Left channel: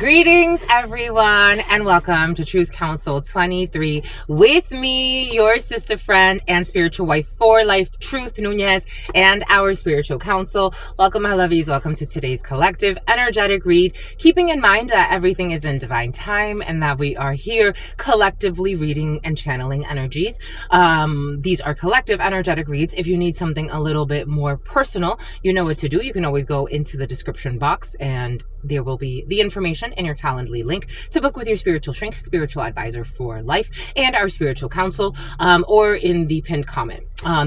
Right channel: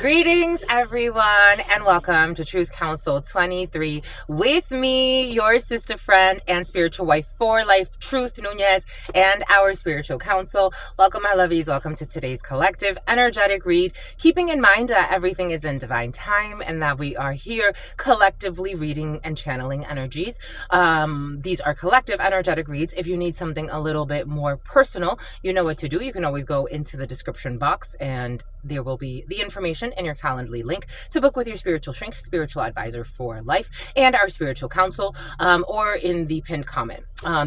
Greetings, everyone, and welcome to Truth Council 23 with me, your sister friend and spiritual wife for life, Truth Nunez, and our spiritual council. Welcome, my lovies. Welcome to today's collective energetic read, keeping in mind that everything is in divine time and that we are here collectively reading and channeling energies. These are collective energetic reads. If you need something a little bit more personal, you know what to do. You can always go into the description box and there will be the information in your Calendly link to book with your spiritual shrink, spiritual advisor for life, and our spiritual council, or in the pinned comment.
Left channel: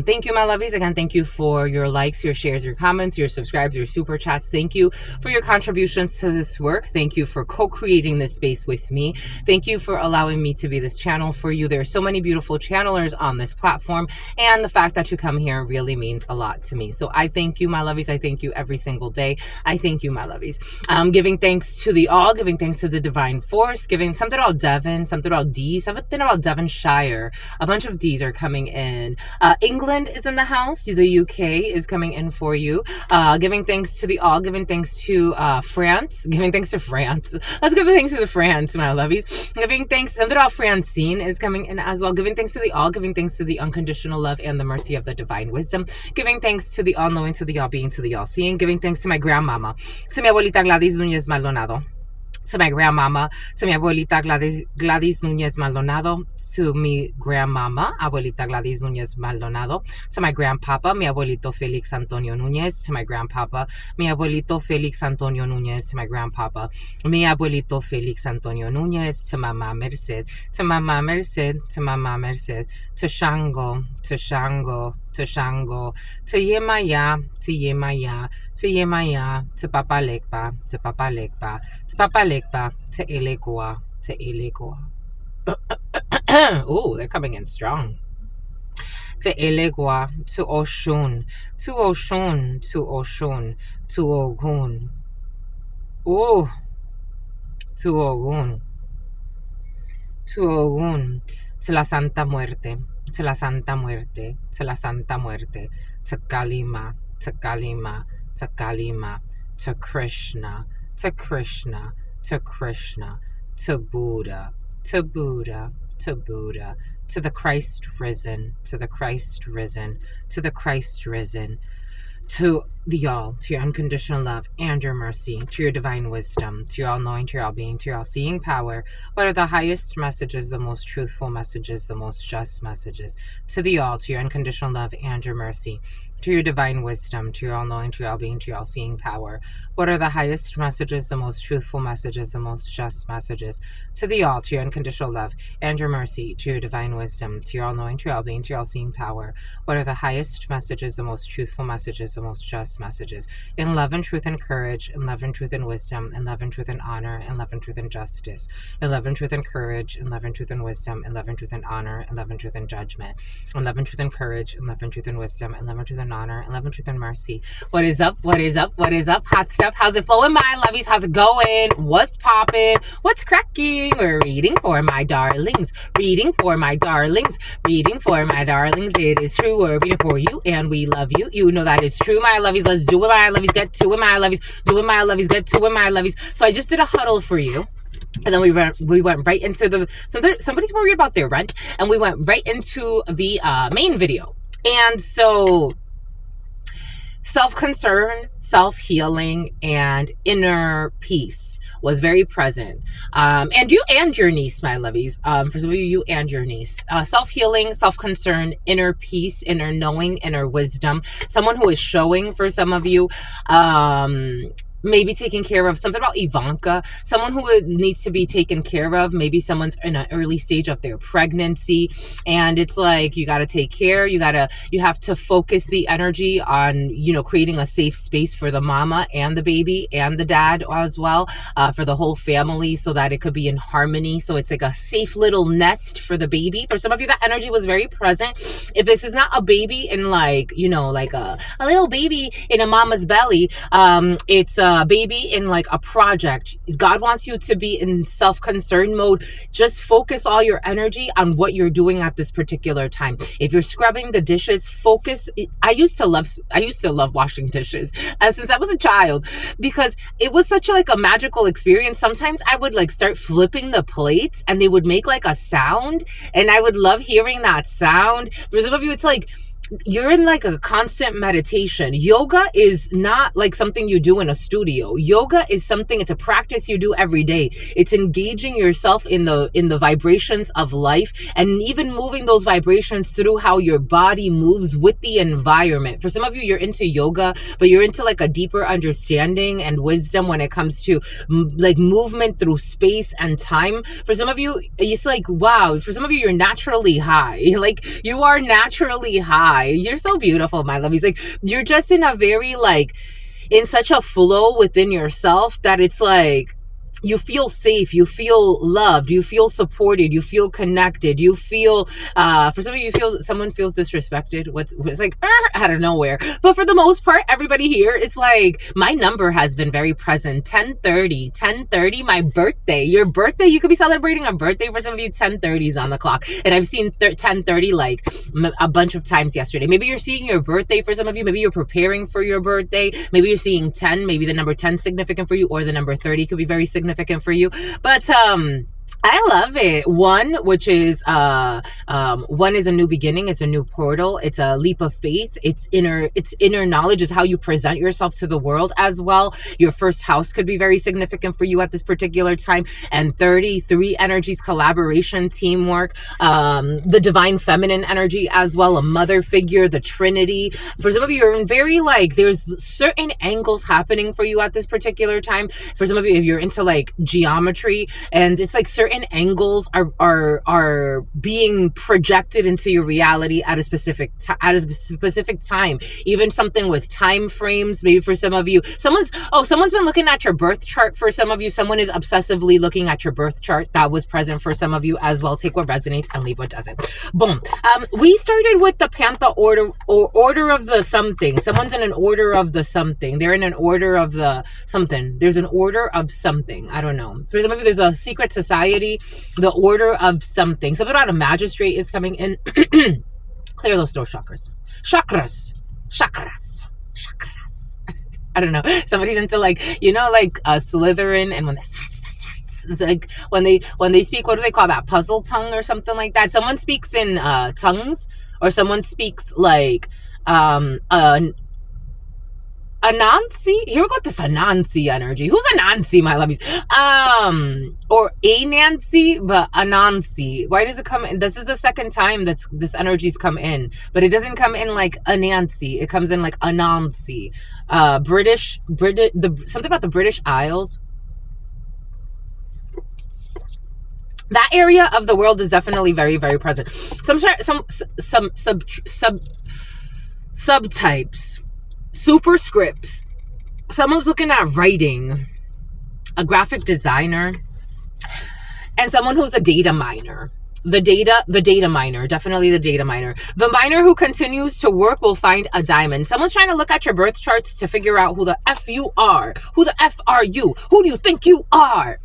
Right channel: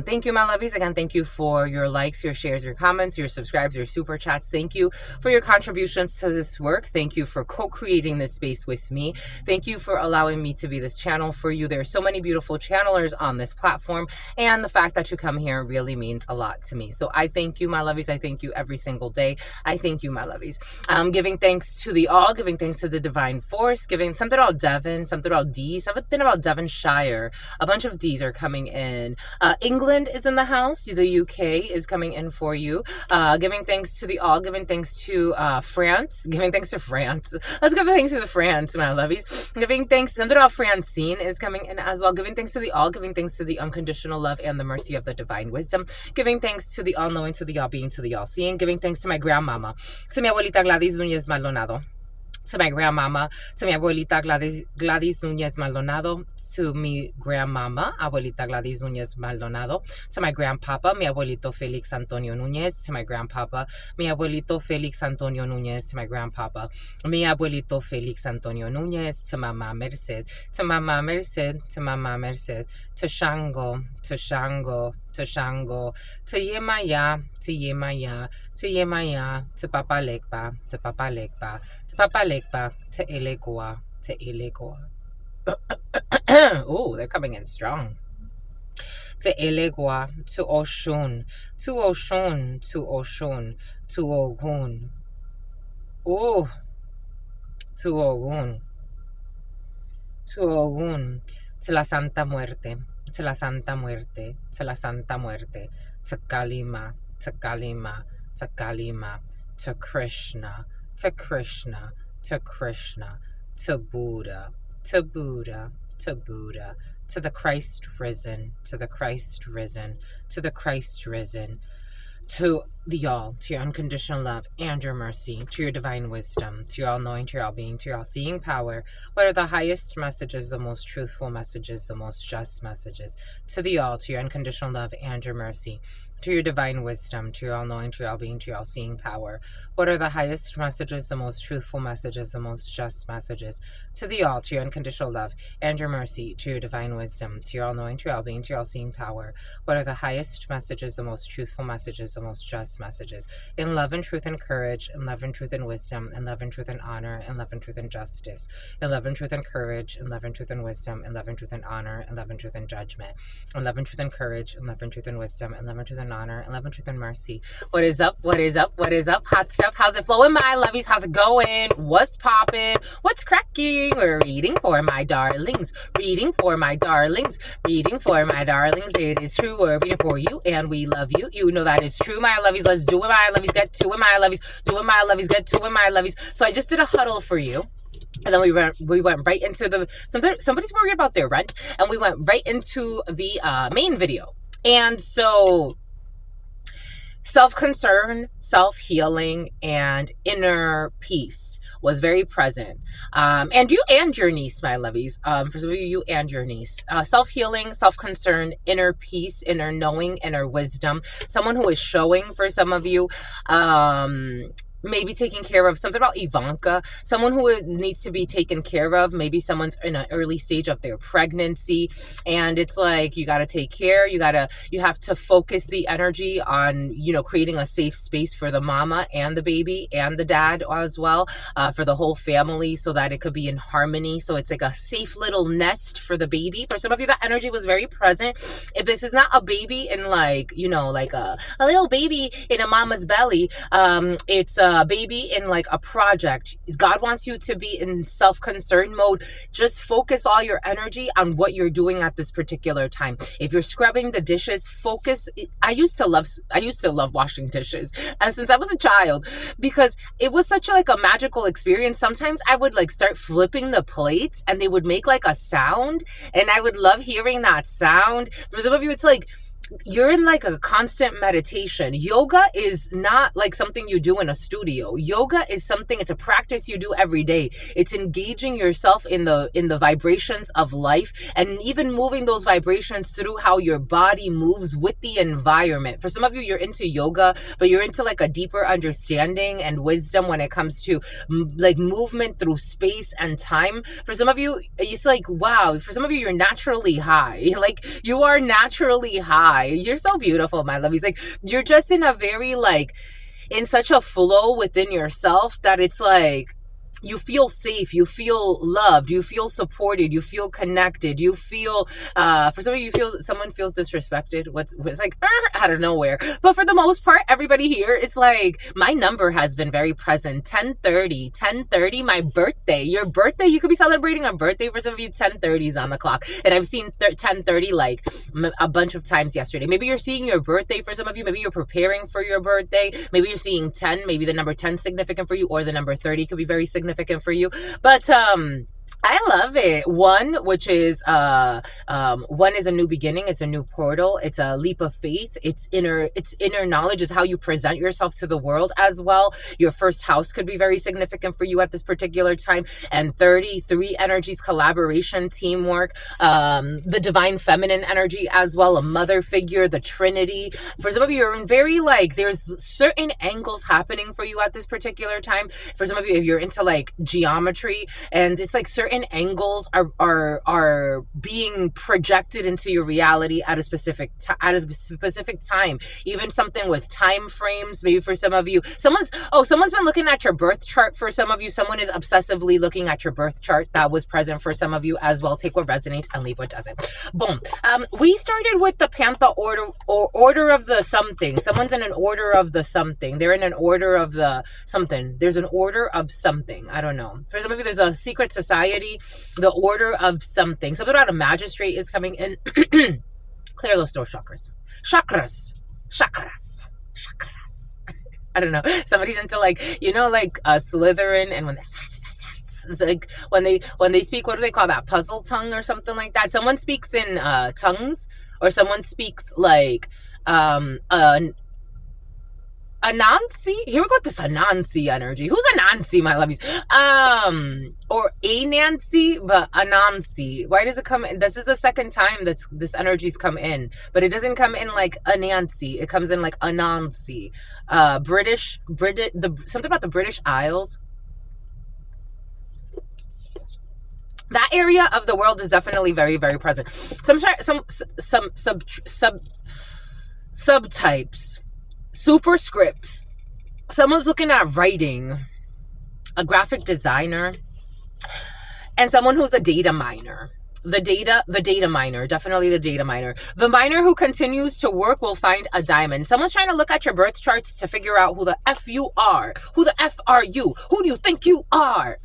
Thank you, my lovies. Again, thank you for your likes, your shares, your comments, your subscribes, your super chats. Thank you for your contributions to this work. Thank you for co-creating this space with me. Thank you for allowing me to be this channel for you. There are so many beautiful channelers on this platform, and the fact that you come here really means a lot to me. So I thank you, my lovies. I thank you every single day. I thank you, my lovies. Giving thanks to the all, giving thanks to the divine force, giving something about Devon, something about D, something about Devonshire. A bunch of D's are coming in. England is in the house. The UK is coming in for you. Giving thanks to the all, giving thanks to France, giving thanks to France. Let's give thanks to the France, my lovies. Giving thanks, something about Francine is coming in as well. Giving thanks to the all, giving thanks to the unconditional love and the mercy of the divine wisdom. Giving thanks to the all knowing, to the all being, to the all seeing. Giving thanks to my grandmama, to mi abuelita Gladys Núñez Maldonado, to my grandmama, to mi abuelita Gladys Núñez Maldonado, to mi grandmama, abuelita Gladys Núñez Maldonado, to my grandpapa, mi abuelito Felix Antonio Núñez, to my grandpapa, mi abuelito Felix Antonio Núñez, to my grandpapa, mi abuelito Felix Antonio Núñez, to Mama Merced, to Mama Merced, to Mama Merced, to Shango, to Shango, to Shango, to Yemaya, to Yemaya, to Yemaya, to Papa Lekpa, to Papa Lekpa, to Papa Lekpa, to Elegoa, to Elegoa. Oh, they're coming in strong. To Elegoa, to Oshun, to Oshun, to Oshun, to Ogun. Oh, to Ogun, to Ogun, to la Santa Muerte, to la Santa Muerte, to la Santa Muerte, to Kalima, to Kalima, to Kalima, to Krishna, to Krishna, to Krishna, to Buddha, to Buddha, to Buddha, to the Christ risen, to the Christ risen, to the Christ risen, to the all, to your unconditional love and your mercy, to your divine wisdom, to your all-knowing, to your all-being, to your all-seeing power. What are the highest messages, the most truthful messages, the most just messages? To the all, to your unconditional love and your mercy, to your divine wisdom, to your all-knowing, to your all-being, to your all-seeing power. What are the highest messages, the most truthful messages, the most just messages? To the all, to your unconditional love and your mercy, to your divine wisdom, to your all-knowing, to your all-being, to your all-seeing power. What are the highest messages, the most truthful messages, the most just messages? In love and truth and courage, in love and truth and wisdom, in love and truth and honor, in love and truth and justice, in love and truth and courage, in love and truth and wisdom, in love and truth and honor, in love and truth and judgment, in love and truth and courage, in love and truth and wisdom, in love and truth and honor, in love and truth and mercy. What is up? What is up? What is up? Hot stuff. How's it flowing, my lovies? How's it going? What's popping? What's cracking? We're reading for my darlings. Reading for my darlings. Reading for my darlings. It is true. We're reading for you and we love you. You know that is true, my lovies. Let's do it, my lovies. Get to it, my lovies. Do it, my lovies. Get to it, my lovies. So I just did a huddle for you. And then we went right into the somebody's worried about their rent, and we went right into the main video. And so self-concern, self-healing, and inner peace was very present. And you and your niece, my lovies. For some of you, you and your niece. Self-healing, self-concern, inner peace, inner knowing, inner wisdom. Someone who is showing for some of you. Maybe taking care of something about Ivanka, someone who needs to be taken care of. Maybe someone's in an early stage of their pregnancy, and it's like you got to take care. You have to focus the energy on, creating a safe space for the mama and the baby and the dad as well, for the whole family, so that it could be in harmony. So it's like a safe little nest for the baby. For some of you, that energy was very present. If this is not a baby in like a little baby in a mama's belly, it's baby in like a project. God wants you to be in self-concern mode. Just focus all your energy on what you're doing at this particular time. If you're scrubbing the dishes, focus. I used to love washing dishes since I was a child, because it was such like a magical experience. Sometimes I would like start flipping the plates and they would make like a sound, and I would love hearing that sound. For some of you, it's like you're in like a constant meditation. Yoga is not like something you do in a studio. Yoga is something, it's a practice you do every day. It's engaging yourself in the vibrations of life, and even moving those vibrations through how your body moves with the environment. For some of you, you're into yoga, but you're into like a deeper understanding and wisdom when it comes to like movement through space and time. For some of you, it's like, wow, for some of you, you're naturally high. Like you are naturally high. You're so beautiful, my love. He's like, you're just in a very like, in such a flow within yourself that it's like, you feel safe, you feel loved, you feel supported, you feel connected, you feel, for some of you, someone feels disrespected. It's like, out of nowhere. But for the most part, everybody here, it's like, my number has been very present. 10:30, my birthday. Your birthday, you could be celebrating a birthday. For some of you, 10:30 is on the clock. And I've seen 10:30 like a bunch of times yesterday. Maybe you're seeing your birthday for some of you. Maybe you're preparing for your birthday. Maybe you're seeing 10. Maybe the number 10 is significant for you, or the number 30 could be very significant for you. But I love it. One, which is one is a new beginning. It's a new portal. It's a leap of faith. It's inner knowledge, is how you present yourself to the world as well. Your first house could be very significant for you at this particular time. And 33 energies, collaboration, teamwork, the divine feminine energy as well, a mother figure, the Trinity. For some of you, you're in very like, there's certain angles happening for you at this particular time. For some of you, if you're into like geometry, and it's like certain angles are being projected into your reality at a specific time. Even something with time frames. Maybe for some of you, someone's been looking at your birth chart. For some of you, someone is obsessively looking at your birth chart. That was present for some of you as well. Take what resonates and leave what doesn't. Boom. We started with the Panther order, or order of the something. Someone's in an order of the something. They're in an order of the something. There's an order of something. I don't know. For some of you, there's a secret society. The order of something. Something about a magistrate is coming in. Clear those throat chakras. Chakras. I don't know. Somebody's into like, like a Slytherin, and when it's like when they speak, what do they call that? Puzzle tongue or something like that. Someone speaks in tongues, or someone speaks like Anansi? Here we got this Anansi energy. Who's Anansi, my lovies? Or a Nancy, but Anansi. Why does it come in? This is the second time that this energy's come in, but it doesn't come in like Anansi. It comes in like Anansi. British, something about the British Isles. That area of the world is definitely very, very present. Some subtypes. Superscripts. Someone's looking at writing, a graphic designer, and someone who's a data miner. The data miner, definitely the data miner. The miner who continues to work will find a diamond. Someone's trying to look at your birth charts to figure out who the F you are. Who the F are you? Who do you think you are?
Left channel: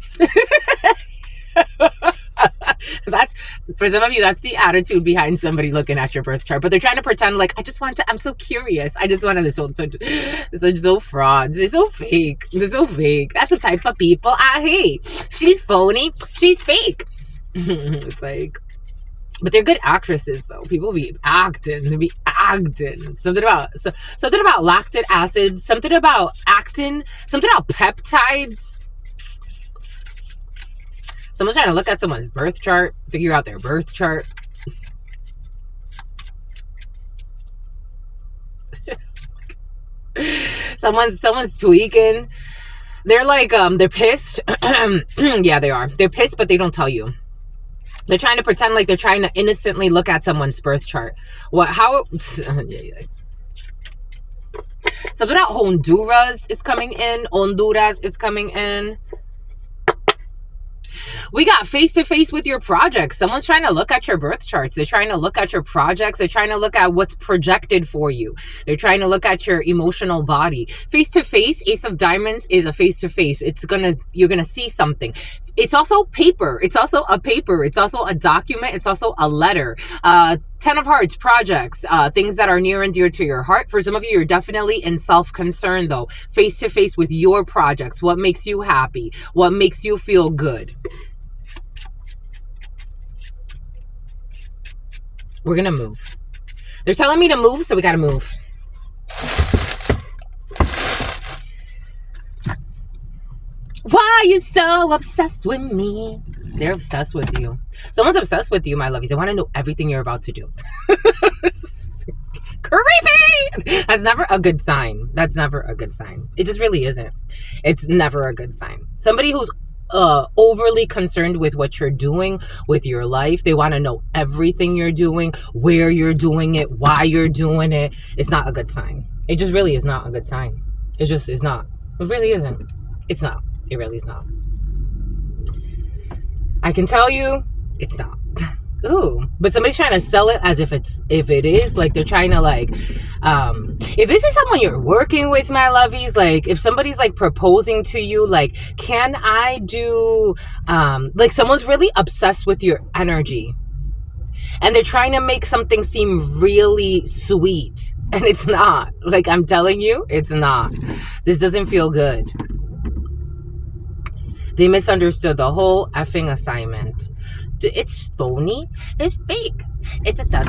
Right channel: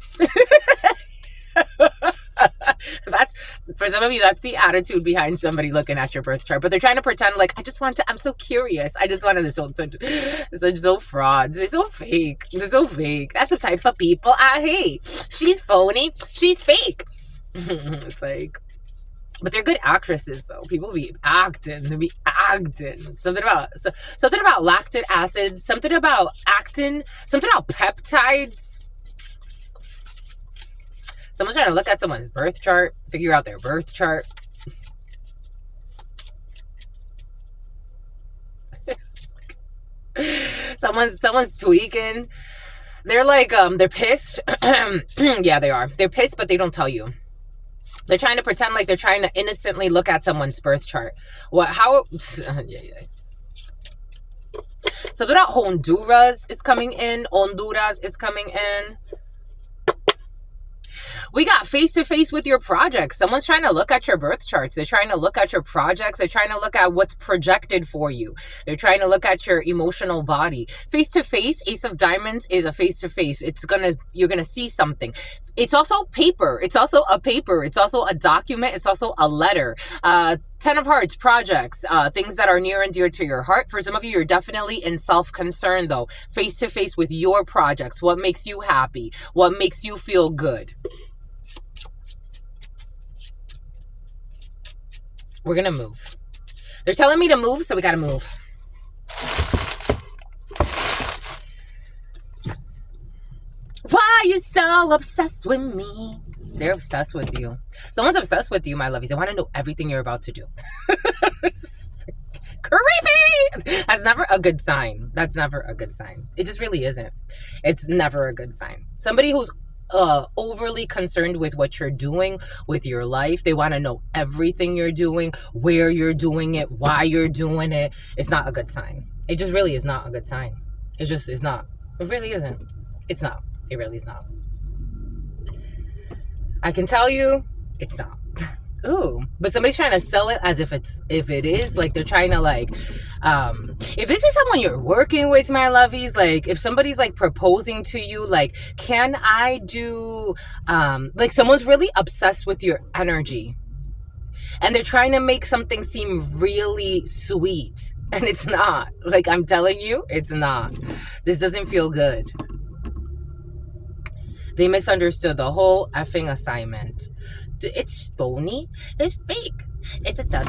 That's, for some of you, that's the attitude behind somebody looking at your birth chart. But they're trying to pretend like, I'm so curious. I just wanted they're so frauds. They're so fake. That's the type of people I hate. She's phony. She's fake. It's like, but they're good actresses though. People be acting. They be acting. Something about lactic acid. Something about actin. Something about peptides. Someone's trying to look at someone's birth chart, figure out their birth chart. Someone's tweaking. They're like, they're pissed. Yeah, they are. They're pissed, but they don't tell you. They're trying to pretend like they're trying to innocently look at someone's birth chart. Yeah. Something about Honduras is coming in. We got face to face with your projects. Someone's trying to look at your birth charts. They're trying to look at your projects. They're trying to look at what's projected for you. They're trying to look at your emotional body. Face to face, Ace of Diamonds is a face to face. You're gonna see something. It's also paper. It's also a paper. It's also a document. It's also a letter. 10 of Hearts, projects, things that are near and dear to your heart. For some of you, you're definitely in self-concern though. Face to face with your projects. What makes you happy? What makes you feel good? We're gonna move. They're telling me to move, so we gotta move. Why are you so obsessed with me? They're obsessed with you. Someone's obsessed with you, my lovies. They want to know everything you're about to do. Creepy! That's never a good sign. That's never a good sign. It just really isn't. It's never a good sign. Somebody who's overly concerned with what you're doing with your life. They want to know everything you're doing, where you're doing it, why you're doing it. It's not a good sign. It just really is not a good sign. It just is not. It really isn't. It's not. It really is not. I can tell you, it's not. Ooh, but somebody's trying to sell it as if it is. Like they're trying to if this is someone you're working with, my lovies, like if somebody's like proposing to you, like, can I do, like someone's really obsessed with your energy and they're trying to make something seem really sweet and it's not. Like I'm telling you, it's not. This doesn't feel good. They misunderstood the whole effing assignment. It's phony. It's fake. It's a da.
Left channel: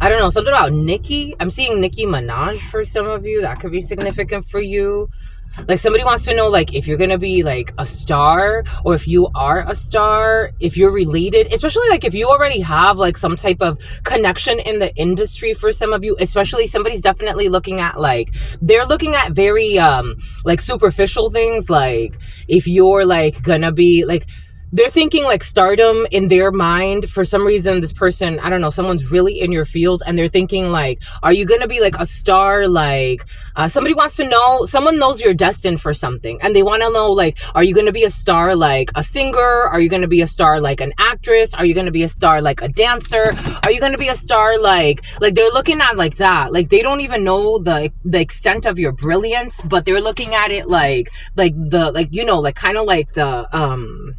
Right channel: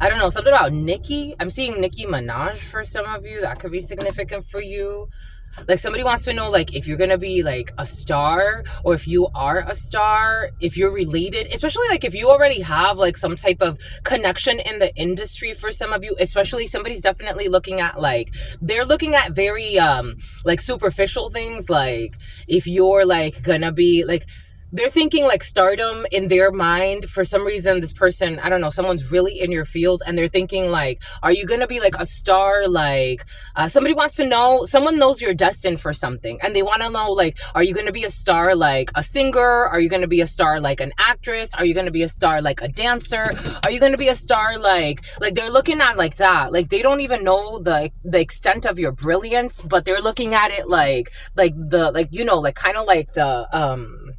I don't know. Something about Nicki. I'm seeing Nicki Minaj for some of you. That could be significant for you. Like somebody wants to know like if you're gonna be like a star or if you are a star, if you're related, especially like if you already have like some type of connection in the industry. For some of you, especially, somebody's definitely looking at like, they're looking at very like superficial things, like if you're like gonna be like, they're thinking like stardom in their mind. For some reason, this person, I don't know, someone's really in your field and they're thinking like, are you going to be like a star? Like somebody wants to know, someone knows you're destined for something and they want to know like, are you going to be a star like a singer? Are you going to be a star like an actress? Are you going to be a star like a dancer? Are you going to be a star like they're looking at like that. Like they don't even know the extent of your brilliance, but they're looking at it like you know, like kind of like the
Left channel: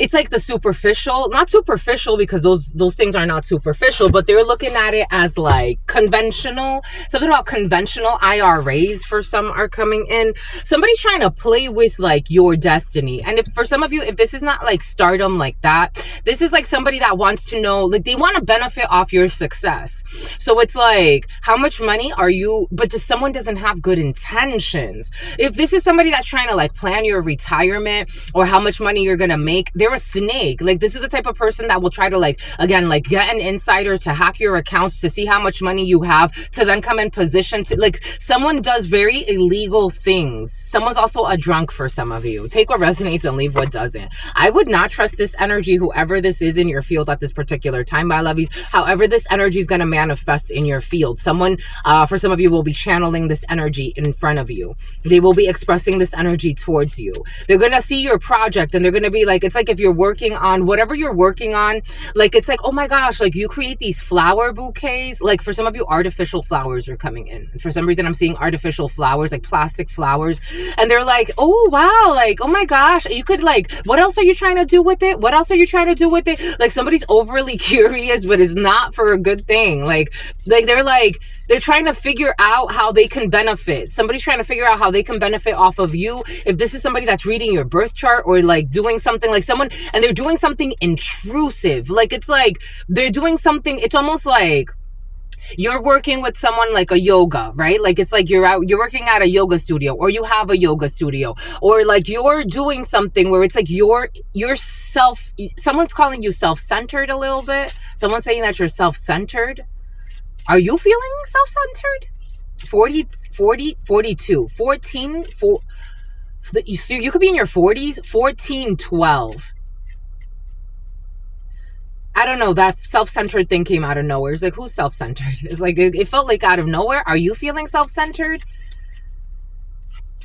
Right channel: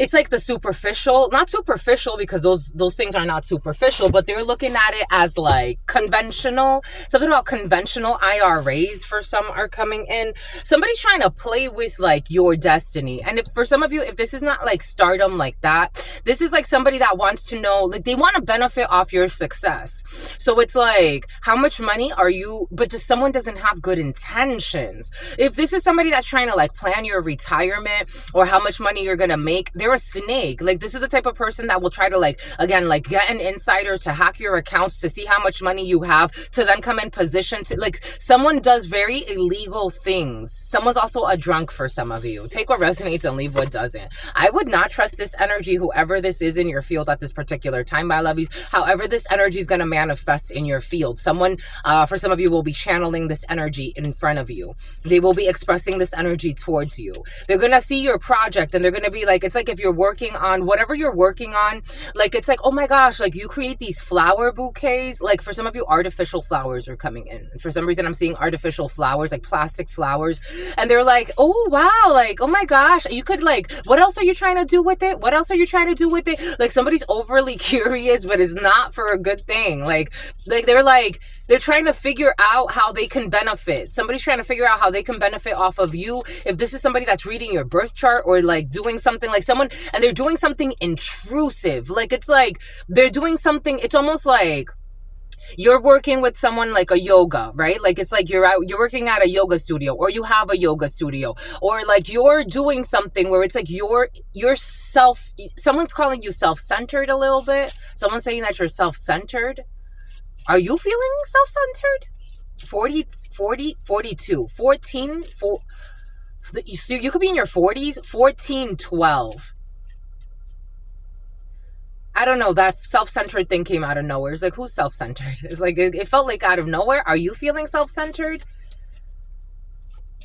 it's like the superficial, not superficial because those things are not superficial, but they're looking at it as like conventional. Something about conventional IRAs for some are coming in. Somebody's trying to play with like your destiny. And if for some of you, if this is not like stardom like that, this is like somebody that wants to know, like they want to benefit off your success. So it's like, how much money are you, but just someone doesn't have good intentions. If this is somebody that's trying to like plan your retirement or how much money you're going to make, they're a snake. Like this is the type of person that will try to like, again, like get an insider to hack your accounts to see how much money you have, to then come in position to like, someone does very illegal things. Someone's also a drunk for some of you. Take what resonates and leave what doesn't. I would not trust this energy, whoever this is in your field at this particular time, my lovies. However, this energy is going to manifest in your field. Someone, for some of you, will be channeling this energy in front of you. They will be expressing this energy towards you. They're going to see your project and they're going to be like, it's like if you're working on whatever you're working on, like it's like, oh my gosh, like you create these flower bouquets. Like for some of you, artificial flowers are coming in. For some reason, I'm seeing artificial flowers, like plastic flowers. And they're like, oh wow, like, oh my gosh, you could like, what else are you trying to do with it? What else are you trying to do with it? Like somebody's overly curious, but it's not for a good thing. Like they're trying to figure out how they can benefit. Somebody's trying to figure out how they can benefit off of you. If this is somebody that's reading your birth chart or like doing something like someone, and they're doing something intrusive. Like it's like they're doing something, it's almost like you're working with someone like a yoga, right? Like it's like you're working at a yoga studio, or you have a yoga studio, or like you're doing something where it's like someone's calling you self-centered a little bit. Someone's saying that you're self-centered. Are you feeling self-centered? 42, 14, you could be in your 40s, 14, 12. I don't know, that self-centered thing came out of nowhere. It's like, who's self-centered? It's like, it felt like out of nowhere. Are you feeling self-centered?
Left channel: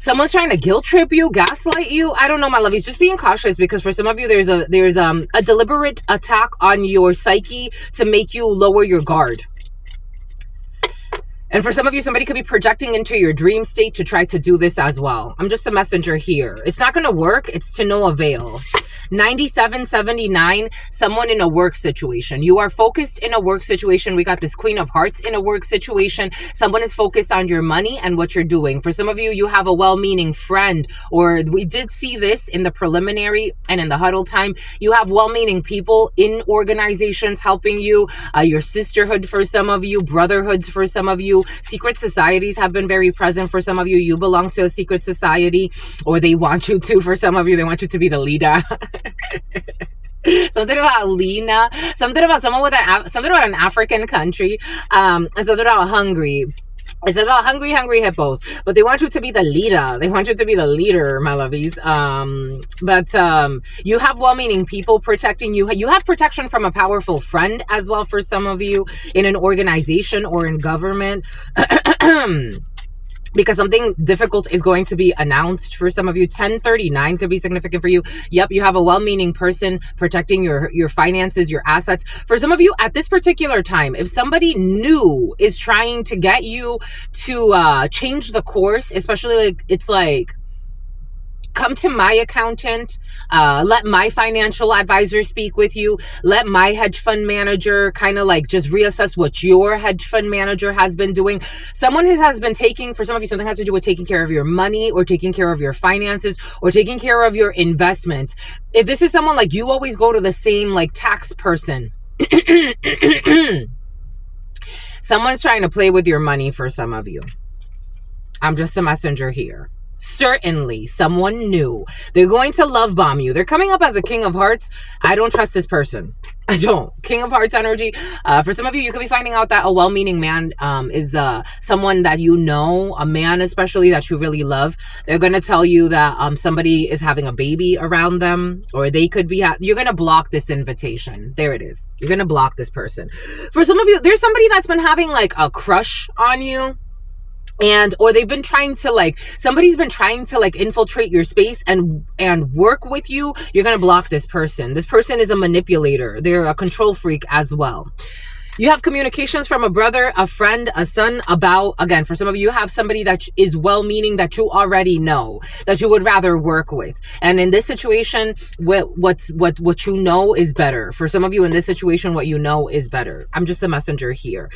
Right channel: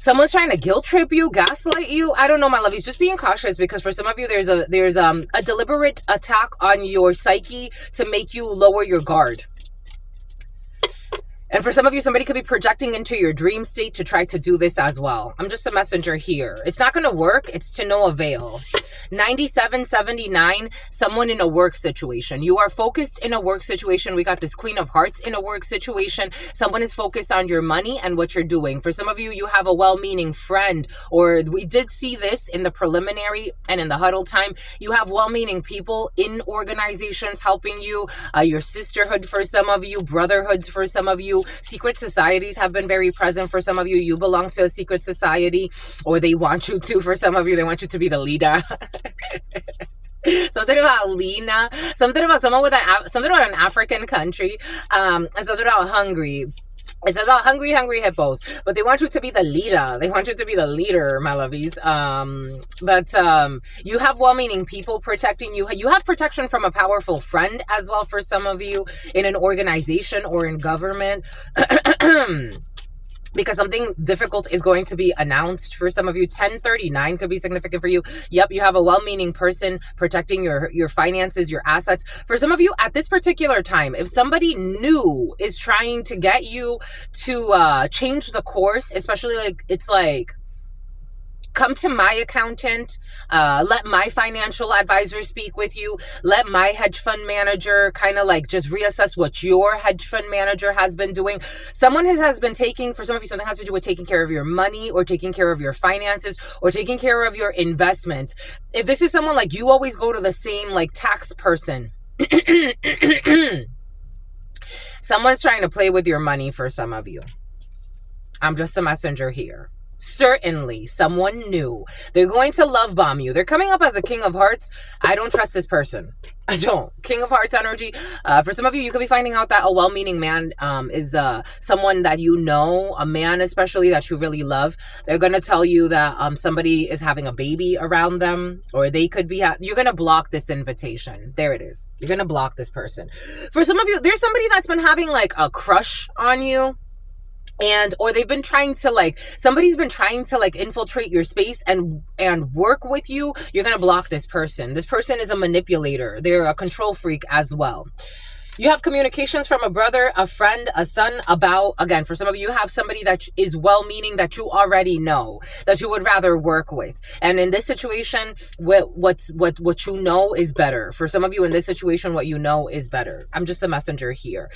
Someone's trying to guilt trip you, gaslight you. I don't know, my lovies. Just being cautious, because for some of you, there's a deliberate attack on your psyche to make you lower your guard. And for some of you, somebody could be projecting into your dream state to try to do this as well. I'm just a messenger here. It's not going to work. It's to no avail. 9779, someone in a work situation. You are focused in a work situation. We got this Queen of Hearts in a work situation. Someone is focused on your money and what you're doing. For some of you, you have a well-meaning friend, or we did see this in the preliminary and in the huddle time. You have well-meaning people in organizations helping you. Your sisterhood for some of you, brotherhoods for some of you. Secret societies have been very present for some of you. You belong to a secret society, or they want you to. For some of you, they want you to be the leader. Something about Lena, something about someone with something about an African country, and something about hungry. It's about hungry hippos, but they want you to be the leader. They want you to be the leader, my lovies. But you have well-meaning people protecting you. You have protection from a powerful friend as well for some of you in an organization or in government. Because something difficult is going to be announced for some of you. 1039 could be significant for you. Yep, you have a well-meaning person protecting your finances, your assets. For some of you at this particular time, if somebody new is trying to get you to change the course, especially like it's like, come to my accountant, let my financial advisor speak with you, let my hedge fund manager kind of like just reassess what your hedge fund manager has been doing. Someone has been taking, for some of you, something has to do with taking care of your money or taking care of your finances or taking care of your investments. If this is someone like you always go to the same like tax person, someone's trying to play with your money for some of you. I'm just a messenger here. Certainly someone new. They're going to love bomb you. They're coming up as a King of Hearts. I don't trust this person. I don't. King of Hearts energy. For some of you, you could be finding out that a well-meaning man is someone that you know, a man especially that you really love. They're going to tell you that somebody is having a baby around them, or they could be you're going to block this invitation. There it is. You're going to block this person. For some of you, there's somebody that's been having like a crush on you. Or they've been trying to like, somebody's been trying to like infiltrate your space and work with you. You're going to block this person. This person is a manipulator. They're a control freak as well. You have communications from a brother, a friend, a son about, again, for some of you, you have somebody that is well-meaning that you already know, that you would rather work with. And in this situation, what you know is better. For some of you in this situation, what you know is better. I'm just a messenger here.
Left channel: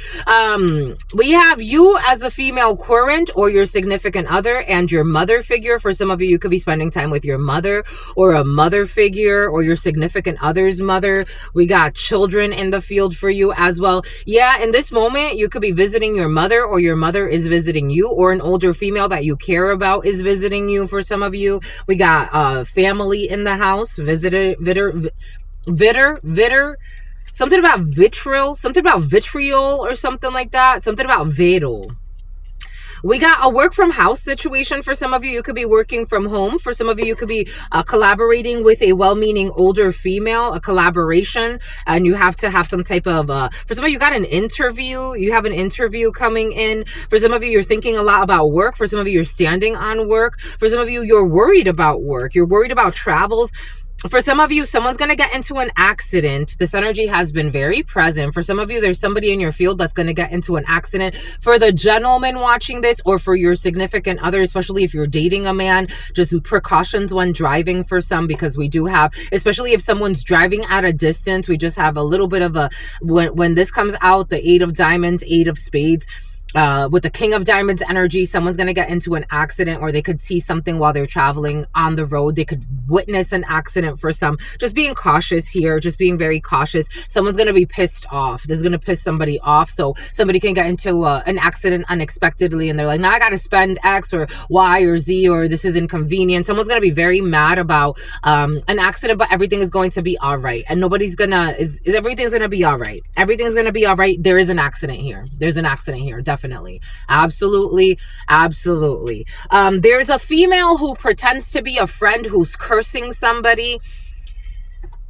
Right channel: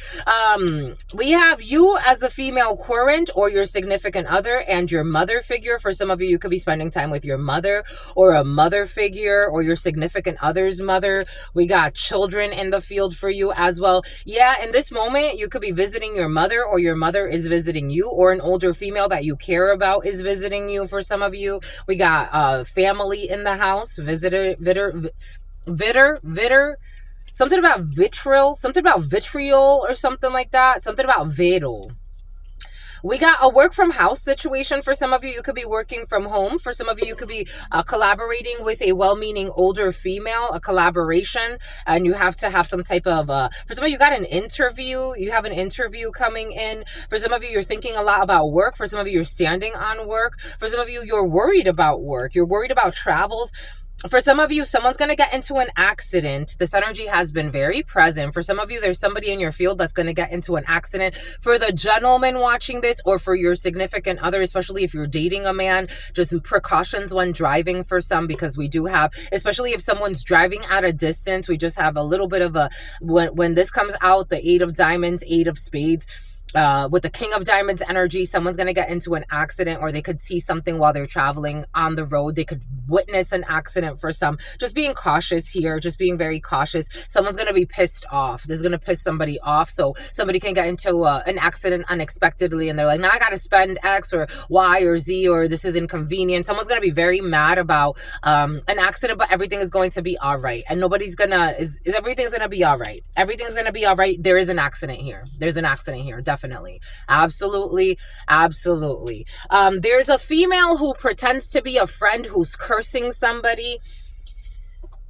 We have you as a female current or your significant other and your mother figure. For some of you, you could be spending time with your mother or a mother figure or your significant other's mother. We got children in the field for you as well. Yeah, in this moment, you could be visiting your mother or your mother is visiting you, or an older female that you care about is visiting you for some of you. We got family in the house, visitor, something about vitriol or something like that. Something about vedal. We got a work from house situation for some of you. You could be working from home. For some of you, you could be collaborating with a well-meaning older female, a collaboration, and you have to have some type of, for some of you, you got an interview. You have an interview coming in. For some of you, you're thinking a lot about work. For some of you, you're standing on work. For some of you, you're worried about work. You're worried about travels. For some of you, someone's going to get into an accident. This energy has been very present. For some of you, there's somebody in your field that's going to get into an accident. For the gentleman watching this, or for your significant other, especially if you're dating a man, just precautions when driving for some, because we do have, especially if someone's driving at a distance, we just have a little bit of a, when this comes out, the 8 of diamonds, 8 of spades, with the King of Diamonds energy, someone's going to get into an accident, or they could see something while they're traveling on the road. They could witness an accident for some. Just being cautious here, just being very cautious. Someone's going to be pissed off. This is going to piss somebody off. So somebody can get into an accident unexpectedly, and they're like, now I got to spend X or Y or Z, or this is inconvenient. Someone's going to be very mad about an accident, but everything is going to be all right. And nobody's going to, everything's going to be all right. Everything's going to be all right. There is an accident here. There's an accident here. Definitely. Absolutely. There's a female who pretends to be a friend who's cursing somebody.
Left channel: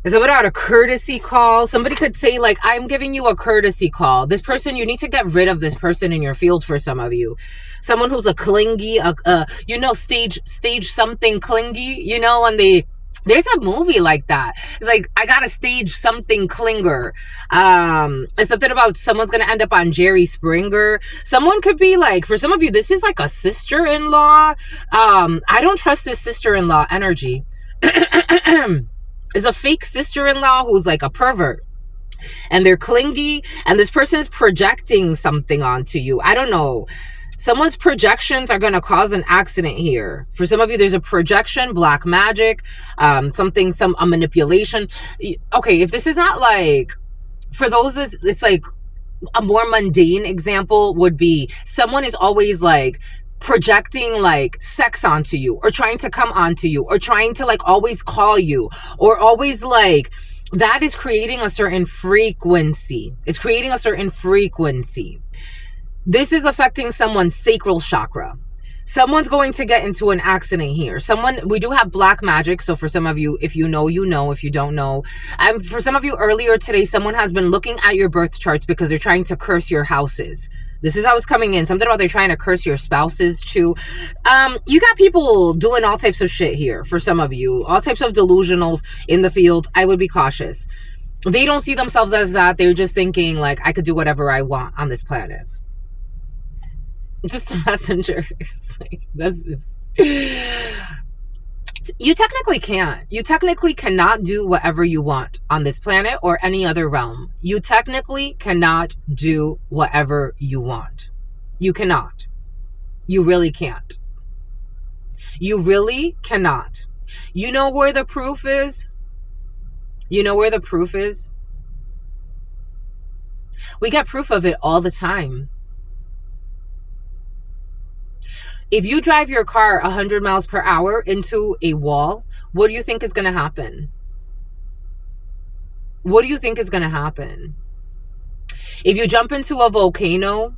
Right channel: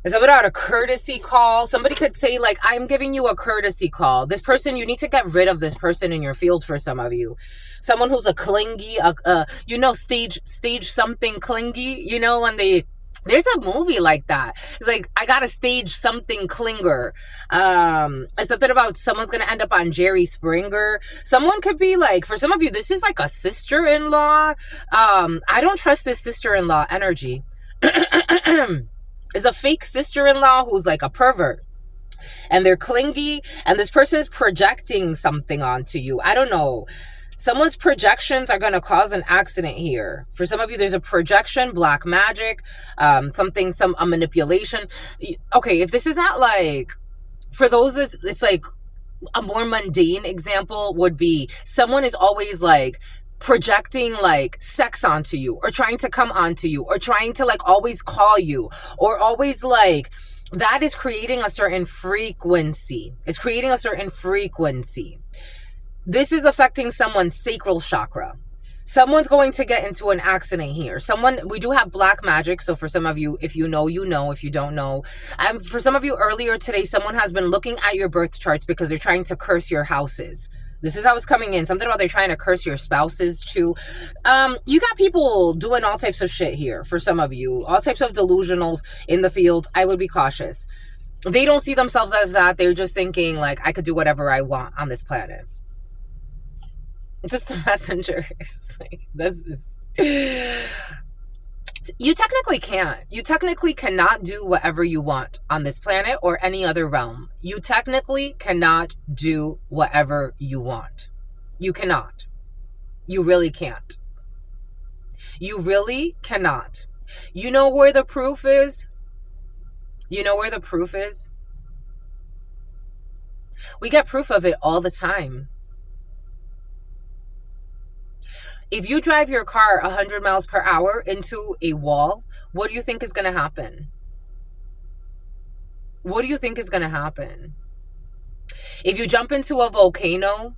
Is it about a courtesy call? Somebody could say, like, I'm giving you a courtesy call. This person, you need to get rid of this person in your field for some of you. Someone who's a clingy, stage something clingy, when there's a movie like that. It's like, I gotta stage something clinger. It's something about someone's gonna end up on Jerry Springer. Someone could be like, for some of you, this is like a sister-in-law. I don't trust this sister-in-law energy. Is a fake sister-in-law who's like a pervert, and they're clingy, and this person is projecting something onto you. I don't know. Someone's projections are going to cause an accident here. For some of you, there's a projection, black magic, a manipulation. Okay, if this is not like, for those, it's like a more mundane example would be someone is always like projecting like sex onto you, or trying to come onto you, or trying to like always call you, or always like, that is creating a certain frequency. It's creating a certain frequency. This is affecting someone's sacral chakra. Someone's going to get into an accident here. We do have black magic. So for some of you, if you know, you know. If you don't know, for some of you earlier today, someone has been looking at your birth charts because they're trying to curse your houses. This is how it's coming in. Something about they're trying to curse your spouses too. You got people doing all types of shit here. For some of you, all types of delusionals in the field. I would be cautious. They don't see themselves as that. They're just thinking like, I could do whatever I want on this planet. Just a messenger. It's like, this is... You technically can't. You technically cannot do whatever you want on this planet or any other realm. You technically cannot do whatever you want. You cannot. You really can't. You really cannot. You know where the proof is? You know where the proof is? We get proof of it all the time. If you drive your car 100 miles per hour into a wall, what do you think is going to happen? What do you think is going to happen? If you jump into a volcano,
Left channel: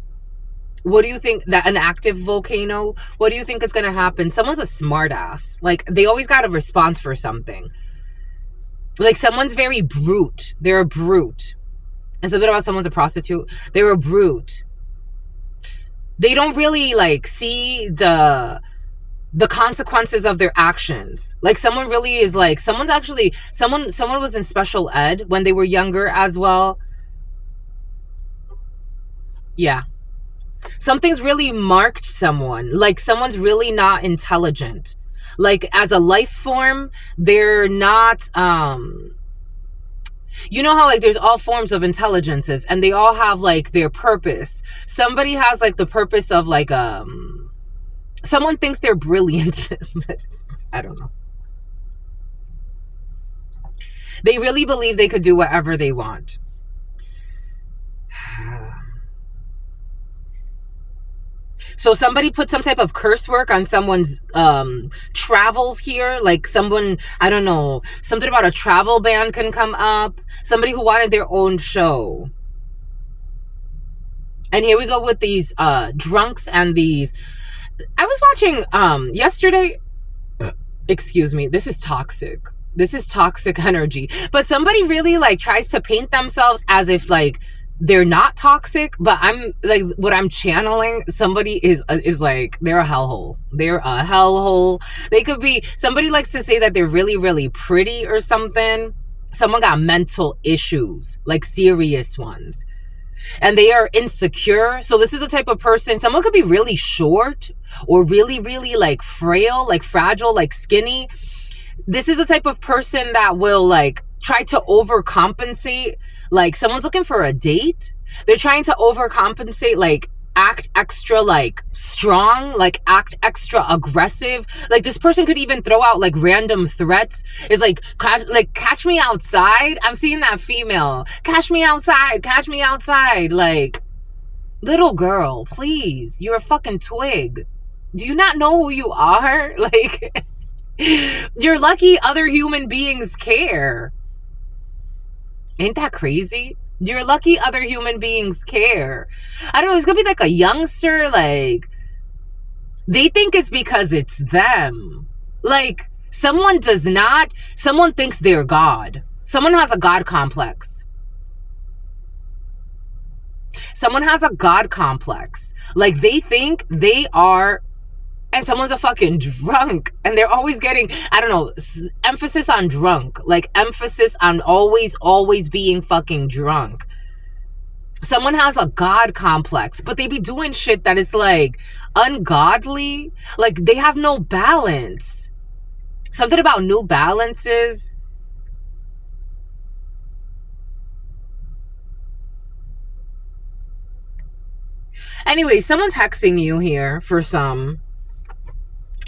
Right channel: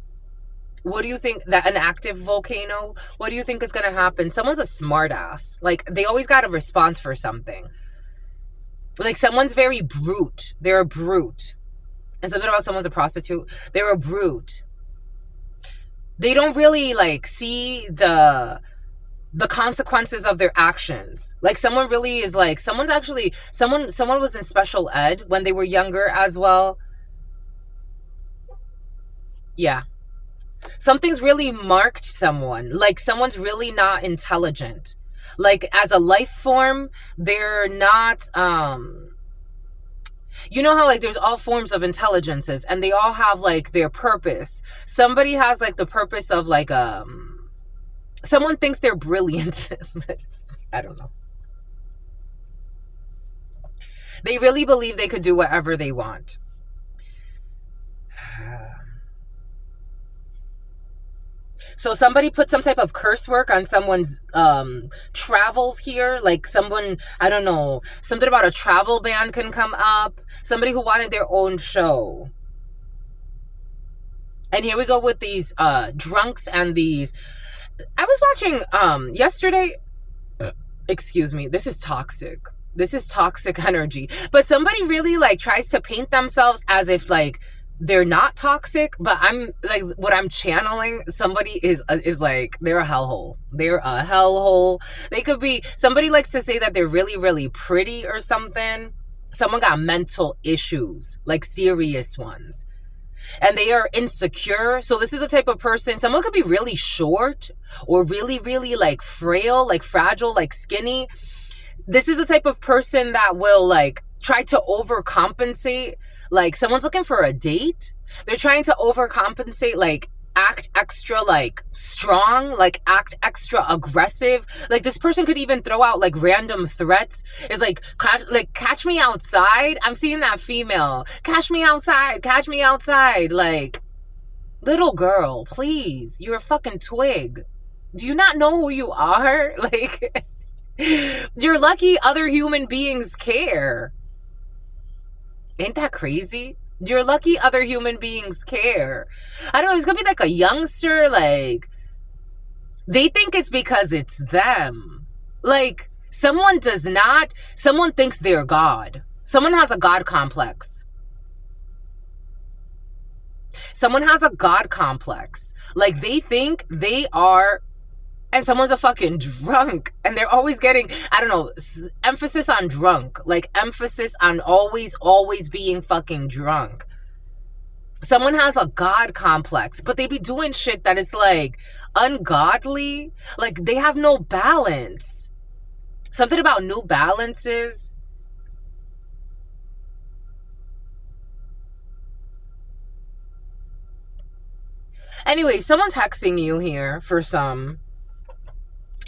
what do you think, that an active volcano, what do you think is going to happen? Someone's a smartass. Like, they always got a response for something. Like, someone's very brute. They're a brute. It's a bit about someone's a prostitute. They're a brute. They don't really like see the consequences of their actions. Like, someone really is like, someone was in special ed when they were younger as well. Yeah. Something's really marked someone. Like, someone's really not intelligent. Like, as a life form, they're not, you know how like there's all forms of intelligences and they all have like their purpose. Somebody has like the purpose of like, someone thinks they're brilliant. But I don't know. They really believe they could do whatever they want. So somebody put some type of curse work on someone's travels here. Like someone, I don't know, something about a travel ban can come up. Somebody who wanted their own show. And here we go with these drunks and these. I was watching yesterday. Excuse me. This is toxic. This is toxic energy. But somebody really like tries to paint themselves as if like they're not toxic, but I'm like, what I'm channeling, somebody is like, they're a hellhole. They're a hellhole. They could be, somebody likes to say that they're really, really pretty or something. Someone got mental issues, like serious ones. And they are insecure. So this is the type of person, someone could be really short or really, really like frail, like fragile, like skinny. This is the type of person that will like try to overcompensate. Like someone's looking for a date. They're trying to overcompensate, like act extra like strong, like act extra aggressive. Like this person could even throw out like random threats. It's like catch me outside. I'm seeing that female. Catch me outside. Catch me outside. Like, little girl, please. You're a fucking twig. Do you not know who you are? Like, you're lucky other human beings care. Ain't that crazy? You're lucky other human beings care. I don't know, it's gonna be like a youngster, like, they think it's because it's them. Like, someone thinks they're God. Someone has a God complex. Someone has a God complex. Like, they think they are, and someone's a fucking drunk, and they're always getting, I don't know, emphasis on drunk. Like, emphasis on always being fucking drunk. Someone has a God complex, but they be doing shit that is like ungodly. Like, they have no balance. Something about New Balances. Anyway, someone's hexing you here for some.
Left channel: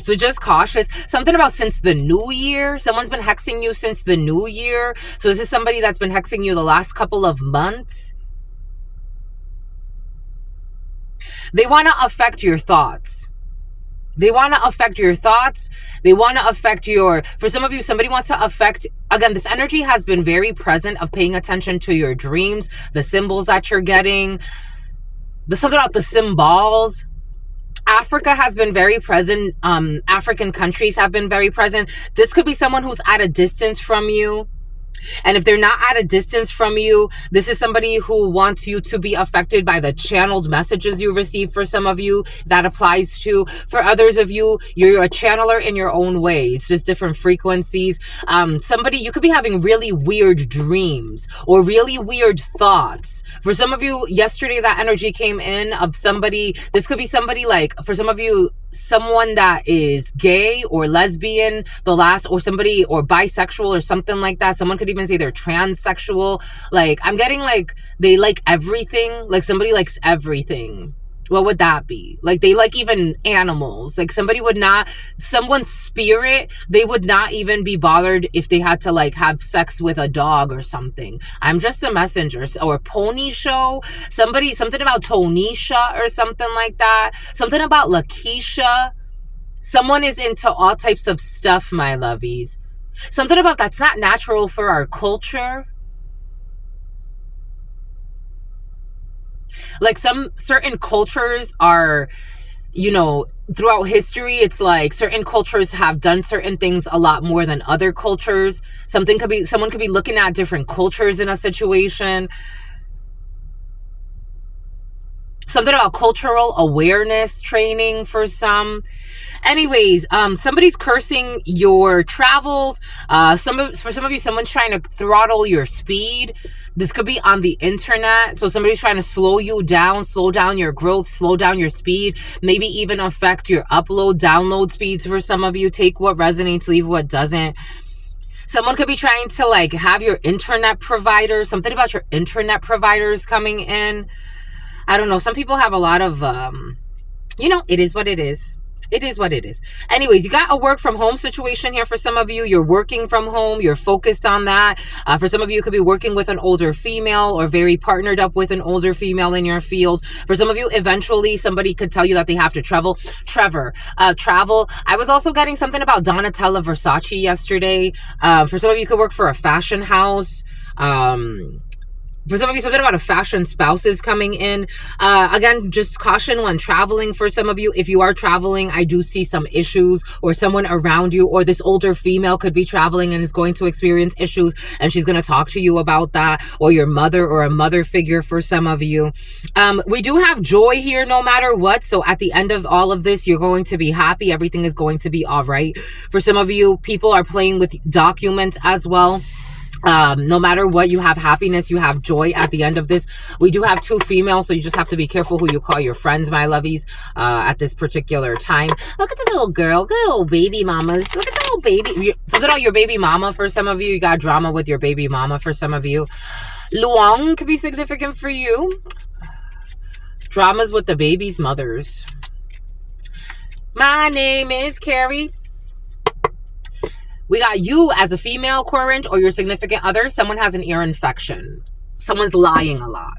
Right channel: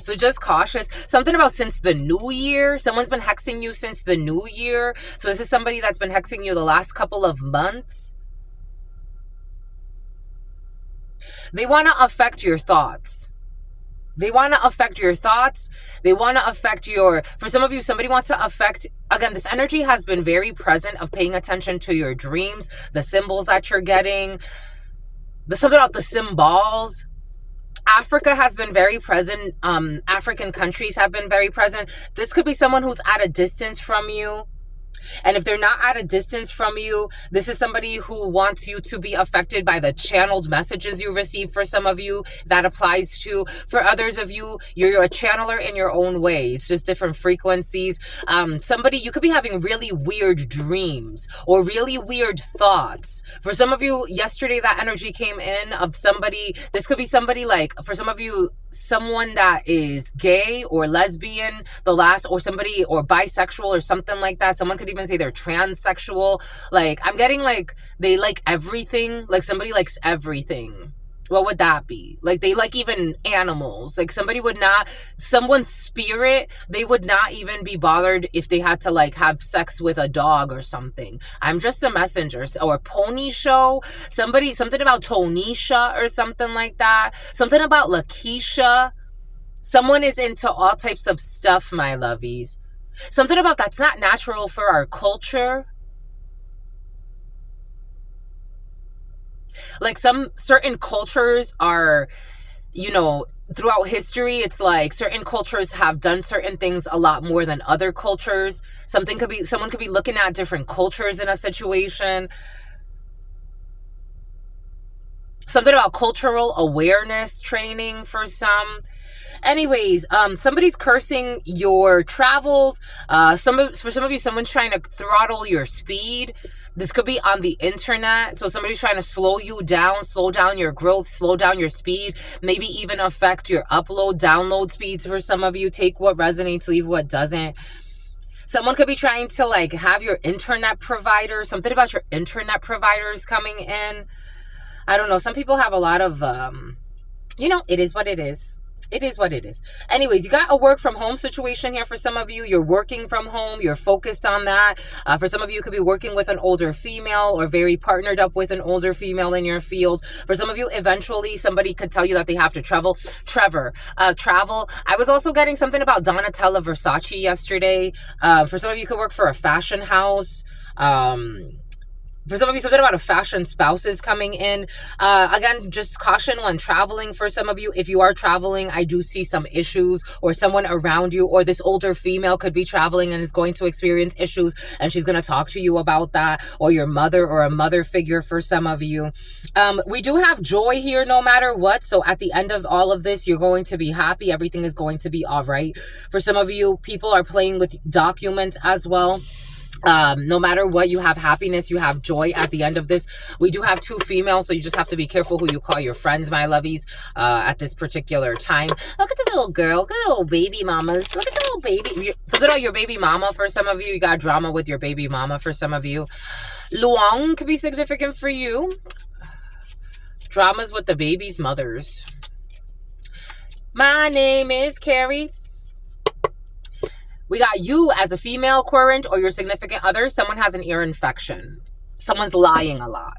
So just cautious. Something about since the new year. Someone's been hexing you since the new year. So this is somebody that's been hexing you the last couple of months. They want to affect your thoughts. They want to affect your thoughts. They want to affect your, for some of you, somebody wants to affect, again, this energy has been very present of paying attention to your dreams, the symbols that you're getting, something about the symbols. Africa has been very present. African countries have been very present. This could be someone who's at a distance from you. And if they're not at a distance from you, this is somebody who wants you to be affected by the channeled messages you receive. For some of you, that applies to. For others of you, you're a channeler in your own way. It's just different frequencies. Somebody, you could be having really weird dreams or really weird thoughts. For some of you, yesterday that energy came in of somebody. This could be somebody like, for some of you, someone that is gay or lesbian, or somebody, or bisexual or something like that. Someone could even say they're transsexual. Like, I'm getting like they like everything. Like, somebody likes everything. What would that be? Like, they like even animals. Like, someone's spirit, they would not even be bothered if they had to like have sex with a dog or something. I'm just a messenger. Or pony show. Something about Tonisha or something like that. Something about Lakeisha. Someone is into all types of stuff, my lovies. Something about that's not natural for our culture. Like, some certain cultures are, throughout history, it's like certain cultures have done certain things a lot more than other cultures. Someone could be looking at different cultures in a situation. Something about cultural awareness training for some. Anyways, somebody's cursing your travels. For some of you, someone's trying to throttle your speed. This could be on the internet. So somebody's trying to slow you down, slow down your growth, slow down your speed, maybe even affect your download speeds for some of you. Take what resonates, leave what doesn't. Someone could be trying to like have your internet provider, something about your internet providers coming in. I don't know. Some people have a lot of, it is what it is. It is what it is. Anyways, you got a work from home situation here for some of you. You're working from home. You're focused on that. For some of you, you could be working with an older female or very partnered up with an older female in your field. For some of you, eventually somebody could tell you that they have to travel. Travel. I was also getting something about Donatella Versace yesterday. For some of you, you could work for a fashion house. For some of you, something about a fashion spouse is coming in. Again, just caution when traveling. For some of you, if you are traveling, I do see some issues, or someone around you, or this older female could be traveling and is going to experience issues, and she's going to talk to you about that, or your mother or a mother figure for some of you. We do have joy here no matter what. So at the end of all of this, you're going to be happy. Everything is going to be all right. For some of you, people are playing with documents as well. No matter what, you have happiness, you have joy at the end of this. We do have two females, so you just have to be careful who you call your friends, my lovies, at this particular time. Look at the little girl, look at the little baby mamas. Look at the little baby. Something about your baby mama for some of you. You got drama with your baby mama for some of you. Luong could be significant for you. Dramas with the baby's mothers. My name is Carrie. We got you as a female current or your significant other. Someone has an ear infection. Someone's lying a lot.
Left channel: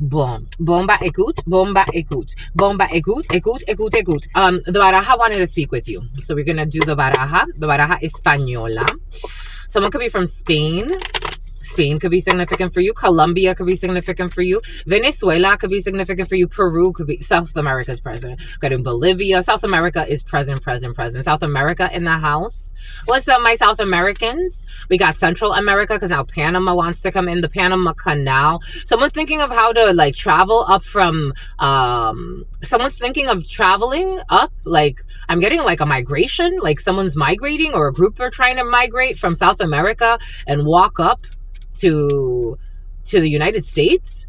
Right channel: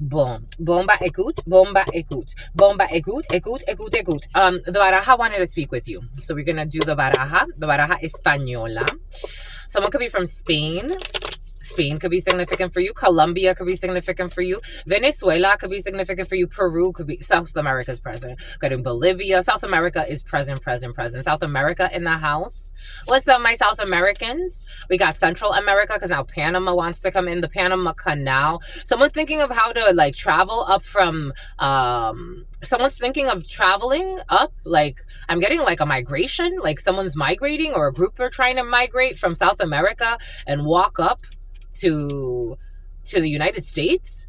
Boom. Bomba écoute. Bomba écoute. Bomba écoute. Écoute, écoute, écoute. The baraja wanted to speak with you. So we're going to do the baraja. The baraja española. Someone could be from Spain. Spain could be significant for you. Colombia could be significant for you. Venezuela could be significant for you. Peru could be. South America is present. Got in Bolivia. South America is present. South America in the house. What's up, my South Americans? We got Central America because now Panama wants to come in. The Panama Canal. Someone's thinking of how to like travel up from. Someone's thinking of traveling up. Like I'm getting like a migration. Like someone's migrating or a group are trying to migrate from South America and walk up to the United States.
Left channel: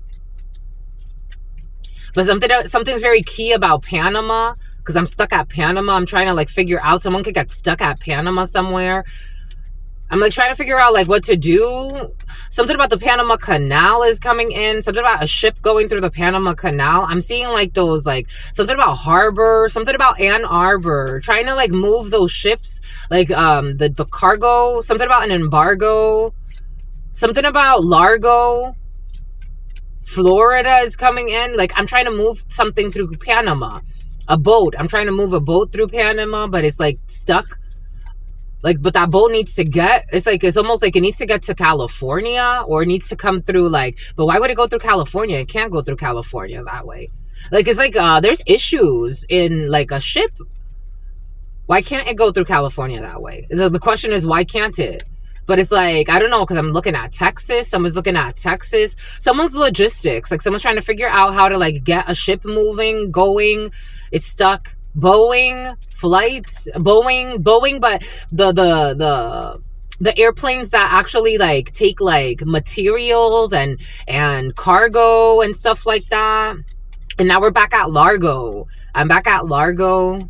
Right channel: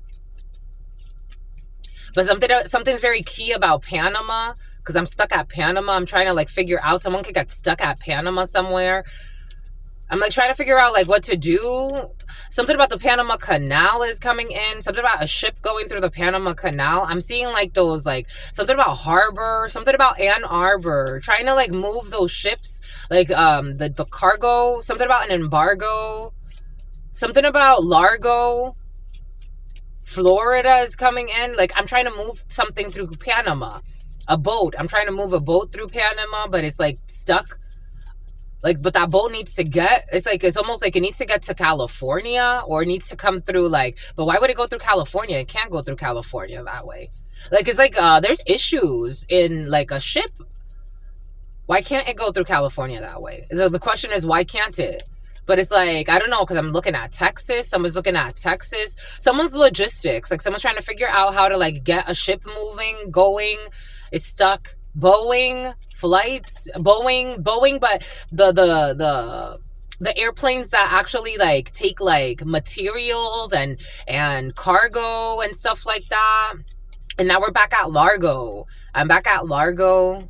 But something's very key about Panama, because I'm stuck at Panama. I'm trying to like figure out, someone could get stuck at Panama somewhere. I'm like trying to figure out like what to do. Something about the Panama Canal is coming in. Something about a ship going through the Panama Canal. I'm seeing like those, like something about harbor, something about Ann Arbor, trying to like move those ships, like the cargo, something about an embargo. Something about Largo, Florida is coming in. Like, I'm trying to move something through Panama. A boat. I'm trying to move a boat through Panama, but it's, like, stuck. Like, but that boat needs to get... It's almost like it needs to get to California, or it needs to come through, like... But why would it go through California? It can't go through California that way. Like, it's like, there's issues in, like, a ship. Why can't it go through California that way? The question is, why can't it? But it's like, I don't know, because I'm looking at Texas. Someone's looking at Texas. Someone's logistics. Like, someone's trying to figure out how to, like, get a ship moving, going. It's stuck. Boeing flights. Boeing, but the airplanes that actually, like, take, like, materials and cargo and stuff like that. And now we're back at Largo. I'm back at Largo.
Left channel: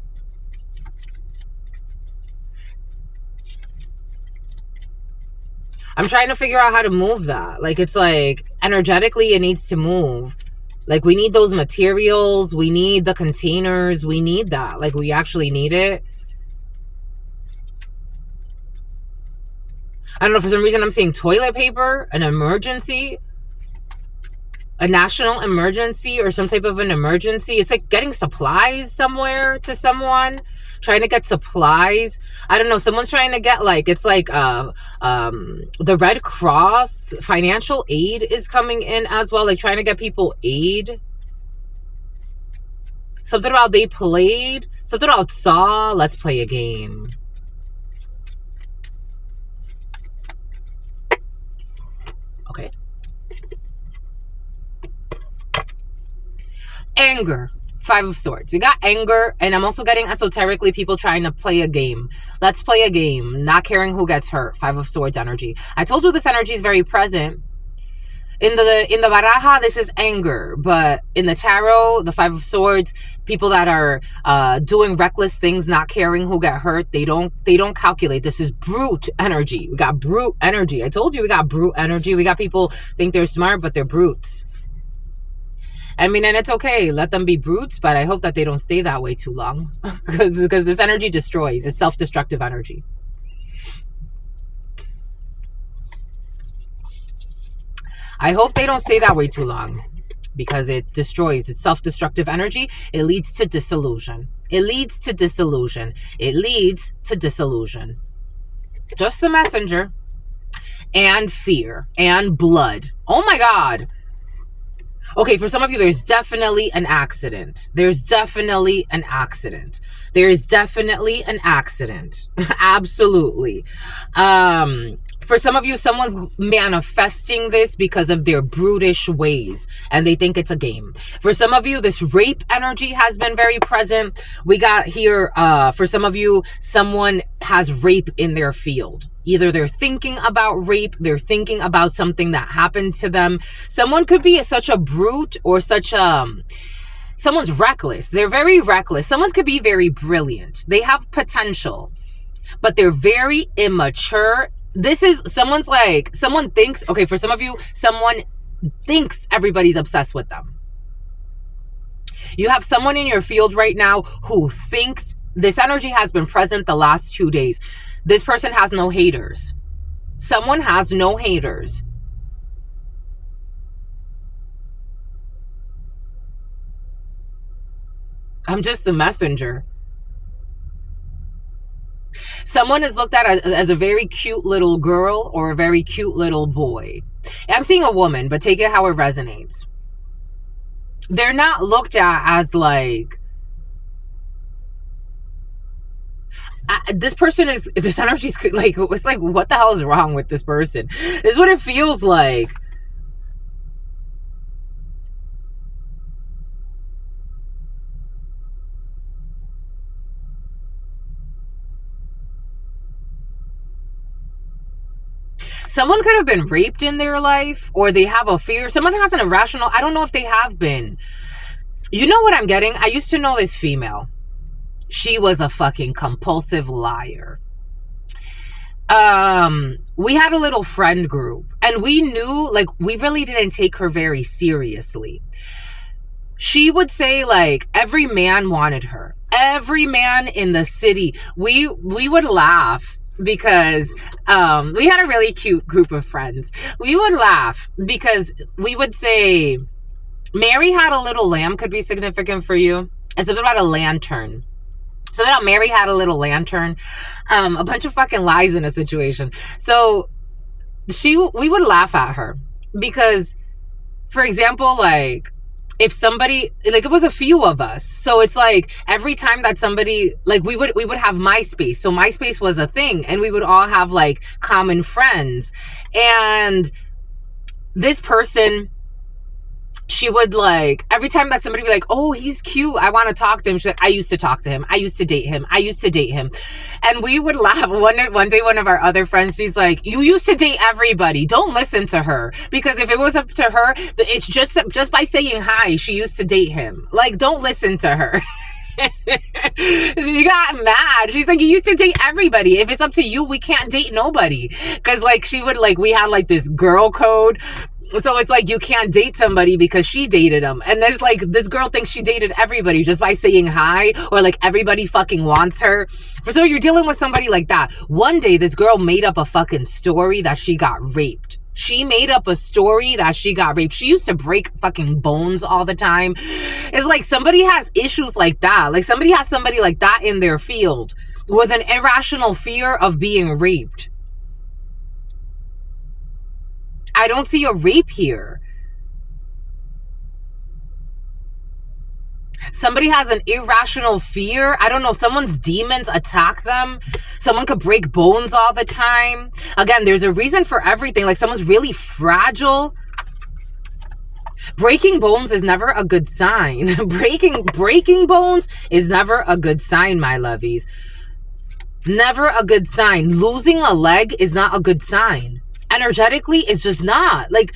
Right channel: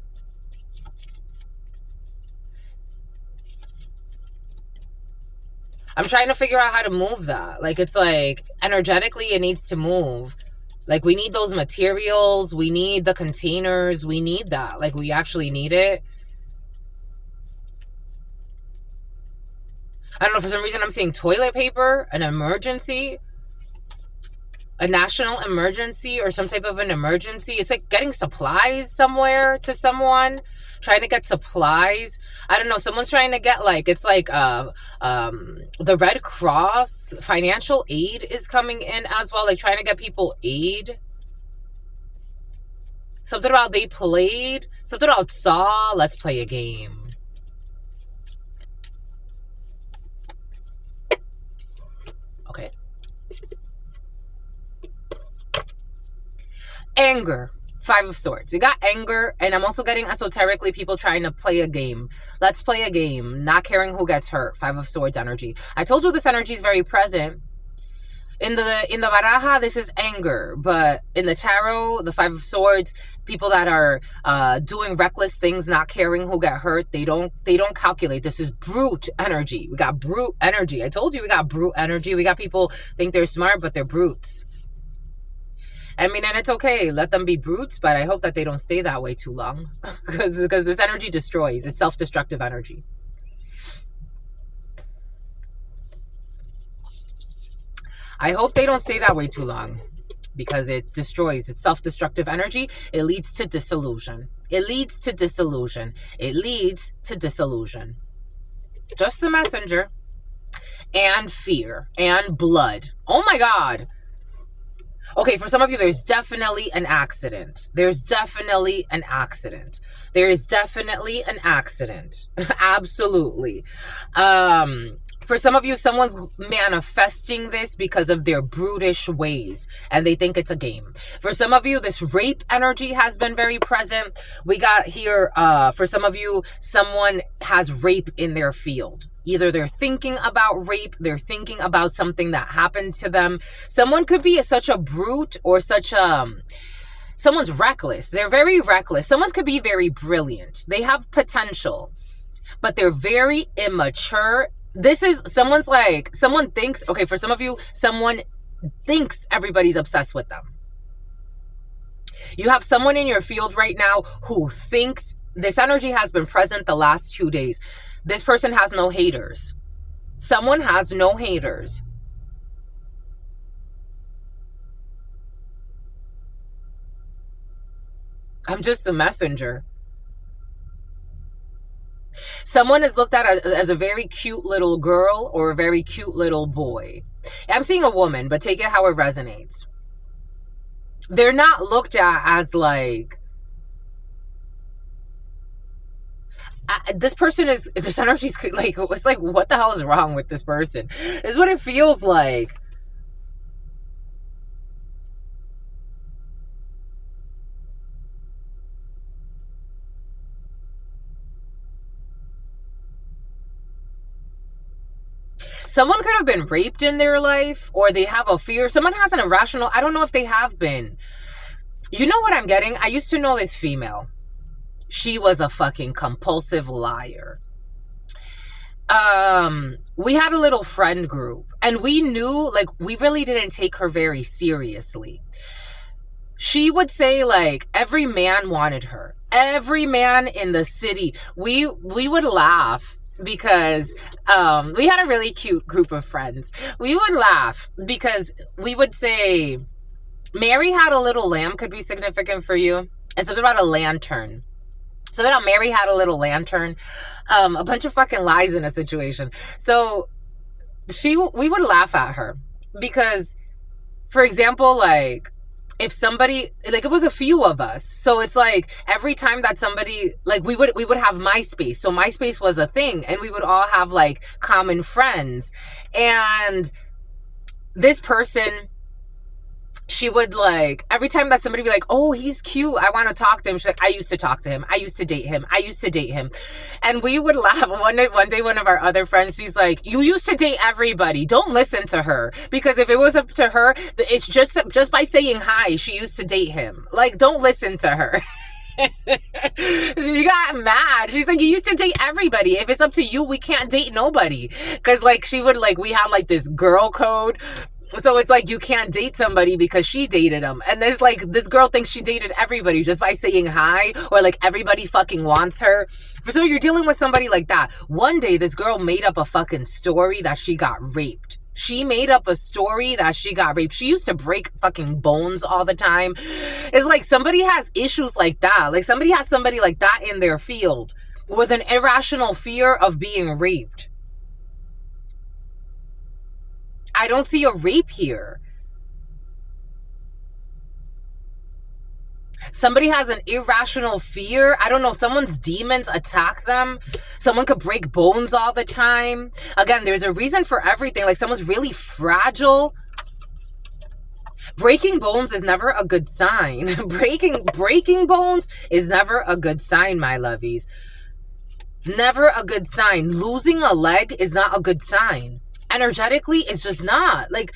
I'm trying to figure out how to move that. Like, it's like, energetically, it needs to move. Like, we need those materials. We need the containers. We need that. Like, we actually need it. I don't know, for some reason, I'm seeing toilet paper, an emergency, a national emergency, or some type of an emergency. It's like getting supplies somewhere to someone. Trying to get supplies. I don't know. Someone's trying to get, like, it's like the Red Cross financial aid is coming in as well. Like, trying to get people aid. Something about they played. Something about saw. Let's play a game. Okay. Anger. 5 of Swords. We got anger, and I'm also getting esoterically people trying to play a game. Let's play a game. Not caring who gets hurt. 5 of Swords energy. I told you this energy is very present. In the baraja, this is anger, but in the tarot, the 5 of Swords, people that are doing reckless things, not caring who get hurt, they don't calculate. This is brute energy. We got brute energy. I told you we got brute energy. We got people think they're smart, but they're brutes. I mean, and it's okay. Let them be brutes, but I hope that they don't stay that way too long, because this energy destroys. It's self-destructive energy. I hope they don't stay that way too long, because it destroys. It's self-destructive energy. It leads to disillusion. It leads to disillusion. It leads to disillusion. Just the messenger. And fear. And blood. Oh my God. Okay, for some of you, there's definitely an accident. There's definitely an accident. There is definitely an accident. Absolutely. For some of you, someone's manifesting this because of their brutish ways, and they think it's a game. For some of you, this rape energy has been very present. We got here, for some of you, someone has rape in their field. Either they're thinking about rape, they're thinking about something that happened to them. Someone could be such a brute, or such a... Someone's reckless. They're very reckless. Someone could be very brilliant. They have potential, but they're very immature. This is, someone's like, someone thinks, okay, for some of you, someone thinks everybody's obsessed with them. You have someone in your field right now who thinks, this energy has been present the last 2 days. This person has no haters. Someone has no haters. I'm just a messenger. Someone is looked at as a very cute little girl or a very cute little boy. I'm seeing a woman, but take it how it resonates. They're not looked at as like, this person is, this energy's like, it's like, what the hell is wrong with this person? This is what it feels like. Someone could have been raped in their life, or they have a fear. Someone has an irrational, I don't know if they have been. You know what I'm getting? I used to know this female. She was a fucking compulsive liar. We had a little friend group, and we knew, like, we really didn't take her very seriously. She would say, like, every man wanted her. Every man in the city. We would laugh because we had a really cute group of friends. We would laugh because we would say, Mary had a little lamb could be significant for you. It's about a lantern. So that Mary had a little lantern. A bunch of fucking lies in a situation. So we would laugh at her because, for example, like, if somebody, like, it was a few of us, so it's like every time that somebody, like, we would have MySpace. So MySpace was a thing, and we would all have like common friends. And this person, she would, like, every time that somebody would be like, oh, he's cute, I want to talk to him, she's like, I used to talk to him, I used to date him, I used to date him. And we would laugh. One day, one of our other friends, she's like, you used to date everybody, don't listen to her, because if it was up to her, it's just by saying hi, she used to date him. Like, don't listen to her. She got mad. She's like, you used to date everybody, if it's up to you, we can't date nobody. Because, like, she would, like, we had like this girl code. So it's like, you can't date somebody because she dated him. And there's like, this girl thinks she dated everybody just by saying hi, or like everybody fucking wants her. So you're dealing with somebody like that. One day, this girl made up a fucking story that she got raped. She made up a story that she got raped. She used to break fucking bones all the time. It's like somebody has issues like that. Like somebody has somebody like that in their field with an irrational fear of being raped. I don't see a rape here. Somebody has an irrational fear. I don't know. Someone's demons attack them. Someone could break bones all the time. Again, there's a reason for everything. Like, someone's really fragile. Breaking bones is never a good sign. Breaking bones is never a good sign, my lovies. Never a good sign. Losing a leg is not a good sign. Energetically, it's just not. Like,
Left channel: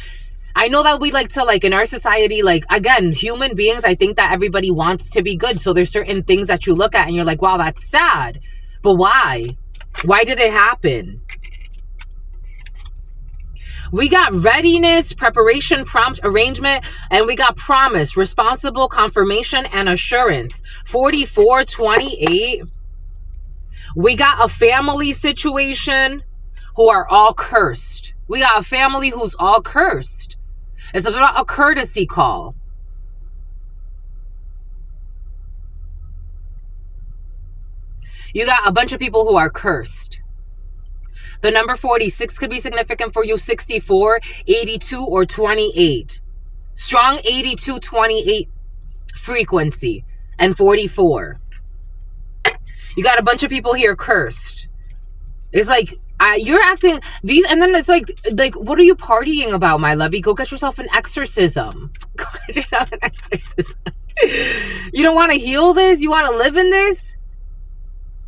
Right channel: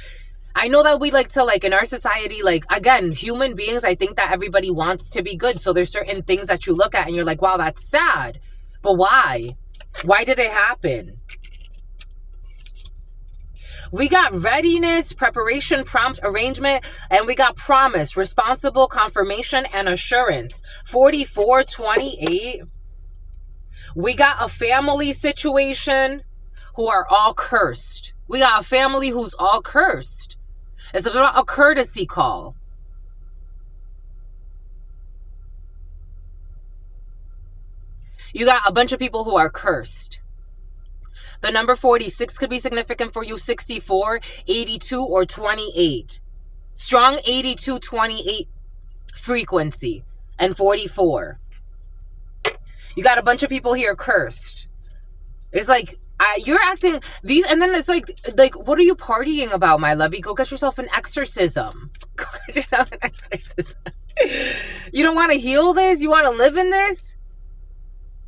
I know that we like to, like, in our society, like, again, human beings, I think that everybody wants to be good. So there's certain things that you look at and you're like, wow, that's sad. But why? Why did it happen? We got readiness, preparation, prompt, arrangement, and we got promise, responsible, confirmation, and assurance. 4428. We got a family situation who are all cursed. We got a family who's all cursed. It's about a courtesy call. You got a bunch of people who are cursed. The number 46 could be significant for you. 64, 82, or 28. Strong 82, 28 frequency. And 44. You got a bunch of people here cursed. It's like, you're acting these, and then it's like, what are you partying about, my lovey? Go get yourself an exorcism. Go get yourself an exorcism. You don't want to heal this? You want to live in this?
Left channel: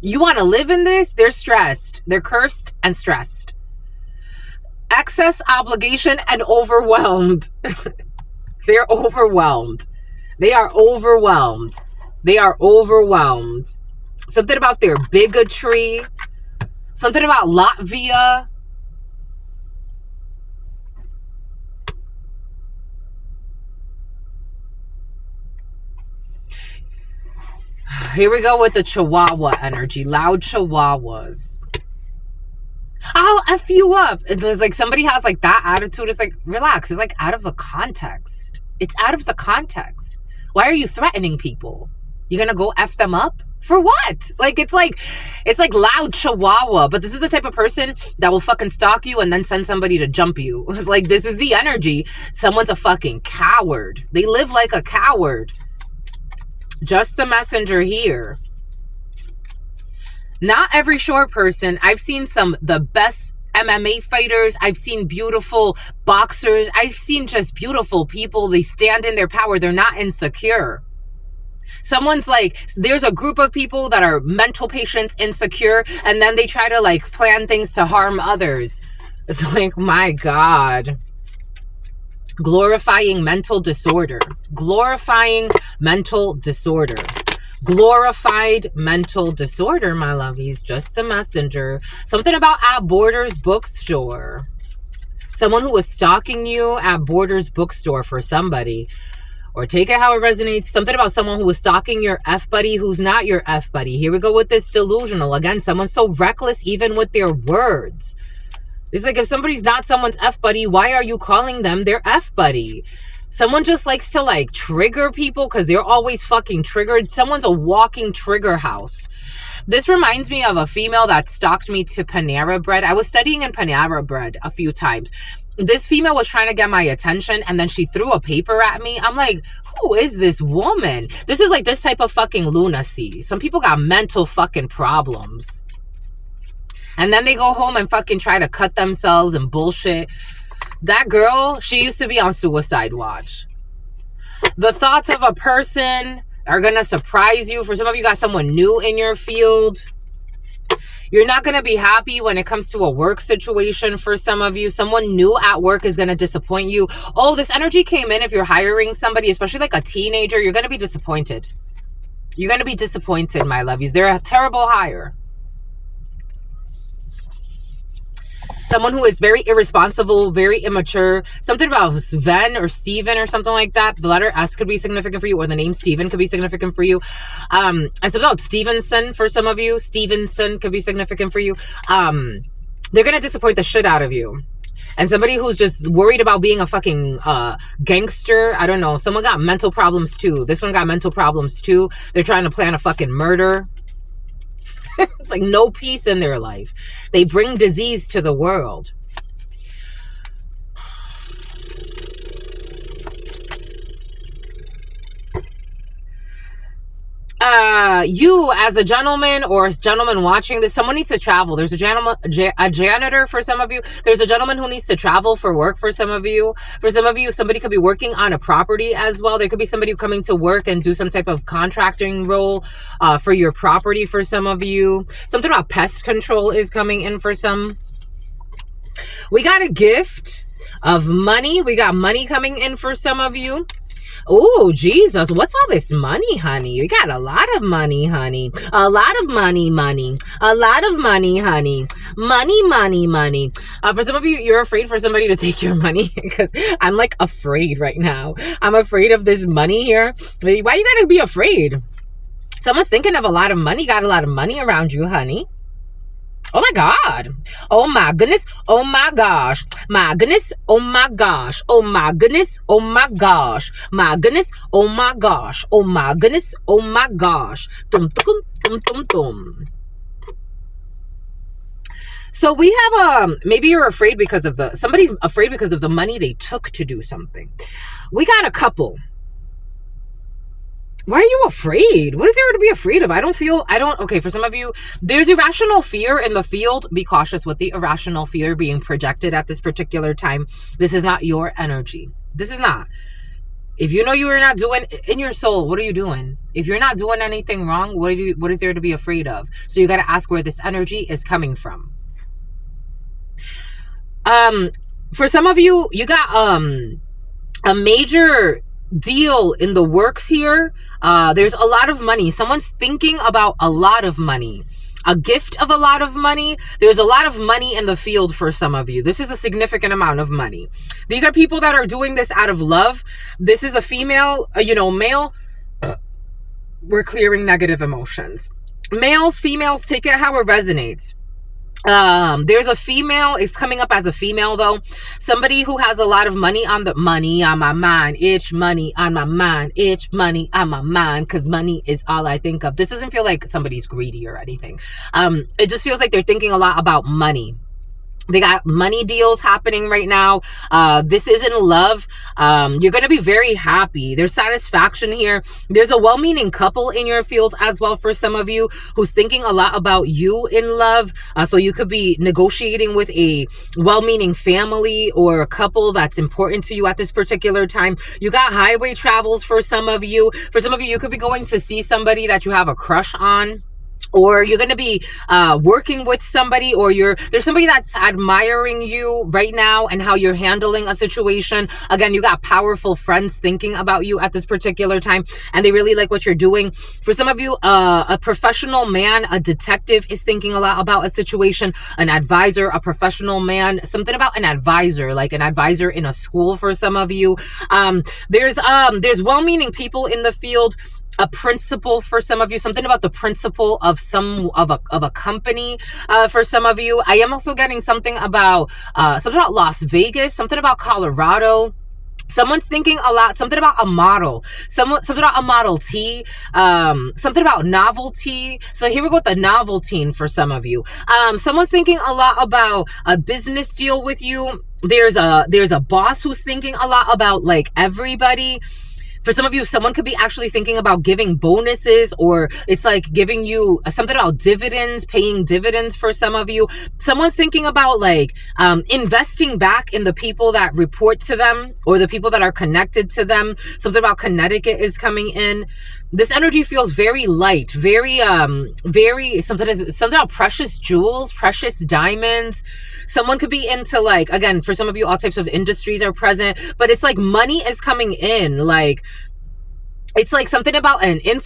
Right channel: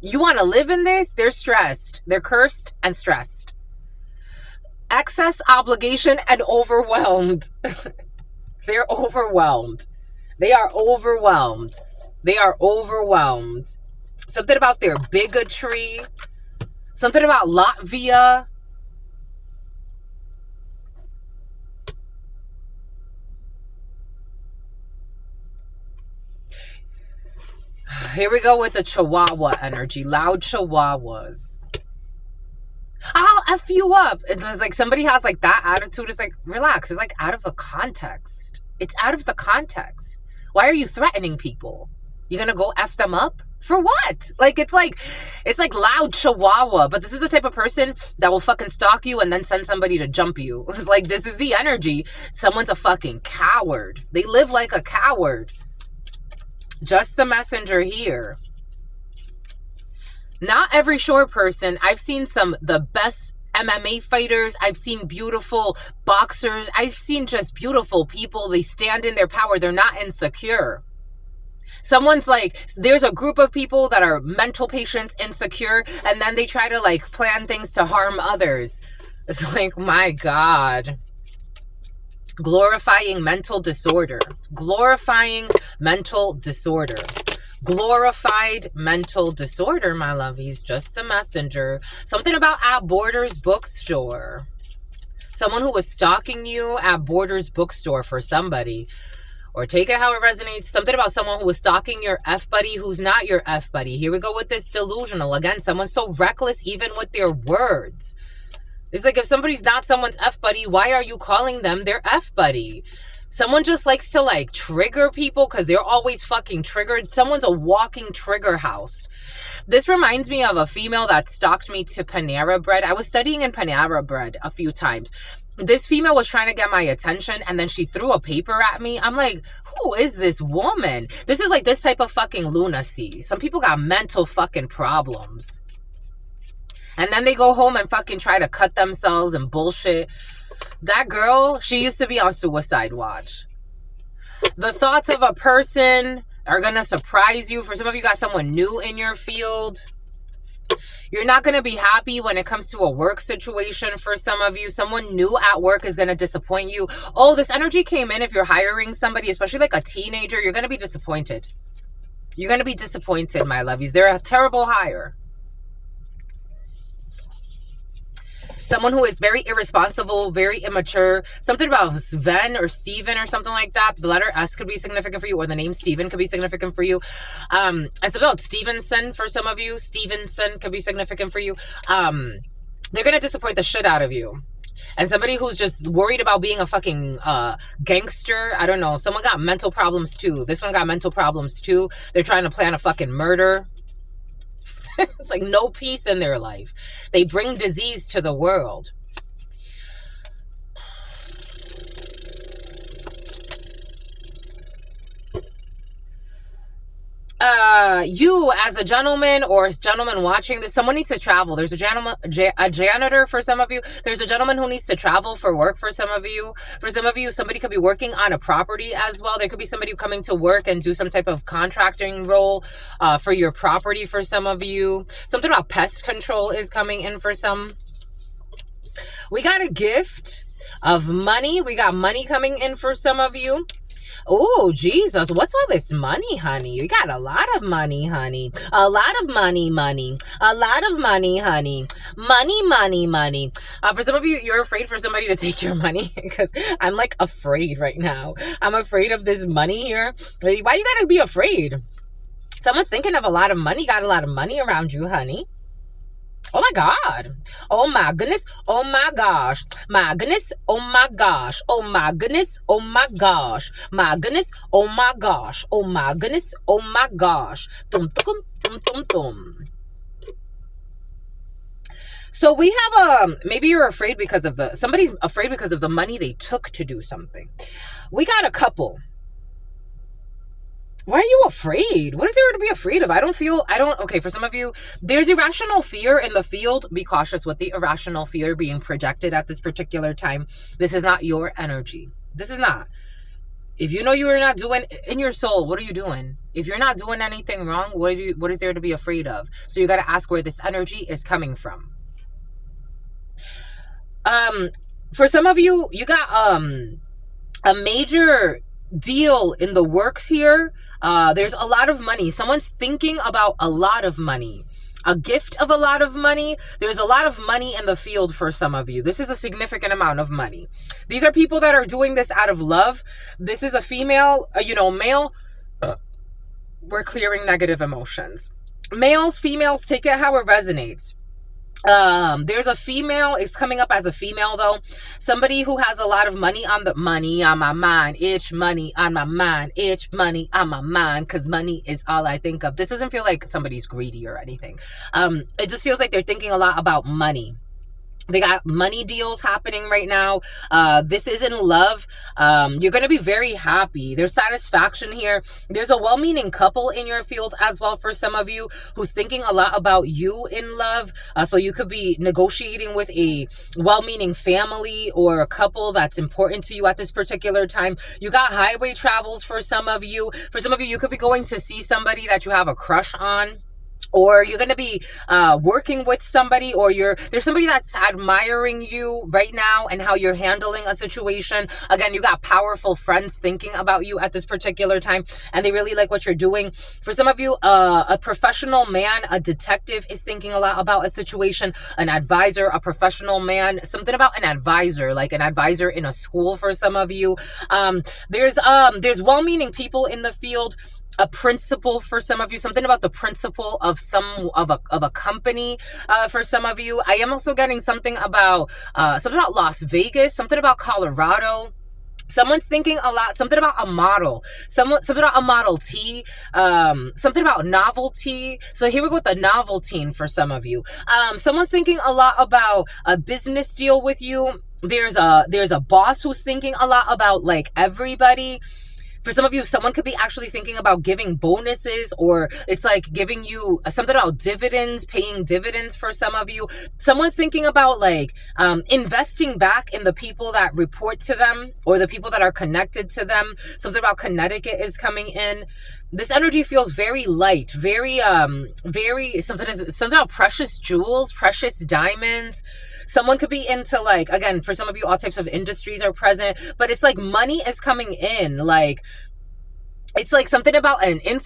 You want to live in this? They're stressed. They're cursed and stressed. Excess obligation and overwhelmed. They're overwhelmed. They are overwhelmed. They are overwhelmed. Something about their bigotry. Something about Latvia. Here we go with the Chihuahua energy. Loud Chihuahuas. I'll F you up. It's like somebody has like that attitude. It's like, relax. It's like out of the context. It's out of the context. Why are you threatening people? You're going to go F them up? For what? Like, it's like loud chihuahua, but this is the type of person that will fucking stalk you and then send somebody to jump you. It's like, this is the energy. Someone's a fucking coward. They live like a coward. Just the messenger here. Not every short person. I've seen the best MMA fighters. I've seen beautiful boxers. I've seen just beautiful people. They stand in their power. They're not insecure. Someone's like, there's a group of people that are mental patients, insecure, and then they try to like plan things to harm others. It's like, my God. Glorifying mental disorder. Glorifying mental disorder. Glorified mental disorder, my lovies. Just the messenger. Something about at Borders bookstore. Someone who was stalking you at Borders bookstore for somebody. Or take it how it resonates. Something about someone who was stalking your F-buddy who's not your F-buddy. Here we go with this delusional. Again, someone's so reckless even with their words. It's like, if somebody's not someone's F-buddy, why are you calling them their F-buddy? Someone just likes to like trigger people because they're always fucking triggered. Someone's a walking trigger house. This reminds me of a female that stalked me to Panera Bread. I was studying in Panera Bread a few times. This female was trying to get my attention and then she threw a paper at me. I'm like, who is this woman? This is like this type of fucking lunacy. Some people got mental fucking problems. And then they go home and fucking try to cut themselves and bullshit. That girl, she used to be on suicide watch. The thoughts of a person are going to surprise you. For some of you, got someone new in your field. You're not going to be happy when it comes to a work situation for some of you. Someone new at work is going to disappoint you. Oh, this energy came in if you're hiring somebody, especially like a teenager. You're going to be disappointed. You're going to be disappointed, my lovies. They're a terrible hire. Someone who is very irresponsible, very immature. Something about Sven or Steven or something like that. The letter S could be significant for you, or the name Steven could be significant for you. And something about Stevenson for some of you. Stevenson could be significant for you. They're going to disappoint the shit out of you. And somebody who's just worried about being a fucking gangster. I don't know. Someone got mental problems too. This one got mental problems too. They're trying to plan a fucking murder. It's like no peace in their life. They bring disease to the world. You as a gentleman or a gentleman watching this, someone needs to travel. There's a janitor for some of you. There's a gentleman who needs to travel for work for some of you. For some of you, somebody could be working on a property as well. There could be somebody coming to work and do some type of contracting role for your property for some of you. Something about pest control is coming in for some. We got a gift of money. We got money coming in for some of you. Oh, Jesus, what's all this money, honey? You got a lot of money, honey. A lot of money. A lot of money, honey. Money. For some of you, you're afraid for somebody to take your money because I'm like afraid right now. I'm afraid of this money here. Why you gotta be afraid? Someone's thinking of a lot of money, got a lot of money around you, honey. Oh my God. Oh my goodness. Oh my gosh. My goodness. Oh my gosh. Oh my goodness. Oh my gosh. My goodness. Oh my gosh. Oh my goodness. Oh my gosh. Dum dum dum dum dum. So we have maybe you're afraid because of somebody's afraid because of the money they took to do something. We got a couple. Why are you afraid? What is there to be afraid of? Okay, for some of you, there's irrational fear in the field. Be cautious with the irrational fear being projected at this particular time. This is not your energy. This is not. If you know you are not doing, in your soul, what are you doing? If you're not doing anything wrong, what is there to be afraid of? So you got to ask where this energy is coming from. For some of you, you got a major deal in the works here. There's a lot of money. Someone's thinking about a lot of money, a gift of a lot of money. There's a lot of money in the field for some of you. This is a significant amount of money. These are people that are doing this out of love. This is a female, male. We're clearing negative emotions. Males, females, take it how it resonates. There's a female, it's coming up as a female though, somebody who has a lot of money on my mind, itch money on my mind, itch money on my mind, because money is all I think of. This doesn't feel like somebody's greedy or anything. It just feels like they're thinking a lot about money. They got money deals happening right now. This is in love. You're going to be very happy. There's satisfaction here. There's a well-meaning couple in your field as well for some of you who's thinking a lot about you in love. So you could be negotiating with a well-meaning family or a couple that's important to you at this particular time. You got highway travels for some of you. For some of you, you could be going to see somebody that you have a crush on. Or you're going to be working with somebody, or there's somebody that's admiring you right now and how you're handling a situation. Again, you got powerful friends thinking about you at this particular time, and they really like what you're doing. For some of you, a professional man, a detective is thinking a lot about a situation, an advisor, a professional man, something about an advisor, like an advisor in a school for some of you. There's well-meaning people in the field. A principal for some of you, something about the principal of a company for some of you. I am also getting something about Las Vegas, something about Colorado. Someone's thinking a lot, something about a model, something about a Model T, something about novelty. So here we go with the novelty for some of you. Someone's thinking a lot about a business deal with you. There's a boss who's thinking a lot about like everybody. For some of you, someone could be actually thinking about giving bonuses, or it's like giving you something about dividends, paying dividends for some of you. Someone's thinking about like investing back in the people that report to them or the people that are connected to them. Something about Connecticut is coming in. This energy feels very light, very something about precious jewels, precious diamonds. Someone could be into like, again, for some of you, all types of industries are present, but it's like money is coming in. Like, it's like something about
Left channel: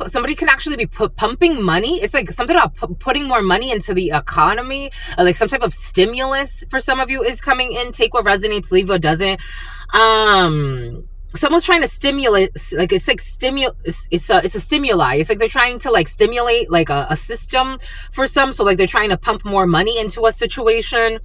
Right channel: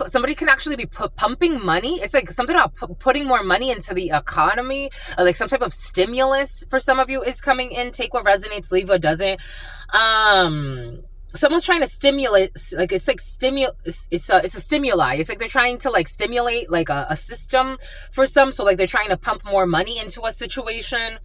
somebody can actually be pumping money. It's like something about putting more money into the economy, like some type of stimulus for some of you is coming in. Take what resonates, leave what doesn't. Someone's trying to stimulate, like it's like it's a stimuli. It's like they're trying to like stimulate like a system for some. So like they're trying to pump more money into a situation.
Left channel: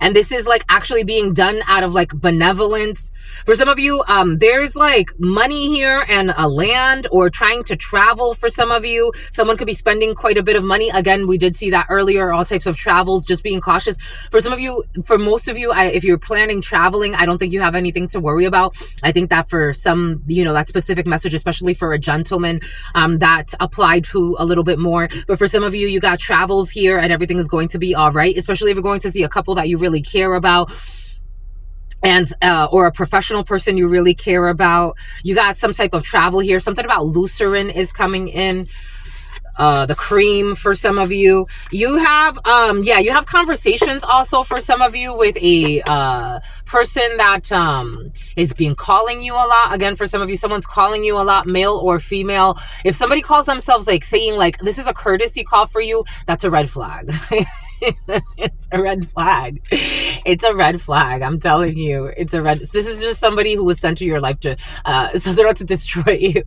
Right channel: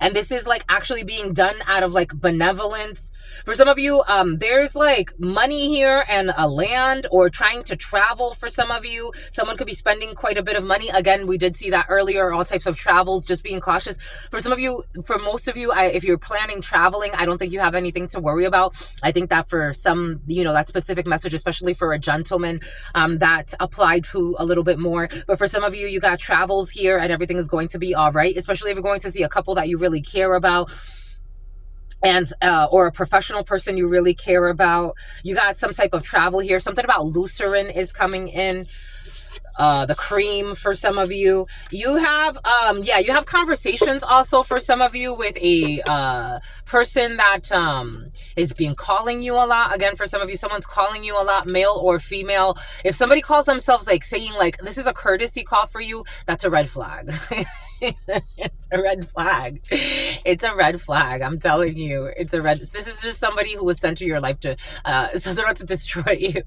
And this is like actually being done out of like benevolence. For some of you, there's like money here and a land, or trying to travel for some of you. Someone could be spending quite a bit of money. Again, we did see that earlier, all types of travels, just being cautious. For some of you, for most of you, if you're planning traveling, I don't think you have anything to worry about. I think that for some, that specific message, especially for a gentleman, that applied to a little bit more. But for some of you, you got travels here and everything is going to be all right, especially if you're going to see a couple that you really care about, and or a professional person you really care about. You got some type of travel here. Something about Lucerne is coming in. The cream for some of you. You have you have conversations also for some of you with a person that is being calling you a lot. Again, for some of you, someone's calling you a lot, male or female. If somebody calls themselves like saying like this is a courtesy call for you, that's a red flag. It's a red flag. It's a red flag. I'm telling you, it's a red. This is just somebody who was sent to your life to to destroy you.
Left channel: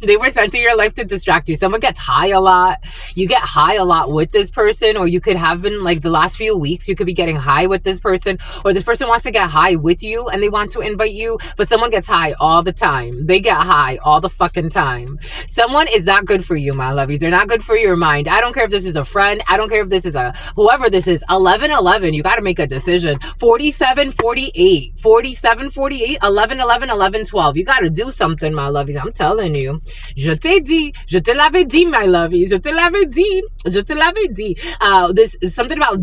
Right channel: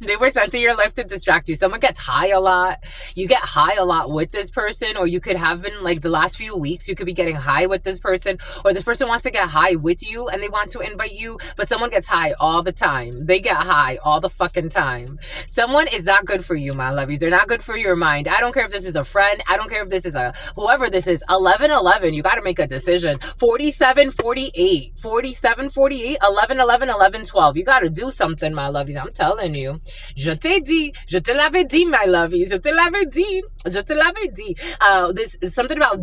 They were sent to your life to distract you. Someone gets high a lot. You get high a lot with this person, or you could have been like the last few weeks, you could be getting high with this person, or this person wants to get high with you and they want to invite you, but someone gets high all the time. They get high all the fucking time. Someone is not good for you, my lovies. They're not good for your mind. I don't care if this is a friend. I don't care if this is whoever this is. 11-11, you got to make a decision. 47-48, 47-48, 11-11, 11-12. You got to do something, my lovies. I'm telling you. Je t'ai dit, je te l'avais dit, my lovies. Je te l'avais dit, je te l'avais dit. This is something about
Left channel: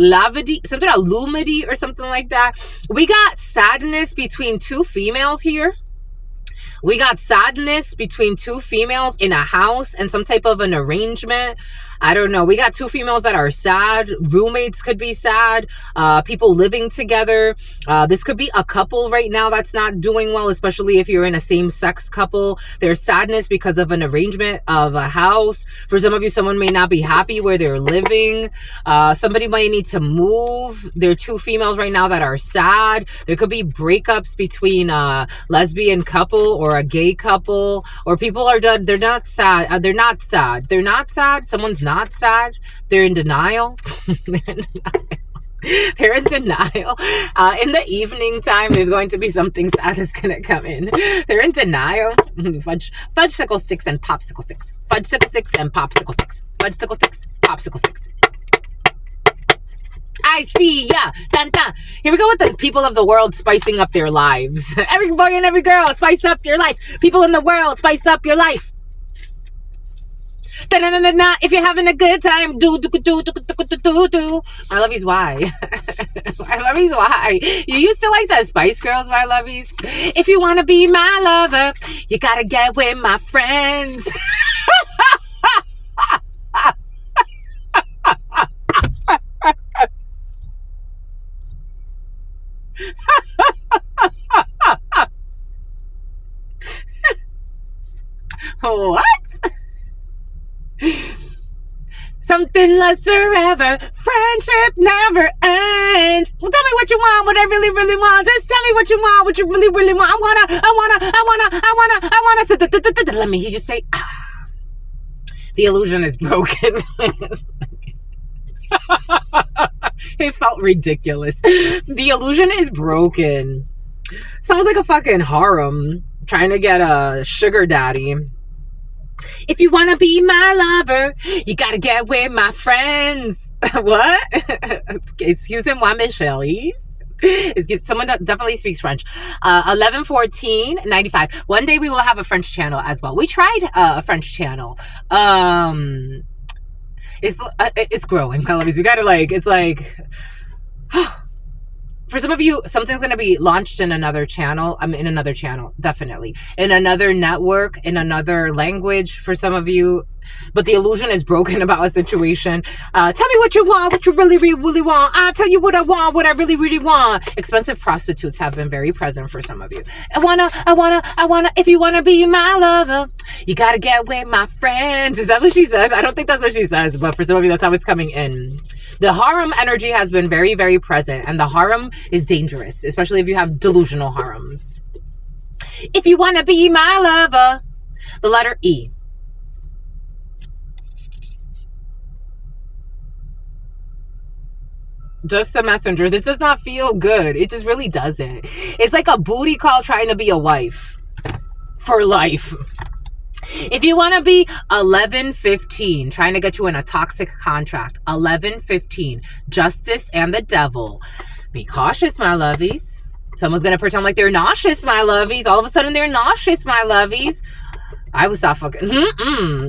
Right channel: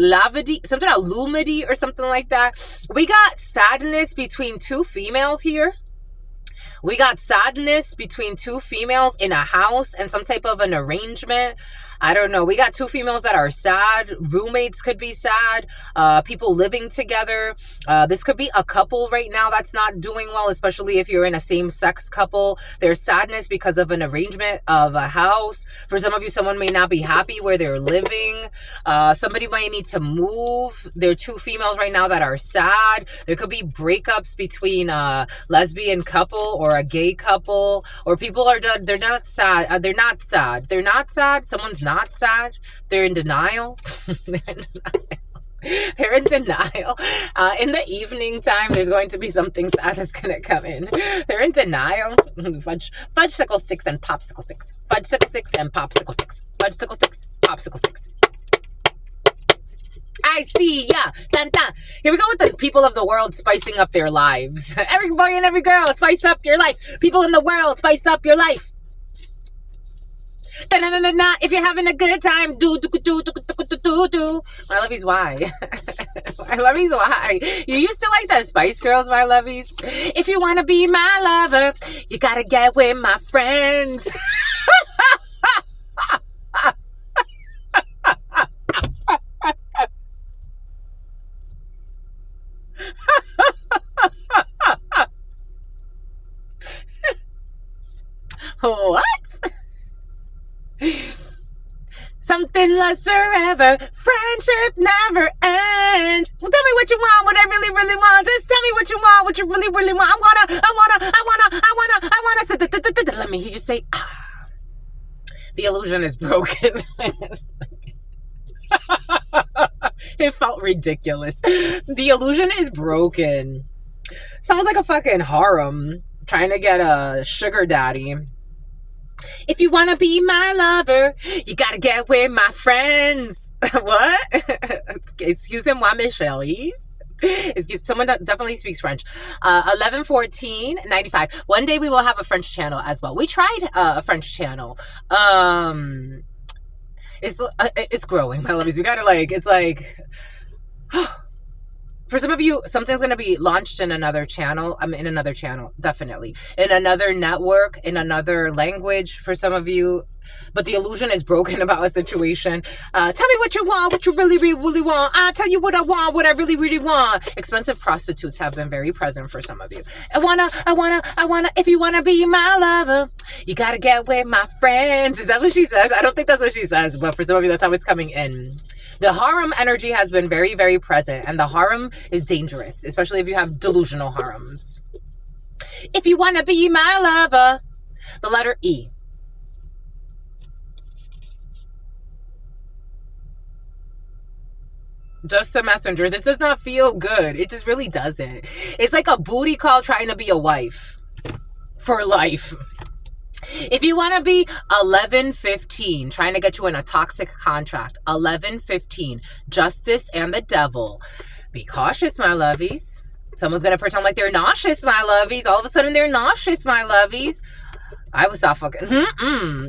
lavity, something about lumity or something like that. We got sadness between two females here. We got sadness between two females in a house and some type of an arrangement. I don't know. We got two females that are sad. Roommates could be sad. People living together. This could be a couple right now that's not doing well, especially if you're in a same-sex couple. There's sadness because of an arrangement of a house. For some of you, someone may not be happy where they're living. Somebody might need to move. There are two females right now that are sad. There could be breakups between a lesbian couple or a gay couple, or people are done. They're not sad. They're not sad. They're not sad. Someone's not sad. They're in denial. They're in denial. In the evening time, there's going to be something sad that's going to come in. They're in denial. Fudge-sicle sticks and popsicle sticks. Fudge-sicle sticks and popsicle sticks. Fudge-sicle sticks, popsicle sticks. I see ya. Dun, dun. Here we go with the people of the world spicing up their lives. Every boy and every girl, spice up your life. People in the world, spice up your life. Da-na-na-na-na. If you're having a good time, do. My lovies, why? My lovies, why? You used to like the Spice Girls, my lovies. If you want to be my lover, you got to get with my friends. What? Something lasts forever. Friendship never ends. Well, tell me what you want, what I really, really want. Just tell me what you want, what you really, really want. I wanna. Let me hear you say, ah. The illusion is broken. It felt ridiculous. The illusion is broken. Sounds like a fucking harem trying to get a sugar daddy. If you want to be my lover, you got to get with my friends. What? Excusez-moi, mes chéris. Someone that definitely speaks French. 11/14/95. One day we will have a French channel as well. We tried a French channel. It's growing, my lovies. We got to it's like... For some of you, something's going to be launched in another channel. In another channel, definitely. In another network, in another language for some of you. But the illusion is broken about a situation. Tell me what you want, what you really, really, really want. I'll tell you what I want, what I really, really want. Expensive prostitutes have been very present for some of you. I wanna, if you wanna be my lover, you gotta get with my friends. Is that what she says? I don't think that's what she says, but for some of you, that's how it's coming in. The harem energy has been very, very present, and the harem is dangerous, especially if you have delusional harems. If you want to be my lover, the letter E. Just a messenger. This does not feel good. It just really doesn't. It's like a booty call trying to be a wife for life. If you want to be 11/15, trying to get you in a toxic contract, 11/15, justice and the devil. Be cautious, my lovies. Someone's going to pretend like they're nauseous, my lovies. All of a sudden, they're nauseous, my lovies. I would stop fucking.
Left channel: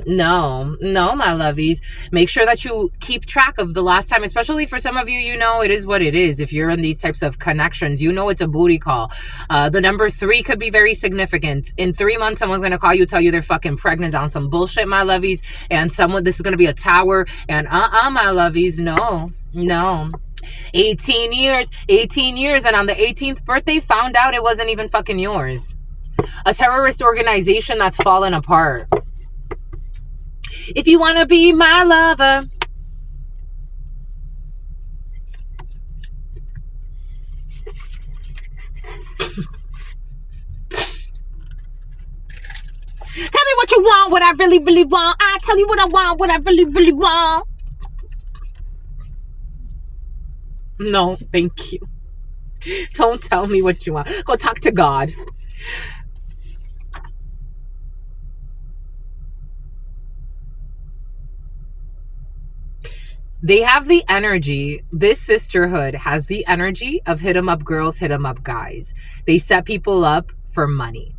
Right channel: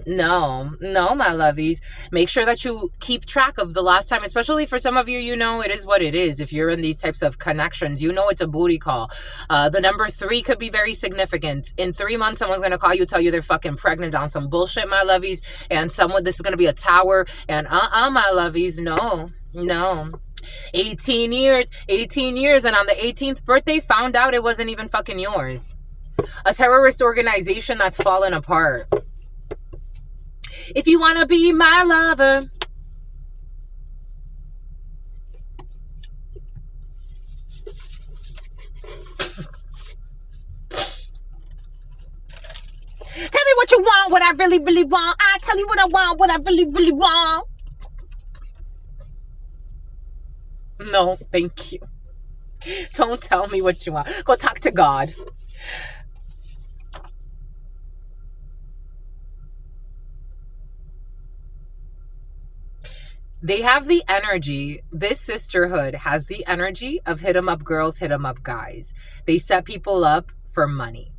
No, my lovies. Make sure that you keep track of the last time, especially for some of you, you know, it is what it is. If you're in these types of connections, you know it's a booty call. The number 3 could be very significant. In 3 months, someone's going to call you, tell you they're fucking pregnant on some bullshit, my lovies. And this is going to be a tower. And my lovies, no. 18 years. And on the 18th birthday, found out it wasn't even fucking yours. A terrorist organization that's fallen apart. If you want to be my lover, tell me what you want, what I really, really want. I tell you what I want, what I really, really want. No, thank you. Don't tell me what you want. Go talk to God. They have the energy. This sisterhood has the energy of hit 'em up girls, hit 'em up guys. They set people up for money.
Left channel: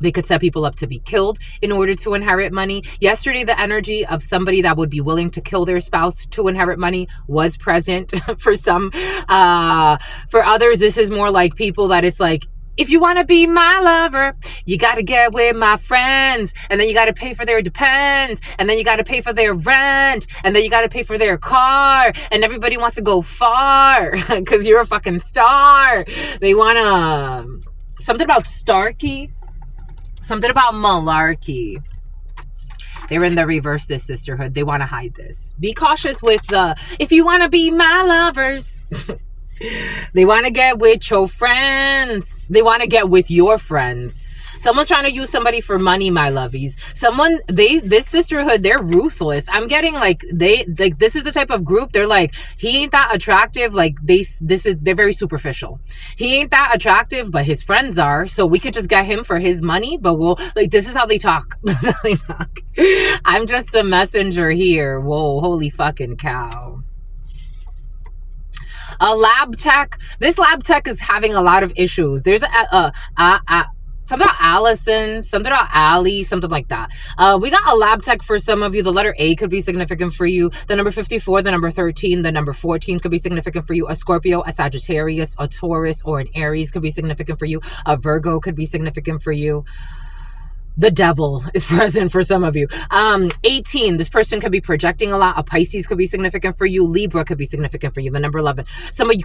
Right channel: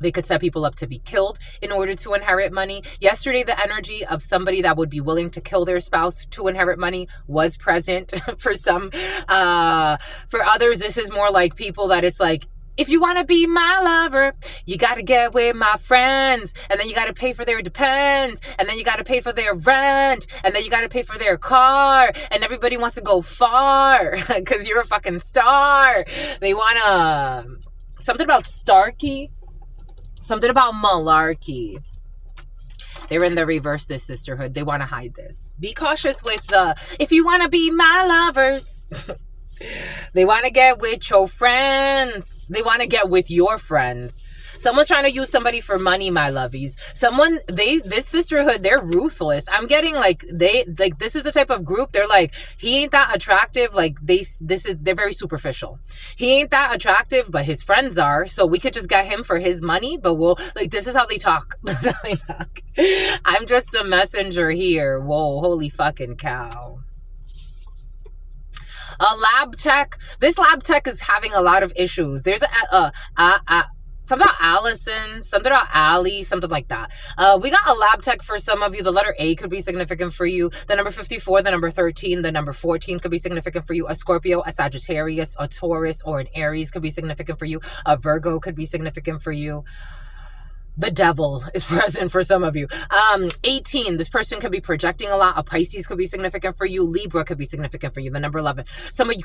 They could set people up to be killed in order to inherit money. Yesterday, the energy of somebody that would be willing to kill their spouse to inherit money was present for some. For others, this is more like people that it's like, if you want to be my lover, you got to get with my friends. And then you got to pay for their depends. And then you got to pay for their rent. And then you got to pay for their car. And everybody wants to go far because you're a fucking star. They want to... Something about Starkey. Something about malarkey. They're in the reverse, this sisterhood. They want to hide this. Be cautious with the... If you want to be my lovers... They want to get with your friends. They want to get with your friends. Someone's trying to use somebody for money, my lovies. This sisterhood, they're ruthless. I'm getting like, this is the type of group, they're like, he ain't that attractive. Like they're very superficial. He ain't that attractive, but his friends are. So we could just get him for his money, but this is how they talk. This is how they talk. I'm just the messenger here. Whoa, holy fucking cow. A lab tech. This lab tech is having a lot of issues. There's something about Allison, something about Allie, something like that. We got a lab tech for some of you. The letter A could be significant for you. The number 54, the number 13, the number 14 could be significant for you. A Scorpio, a Sagittarius, a Taurus, or an Aries could be significant for you. A Virgo could be significant for you. The devil is present for some of you. 18, this person could be projecting a lot. A Pisces could be significant for you. Libra could be significant for you. The number 11. Someone's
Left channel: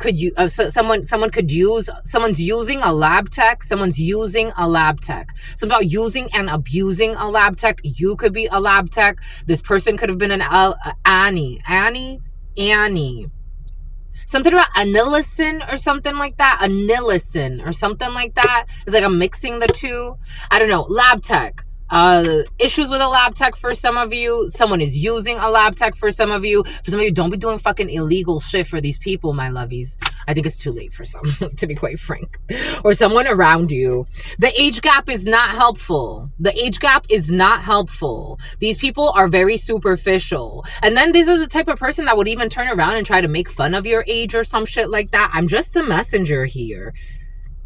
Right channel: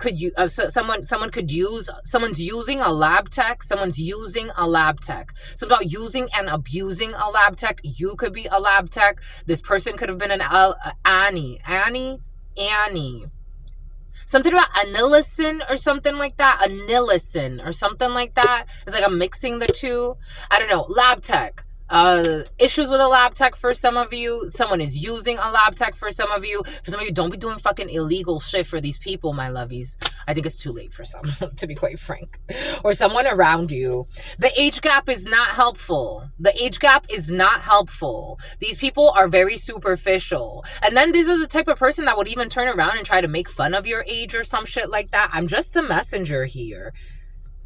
using a lab tech. Someone's using a lab tech. Something about using and abusing a lab tech. You could be a lab tech. This person could have been an Annie. Something about anillicin or something like that. Anillicin or something like that. It's like I'm mixing the two. I don't know. Lab tech. Issues with a lab tech for some of you. Someone is using a lab tech for some of you. For some of you, don't be doing fucking illegal shit for these people, my lovies. I think it's too late for some, to be quite frank. Or someone around you. The age gap is not helpful. The age gap is not helpful. These people are very superficial. And then this is the type of person that would even turn around and try to make fun of your age or some shit like that. I'm just the messenger here.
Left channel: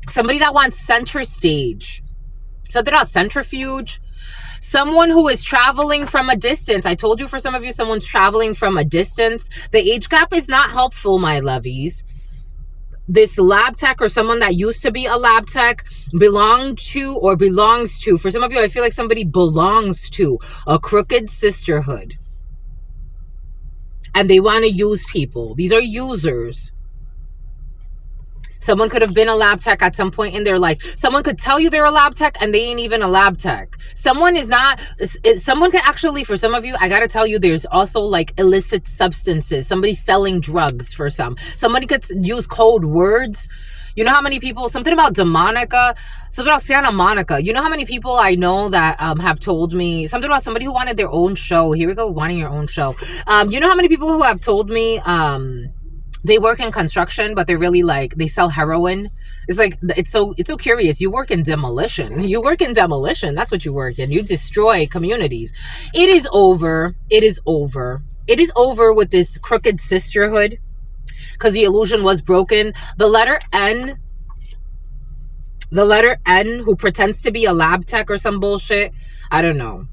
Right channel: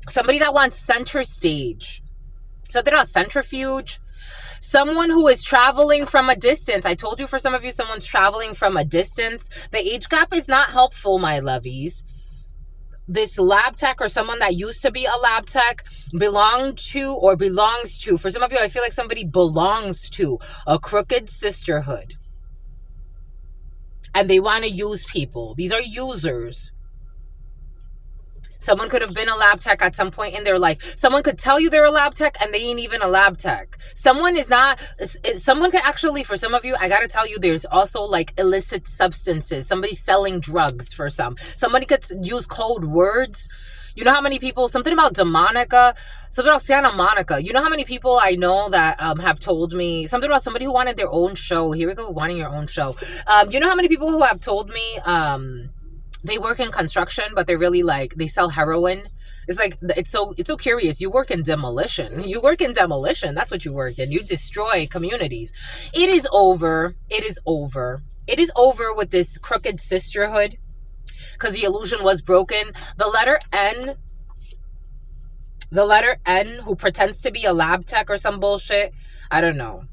Somebody that wants center stage. Something about centrifuge. Someone who is traveling from a distance. I told you for some of you, someone's traveling from a distance. The age gap is not helpful, my lovies. This lab tech or someone that used to be a lab tech belongs to, for some of you, I feel like somebody belongs to a crooked sisterhood. And they want to use people. These are users. Someone could have been a lab tech at some point in their life. Someone could tell you they're a lab tech and they ain't even a lab tech. Someone could actually, for some of you, I got to tell you, there's also like illicit substances. Somebody selling drugs for some. Somebody could use code words. You know how many people, something about Demonica, something about Santa Monica. You know how many people I know that have told me, something about somebody who wanted their own show. Here we go, wanting your own show. You know how many people who have told me, they work in construction, but they're really like, they sell heroin. It's like, it's so curious. You work in demolition. You work in demolition. That's what you work in. You destroy communities. It is over. It is over. It is over with this crooked sisterhood because the illusion was broken. The letter N, who pretends to be a lab tech or some bullshit. I don't know.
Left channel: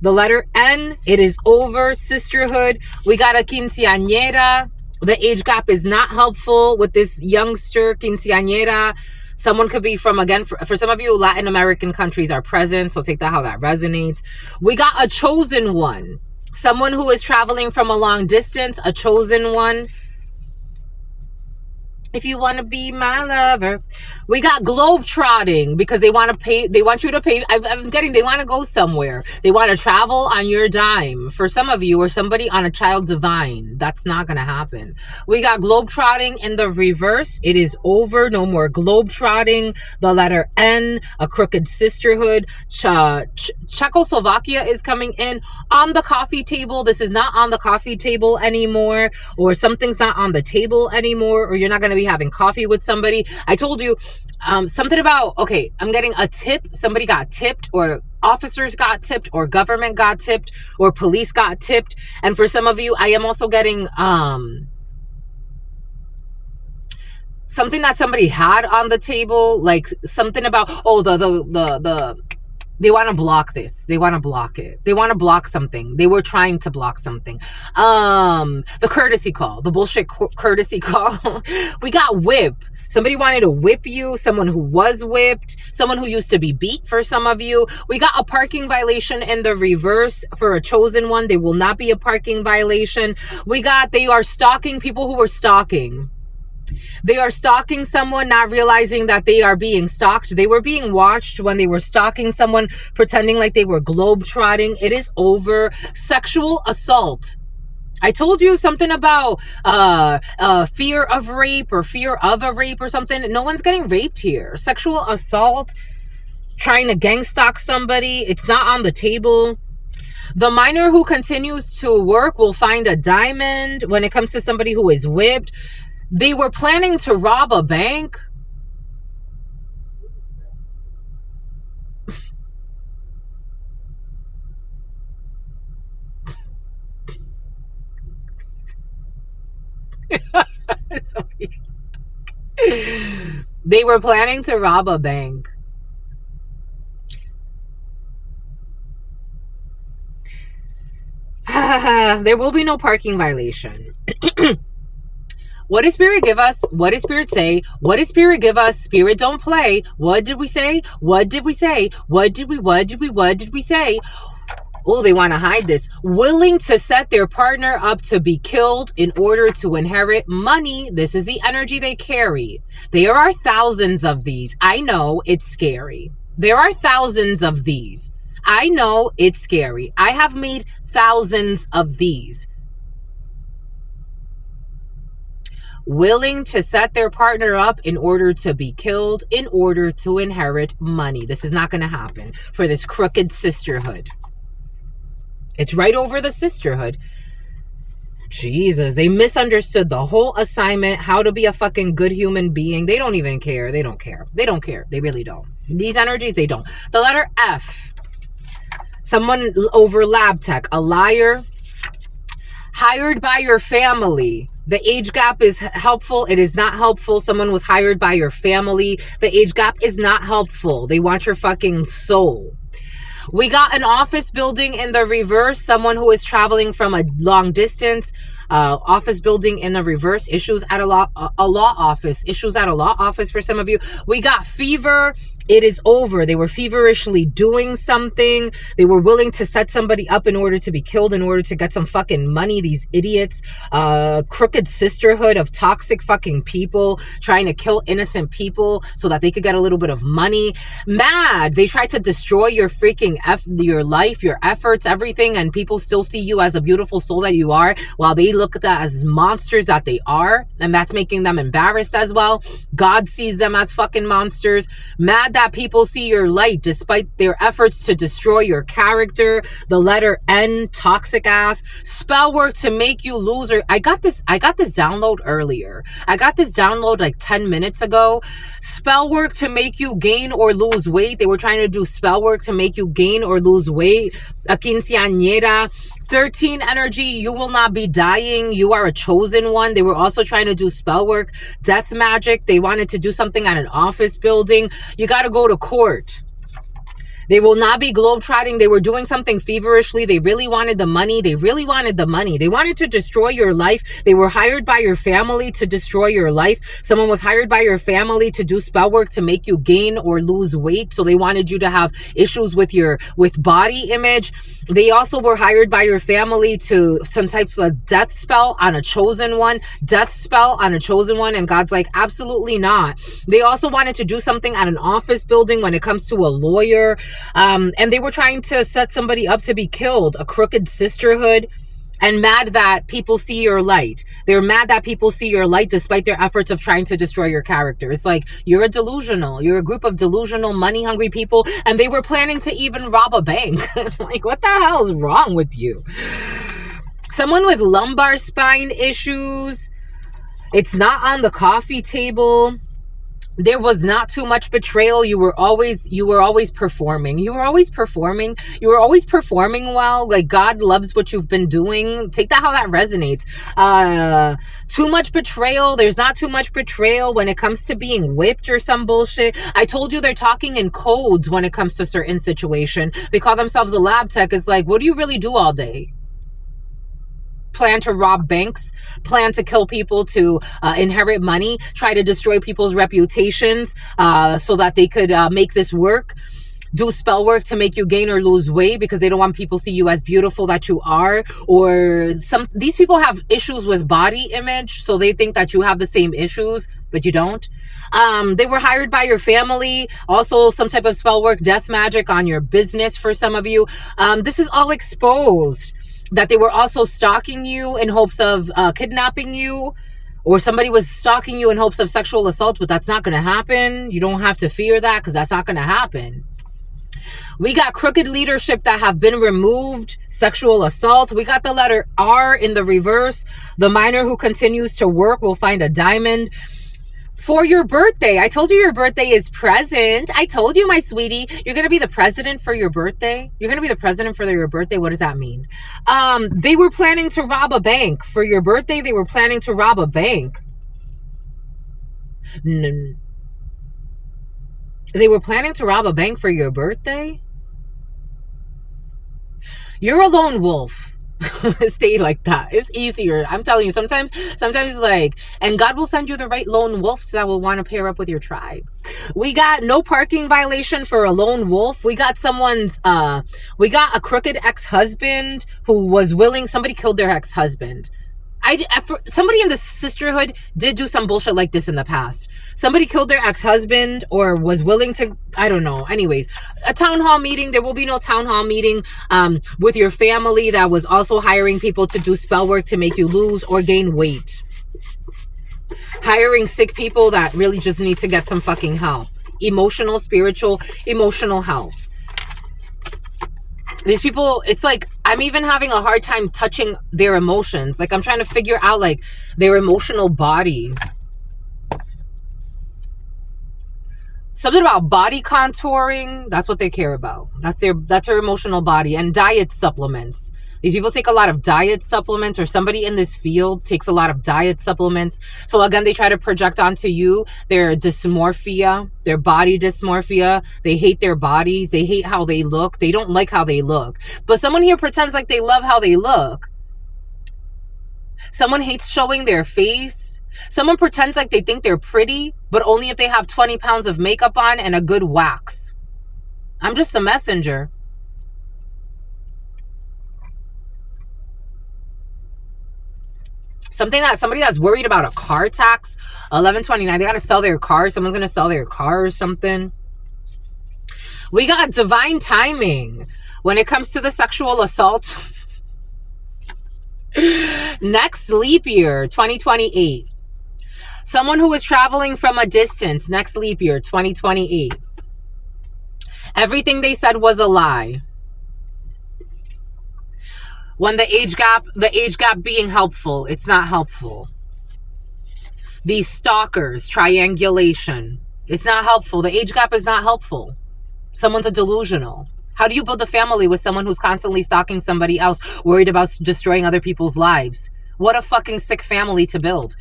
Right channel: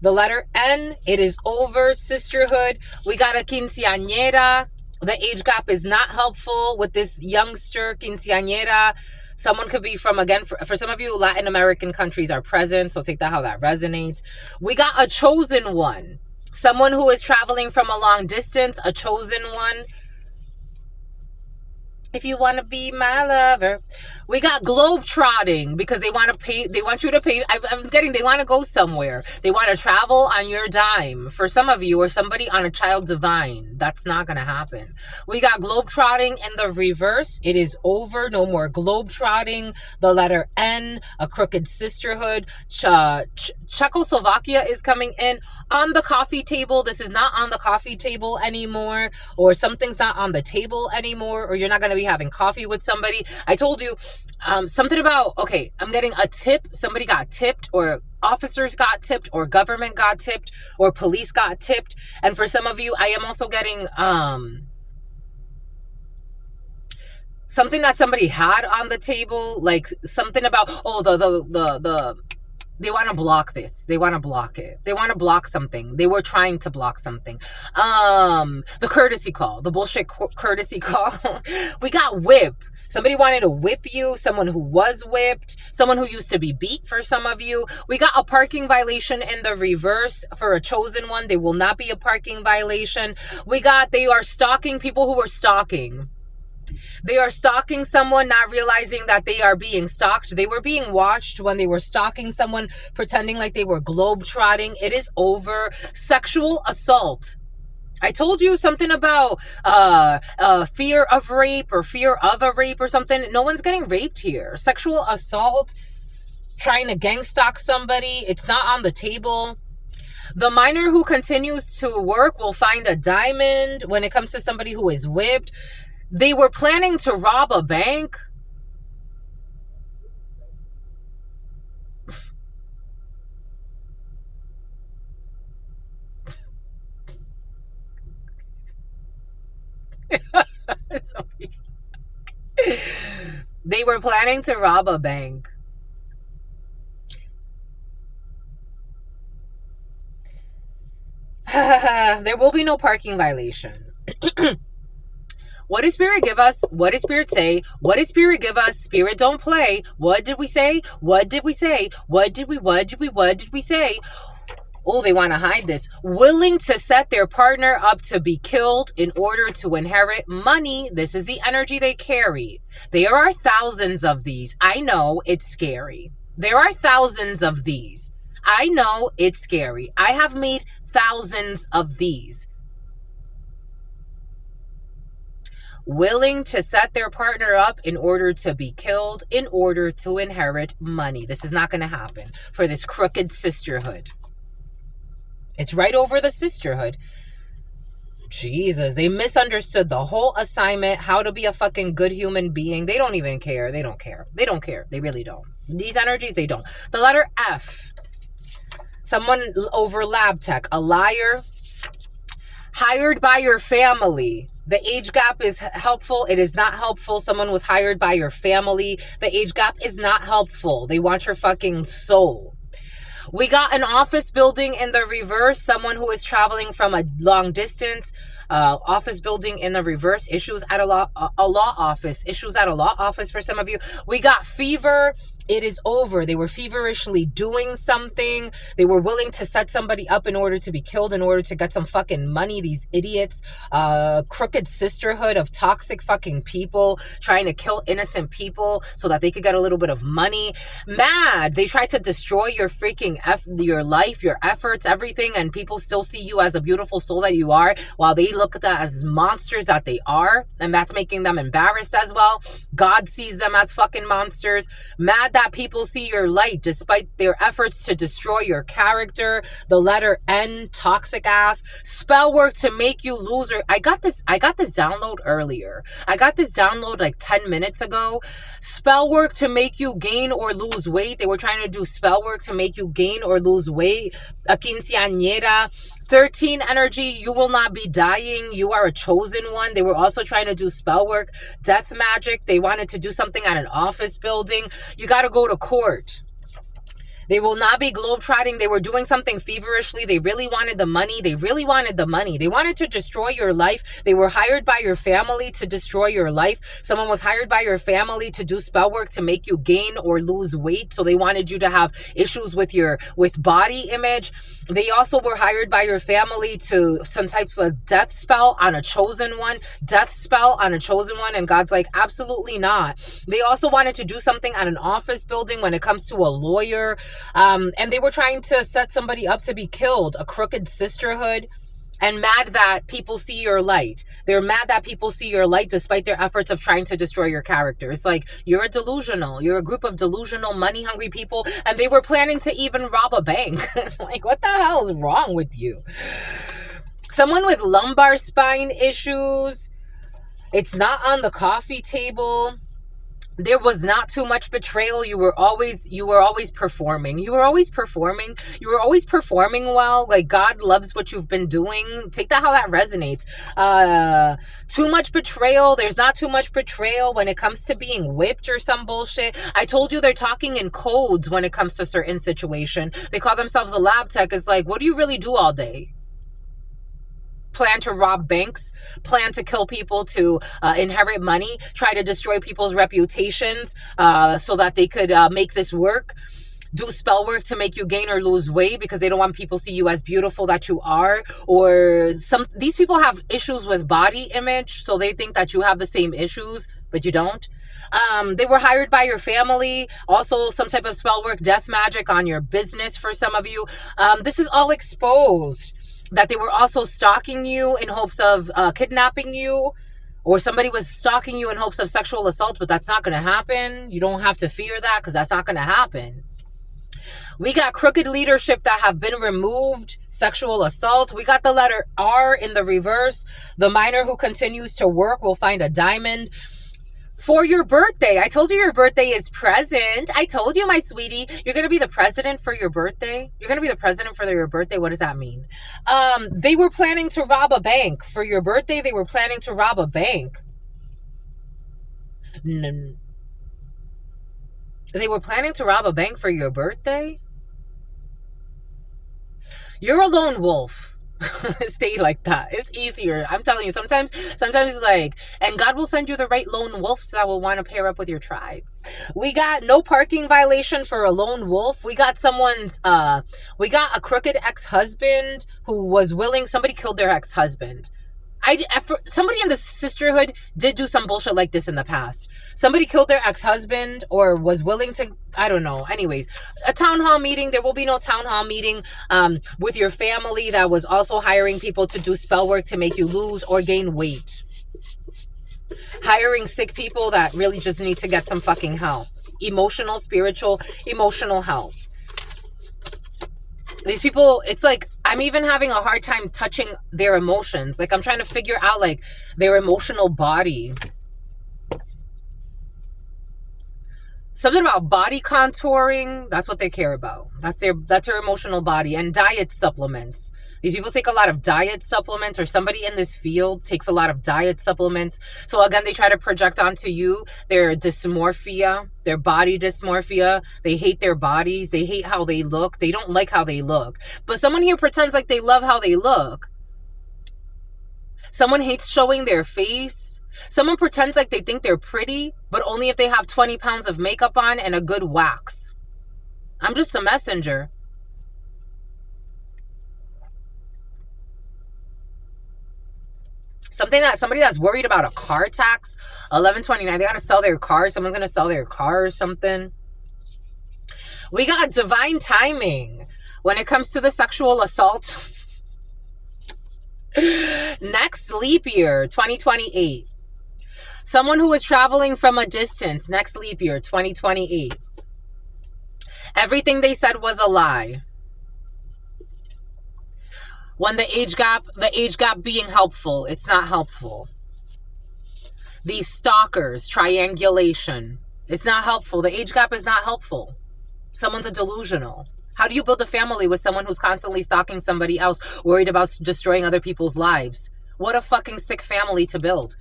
The letter N, it is over. Sisterhood. We got a quinceañera. The age gap is not helpful with this youngster quinceañera. Someone could be from, again, for some of you, Latin American countries are present, so take that how that resonates. We got a chosen one. Someone who is traveling from a long distance, a chosen one. If you want to be my lover. We got globetrotting because they want you to pay. They want to go somewhere. They want to travel on your dime. For some of you or somebody on a child divine, that's not going to happen. We got globetrotting in the reverse. It is over. No more globetrotting. The letter N, a crooked sisterhood. Czechoslovakia is coming in on the coffee table. This is not on the coffee table anymore, or something's not on the table anymore, or you're not going to be having coffee with somebody. I told you something about, okay, I'm getting a tip. Somebody got tipped, or officers got tipped, or government got tipped, or police got tipped. And for some of you, I am also getting something that somebody had on the table, like something about, they want to block this. They want to block it. They want to block something. They were trying to block something. The courtesy call, the bullshit courtesy call. We got whip. Somebody wanted to whip you. Someone who was whipped. Someone who used to be beat for some of you. We got a parking violation in the reverse for a chosen one. They will not be a parking violation. We got, they are stalking people who were stalking. They are stalking someone, not realizing that they are being stalked. They were being watched when they were stalking someone, pretending like they were globetrotting. It is over. Sexual assault. I told you something about fear of rape or fear of a rape or something. No one's getting raped here. Sexual assault. trying to gang stalk somebody. It's not on the table. The minor who continues to work will find a diamond. When it comes to somebody who is whipped, they were planning to rob a bank. They were planning to rob a bank. There will be no parking violation. What did Spirit give us? What did Spirit say? What did Spirit give us? Spirit don't play. What did we say? What did we say? What did we say? Oh, they want to hide this. Willing to set their partner up to be killed in order to inherit money. This is the energy they carry. There are thousands of these. I know it's scary. There are thousands of these. I know it's scary. I have made thousands of these. Willing to set their partner up in order to be killed in order to inherit money. This is not going to happen for this crooked sisterhood. It's right over the sisterhood. Jesus, they misunderstood the whole assignment, how to be a fucking good human being. They don't even care. They don't care. They don't care. They really don't. These energies, they don't. The letter F. Someone over lab tech, a liar. Hired by your family. The age gap is helpful. It is not helpful. Someone was hired by your family. The age gap is not helpful. They want your fucking soul. We got an office building in the reverse. Someone who is traveling from a long distance. Office building in the reverse. Issues at a law office. Issues at a law office for some of you. We got fever. It is over. They were feverishly doing something. They were willing to set somebody up in order to be killed, in order to get some fucking money. These idiots. Crooked sisterhood of toxic fucking people trying to kill innocent people so that they could get a little bit of money. Mad. They tried to destroy your freaking your life, your efforts, everything, and people still see you as a beautiful soul that you are, while they look at that as monsters that they are, and that's making them embarrassed as well. God sees them as fucking monsters. Mad that people see your light despite their efforts to destroy your character. The letter N, toxic ass. Spell work to make you loser. I got this download earlier. I got this download like 10 minutes ago. Spell work to make you gain or lose weight. They were trying to do spell work to make you gain or lose weight. A quinceañera. 13 energy, you will not be dying. You are a chosen one. They were also trying to do spell work, death magic. They wanted to do something at an office building. You got to go to court. They will not be globetrotting. They were doing something feverishly. They really wanted the money. They really wanted the money. They wanted to destroy your life. They were hired by your family to destroy your life. Someone was hired by your family to do spell work to make you gain or lose weight. So they wanted you to have issues with body image. They also were hired by your family to some type of death spell on a chosen one. Death spell on a chosen one. And God's like, absolutely not. They also wanted to do something at an office building when it comes to a lawyer. And they were trying to set somebody up to be killed, a crooked sisterhood, and mad that people see your light. They're mad that people see your light despite their efforts of trying to destroy your character. It's like, you're a group of delusional, money-hungry people, and they were planning to even rob a bank. It's like, what the hell is wrong with you? Someone with lumbar spine issues. It's not on the coffee table. There was not too much betrayal. You were always performing. You were always performing well. Like, God loves what you've been doing. Take that how that resonates. Too much betrayal. There's not too much betrayal when it comes to being whipped or some bullshit. I told you they're talking in codes when it comes to certain situation. They call themselves a lab tech. It's like, what do you really do all day? Plan to rob banks, plan to kill people to inherit money, try to destroy people's reputations so that they could make this work. Do spell work to make you gain or lose weight because they don't want people to see you as beautiful that you are. Or these people have issues with body image, so they think that you have the same issues, but you don't. They were hired by your family. Also, some type of spell work, death magic on your business for some of you. This is all exposed. That they were also stalking you in hopes of kidnapping you, or somebody was stalking you in hopes of sexual assault, but that's not going to happen. You don't have to fear that because that's not going to happen. We got crooked leadership that have been removed, sexual assault. We got the letter R in the reverse. The miner who continues to work will find a diamond. For your birthday, I told you your birthday is present. I told you, my sweetie, you're going to be the president for your birthday. You're going to be the president for your birthday. What does that mean? They were planning to rob a bank. For your birthday, they were planning to rob a bank. They were planning to rob a bank for your birthday? You're a lone wolf. Stay like that. It's easier. I'm telling you, sometimes it's like, and God will send you the right lone wolves that will want to pair up with your tribe. We got no parking violation for a lone wolf. We got we got a crooked ex-husband who was willing, somebody killed their ex-husband. Somebody in the sisterhood did do some bullshit like this in the past. Somebody killed their ex-husband or was willing to, I don't know. Anyways, a town hall meeting. There will be no town hall meeting with your family that was also hiring people to do spell work to make you lose or gain weight. Hiring sick people that really just need to get some fucking help. Emotional, spiritual, emotional health. These people, it's like, I'm even having a hard time touching their emotions. Like, I'm trying to figure out, like, their emotional body. Something about body contouring. That's what they care about. That's their emotional body. And diet supplements. These people take a lot of diet supplements, or somebody in this field takes a lot of diet supplements. So again, they try to project onto you their dysmorphia, their body dysmorphia. They hate their bodies. They hate how they look. They don't like how they look. But someone here pretends like they love how they look. Someone hates showing their face. Someone pretends like they think they're pretty, but only if they have 20 pounds of makeup on and a good wax. I'm just a messenger. Somebody that's worried about a car tax, 1129. They got to sell their car. Someone's going to sell their car or something. We got divine timing when it comes to the sexual assault. Next leap year, 2028. Someone who is traveling from a distance, next leap year, 2028. Everything they said was a lie. When the age gap being helpful, it's not helpful. These stalkers, triangulation, it's not helpful. The age gap is not helpful. Someone's a delusional. How do you build a family with someone who's constantly stalking somebody else, worried about destroying other people's lives? What a fucking sick family to build.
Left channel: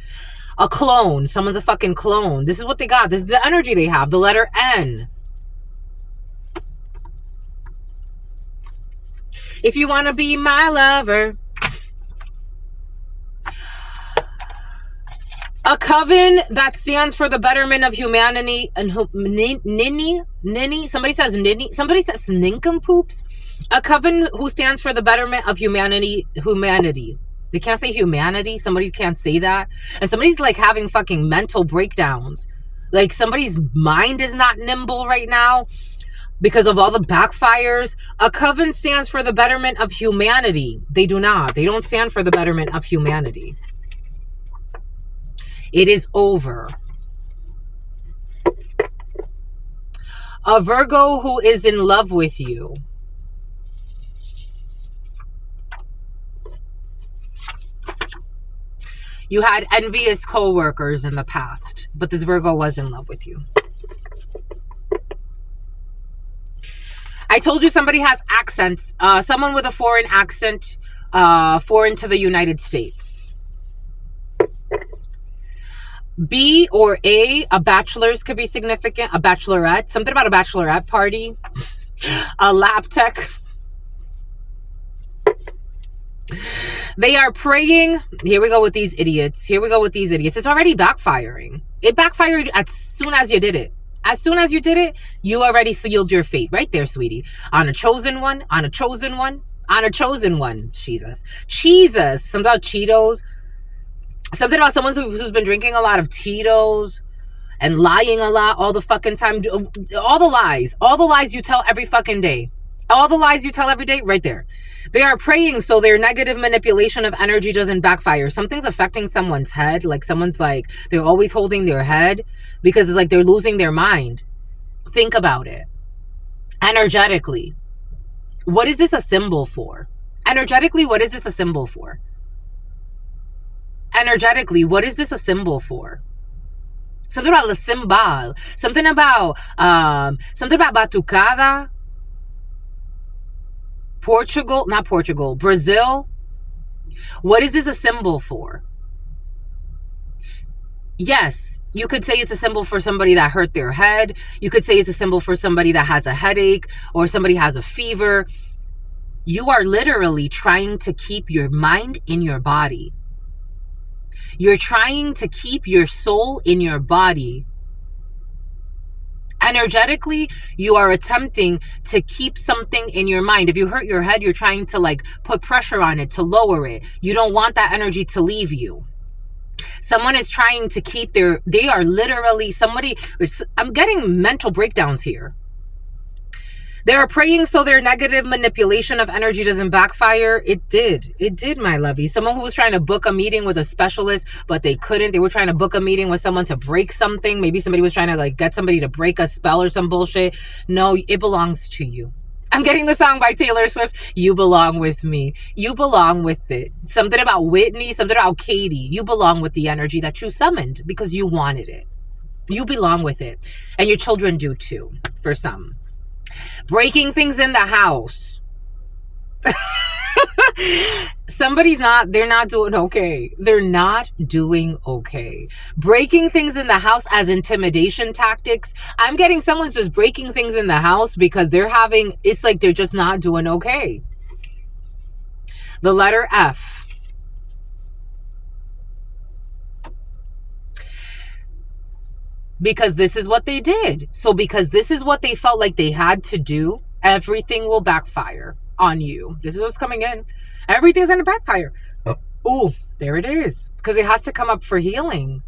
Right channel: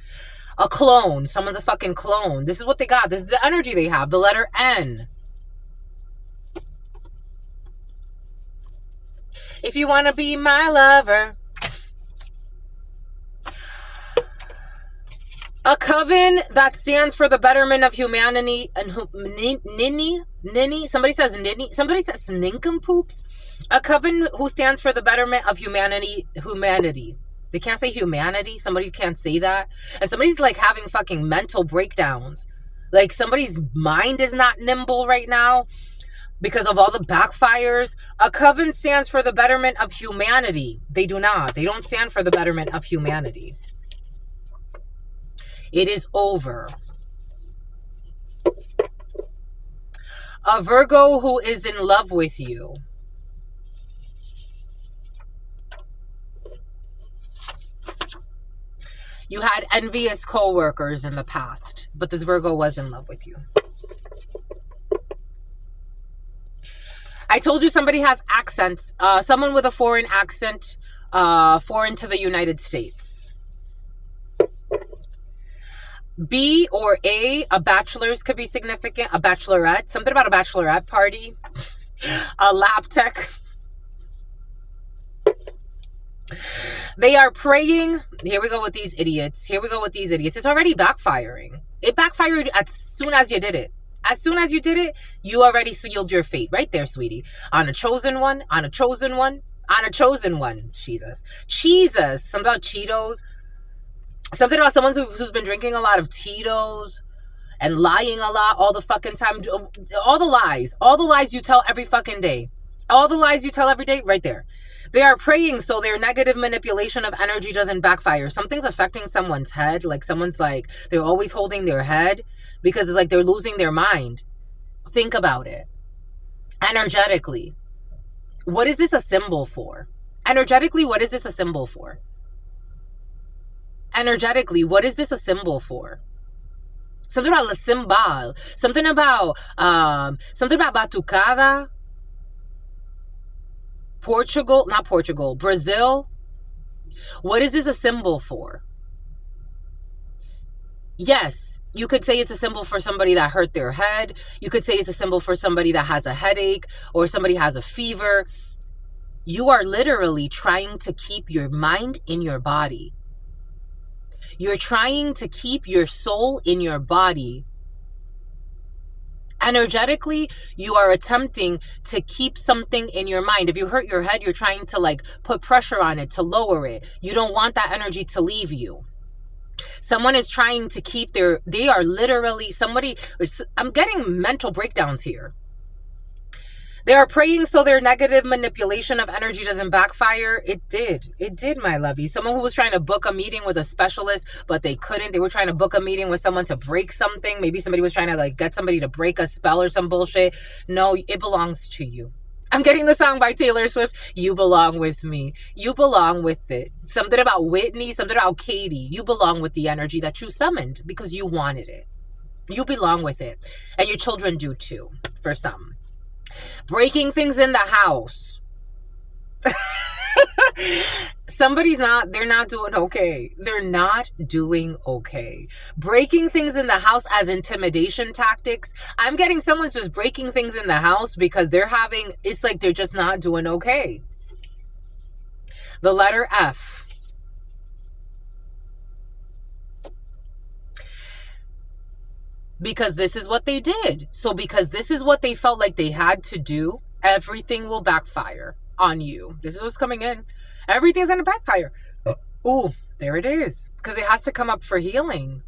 A clone. Someone's a fucking clone. This is what they got. This is the energy they have. The letter N. If you want to be my lover. A coven that stands for the betterment of humanity and ninny. Somebody says ninny. Somebody says nincompoops. A coven who stands for the betterment of humanity. They can't say humanity. Somebody can't say that. And somebody's like having fucking mental breakdowns. Like somebody's mind is not nimble right now. Because of all the backfires. A coven stands for the betterment of humanity. They do not. They don't stand for the betterment of humanity. It is over. A Virgo who is in love with you. You had envious co-workers in the past, but this Virgo was in love with you. I told you somebody has accents. Someone with a foreign accent, foreign to the United States. B or A bachelor's could be significant. A bachelorette. Something about a bachelorette party. A lab tech. They are praying. Here we go with these idiots. It's already backfiring. It backfired as soon as you did it. As soon as you did it, you already sealed your fate. Right there, sweetie. On a chosen one. Jesus. Something about Cheetos. Something about someone who's been drinking a lot of Tito's and lying a lot all the fucking time. All the lies you tell every fucking day. Right there. They are praying so their negative manipulation of energy doesn't backfire. Something's affecting someone's head. Like someone's like, they're always holding their head because it's like they're losing their mind. Think about it. Energetically, what is this a symbol for? Energetically, what is this a symbol for? Energetically, what is this a symbol for? Something about the symbol. Something about batucada. Not Portugal, Brazil. What is this a symbol for? Yes, you could say it's a symbol for somebody that hurt their head. You could say it's a symbol for somebody that has a headache or somebody has a fever. You are literally trying to keep your mind in your body. You're trying to keep your soul in your body. Energetically, you are attempting to keep something in your mind. If you hurt your head, you're trying to like put pressure on it, to lower it. You don't want that energy to leave you. Someone is trying to keep they are literally I'm getting mental breakdowns here. They are praying so their negative manipulation of energy doesn't backfire. It did, my lovey. Someone who was trying to book a meeting with a specialist, but they couldn't. They were trying to book a meeting with someone to break something. Maybe somebody was trying to like get somebody to break a spell or some bullshit. No, it belongs to you. I'm getting the song by Taylor Swift. You belong with me. You belong with it. Something about Whitney, something about Katie. You belong with the energy that you summoned because you wanted it. You belong with it. And your children do too, for some. Breaking things in the house. They're not doing okay. They're not doing okay. Breaking things in the house as intimidation tactics. I'm getting someone's just breaking things in the house because it's like they're just not doing okay. The letter F. Because this is what they did. So because this is what they felt like they had to do, everything will backfire on you. This is what's coming in. Everything's going to backfire. Oh, there it is. Because it has to come up for healing.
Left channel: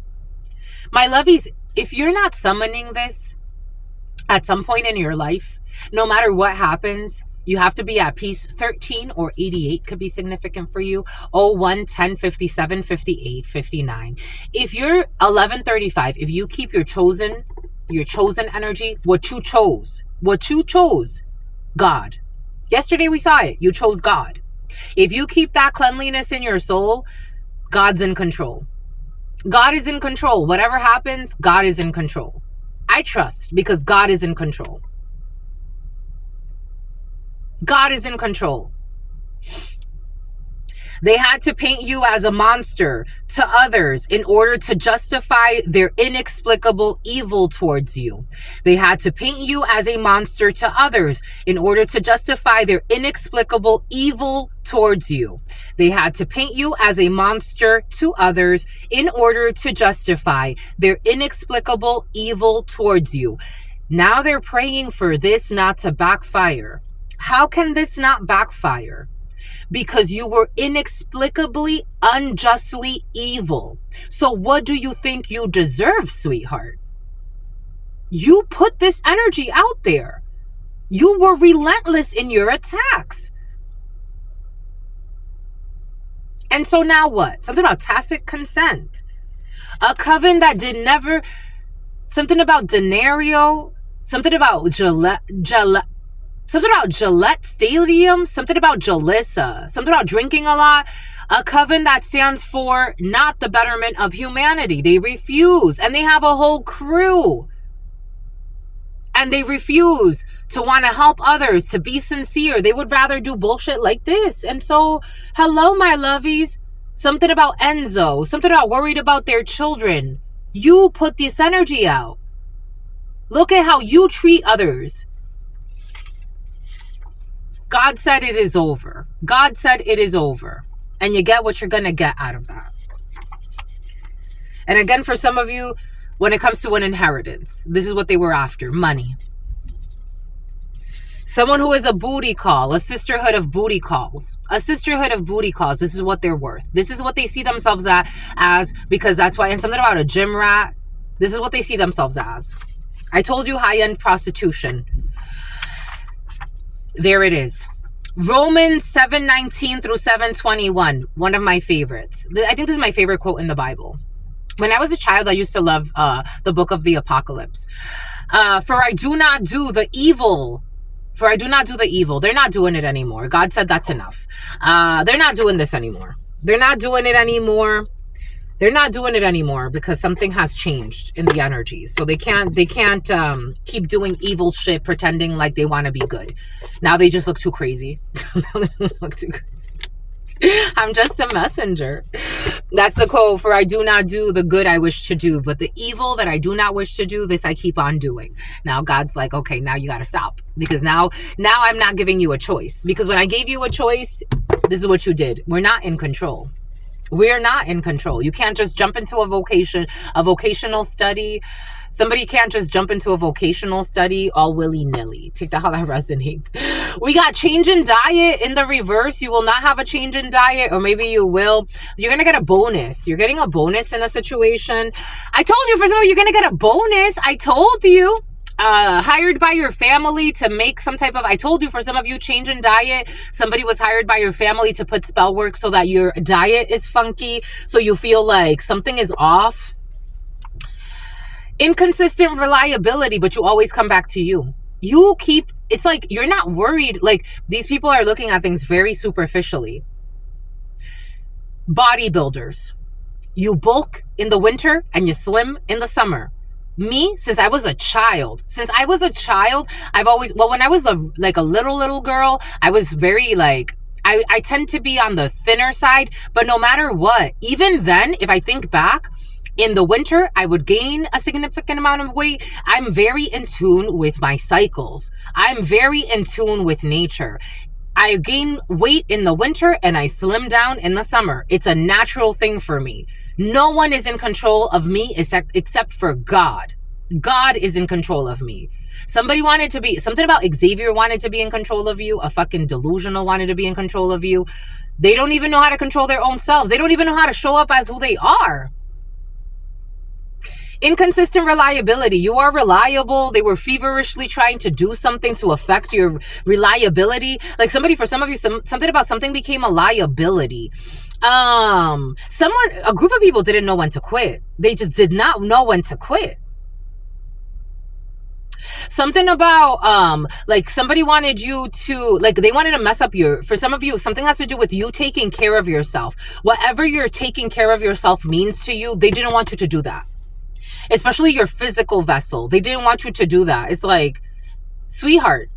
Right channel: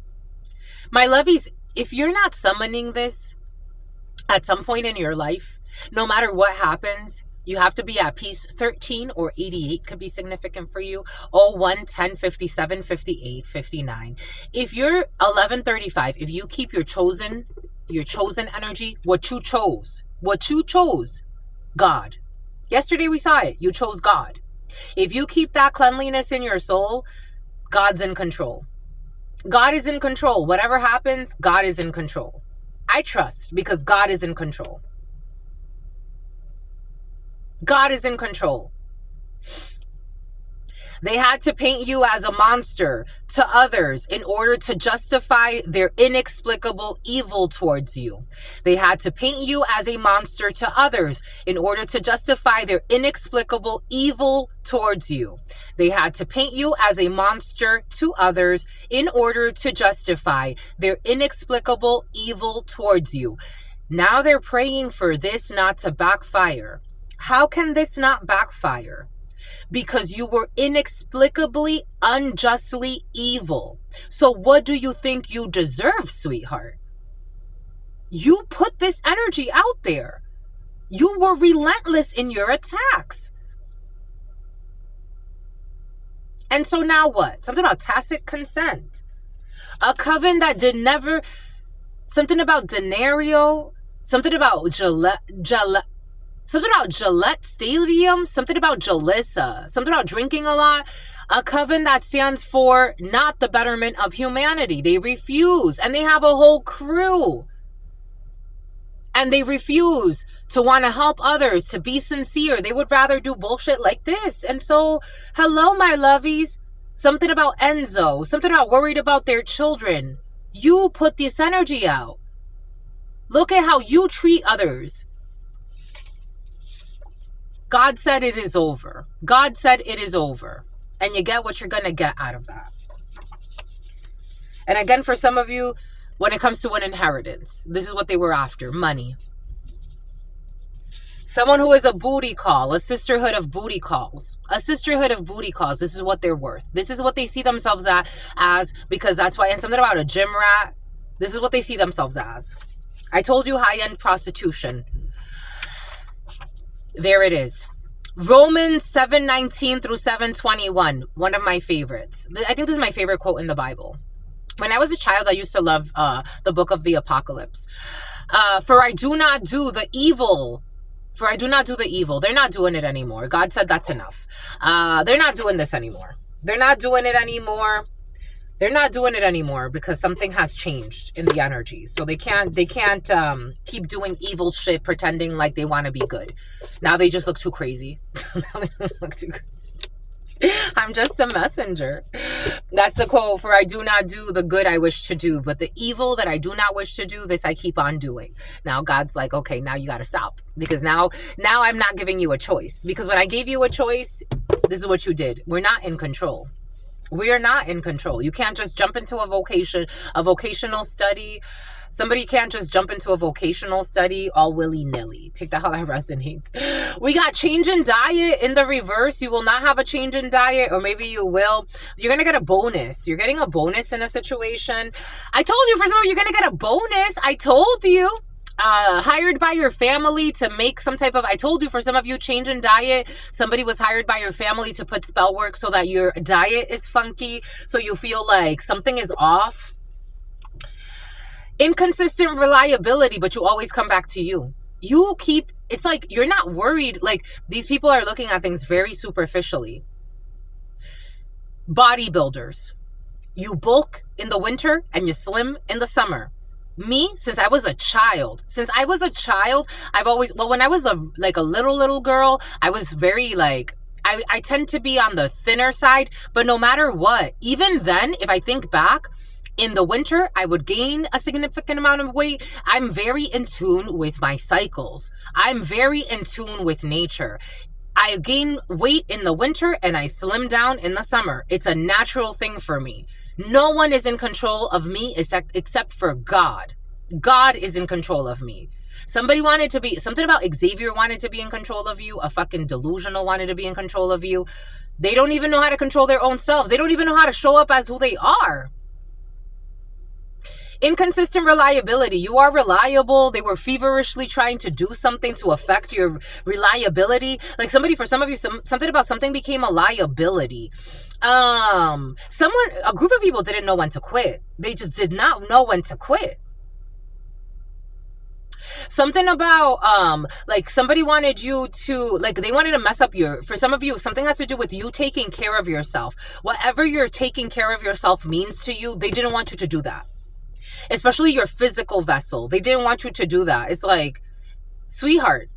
My lovies, if you're not summoning this at some point in your life, no matter what happens, you have to be at peace. 13 or 88 could be significant for you. 01, 10, 57, 58, 59. If you're 1135, if you keep your chosen energy, what you chose, God. Yesterday we saw it. You chose God. If you keep that cleanliness in your soul, God's in control. God is in control. Whatever happens, God is in control. I trust because God is in control. God is in control. They had to paint you as a monster to others in order to justify their inexplicable evil towards you. They had to paint you as a monster to others in order to justify their inexplicable evil towards you. They had to paint you as a monster to others in order to justify their inexplicable evil towards you. Now they're praying for this not to backfire. How can this not backfire? Because you were inexplicably, unjustly evil. So what do you think you deserve, sweetheart? You put this energy out there. You were relentless in your attacks. And so now what? Something about tacit consent. A coven that did never... Something about denario. Something about something about Gillette Stadium, something about Jalissa, something about drinking a lot. A coven that stands for not the betterment of humanity. They refuse, and they have a whole crew. And they refuse to want to help others, to be sincere. They would rather do bullshit like this. And so, hello, my lovies. Something about Enzo, something about worried about their children. You put this energy out. Look at how you treat others. God said it is over. God said it is over. And you get what you're going to get out of that. And again, for some of you, when it comes to an inheritance, this is what they were after, money. Someone who is a booty call, a sisterhood of booty calls. A sisterhood of booty calls, this is what they're worth. This is what they see themselves as, because that's why, and something about a gym rat, this is what they see themselves as. I told you high-end prostitution. There it is. Romans 7:19 through 7:21. One of my favorites. I think this is my favorite quote in the Bible. When I was a child, I used to love the book of the Apocalypse. For I do not do the evil For I do not do the evil. They're not doing it anymore. God said that's enough. They're not doing this anymore. They're not doing it anymore. They're not doing it anymore because something has changed in the energies. So they can't keep doing evil shit pretending like they want to be good. Now they just look too crazy. I'm just a messenger. That's the quote. For I do not do the good I wish to do, but the evil that I do not wish to do, this I keep on doing. Now God's like, okay, now you got to stop, because now I'm not giving you a choice, because when I gave you a choice, this is what you did. We're not in control. We're not in control. You can't just jump into a vocational study. Somebody can't just jump into a vocational study all willy-nilly. Take that how that resonates. We got change in diet in the reverse. You will not have a change in diet, or maybe you will. You're going to get a bonus. You're getting a bonus in a situation. I told you, for some of you, you're going to get a bonus. I told you. Hired by your family to make some type of, I told you, for some of you, change in diet. Somebody was hired by your family to put spell work so that your diet is funky, so you feel like something is off. Inconsistent reliability, but you always come back to you. It's like you're not worried. Like, these people are looking at things very superficially. Bodybuilders. You bulk in the winter and you slim in the summer. Me, since I was a child, I've always, well, when I was a little girl, I was very I tend to be on the thinner side, but no matter what, even then, if I think back, in the winter, I would gain a significant amount of weight. I'm very in tune with my cycles. I'm very in tune with nature. I gain weight in the winter and I slim down in the summer. It's a natural thing for me. No one is in control of me except for God. God is in control of me. Something about Xavier wanted to be in control of you. A fucking delusional wanted to be in control of you. They don't even know how to control their own selves. They don't even know how to show up as who they are. Inconsistent reliability. You are reliable. They were feverishly trying to do something to affect your reliability. Like for some of you, something about something became a liability. A group of people didn't know when to quit. They just did not know when to quit. Something about, somebody wanted you to, they wanted to mess up for some of you, something has to do with you taking care of yourself. Whatever you're taking care of yourself means to you, they didn't want you to do that. Especially your physical vessel. They didn't want you to do that. It's like, sweetheart,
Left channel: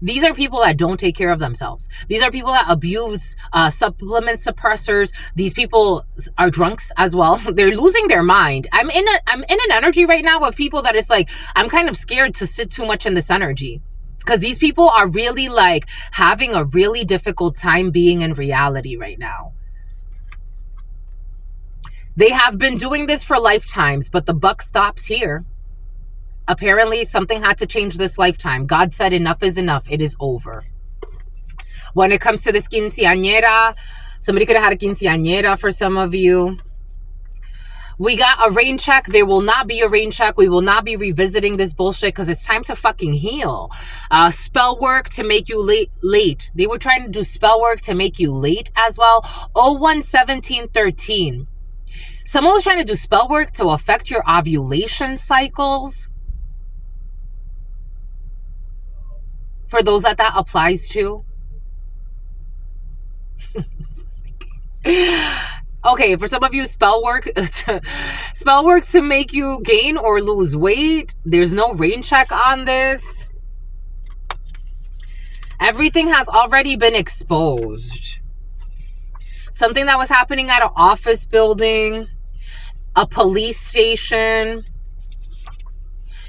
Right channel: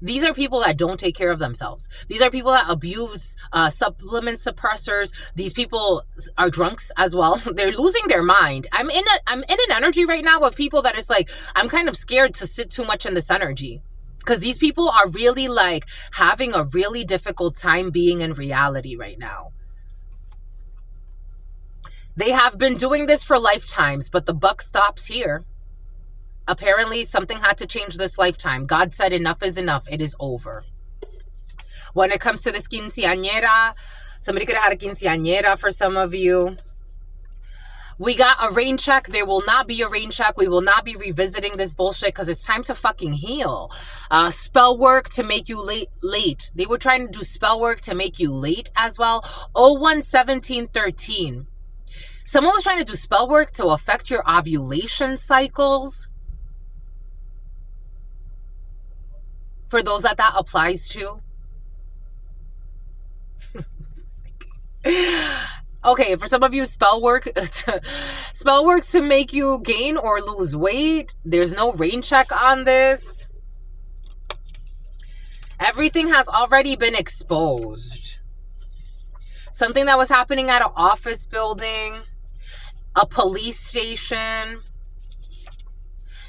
these are people that don't take care of themselves. These are people that abuse supplement suppressors. These people are drunks as well. They're losing their mind. I'm in an energy right now of people that it's like, I'm kind of scared to sit too much in this energy, because these people are really having a really difficult time being in reality right now. They have been doing this for lifetimes, but the buck stops here. Apparently, something had to change this lifetime. God said enough is enough. It is over. When it comes to this quinceañera, somebody could have had a quinceañera for some of you. We got a rain check. There will not be a rain check. We will not be revisiting this bullshit because it's time to fucking heal. Spell work to make you late. They were trying to do spell work to make you late as well. 01-17-13. Someone was trying to do spell work to affect your ovulation cycles. For those that applies to. Okay, for some of you, spell work to make you gain or lose weight. There's no rain check on this. Everything has already been exposed. Something that was happening at an office building, a police station.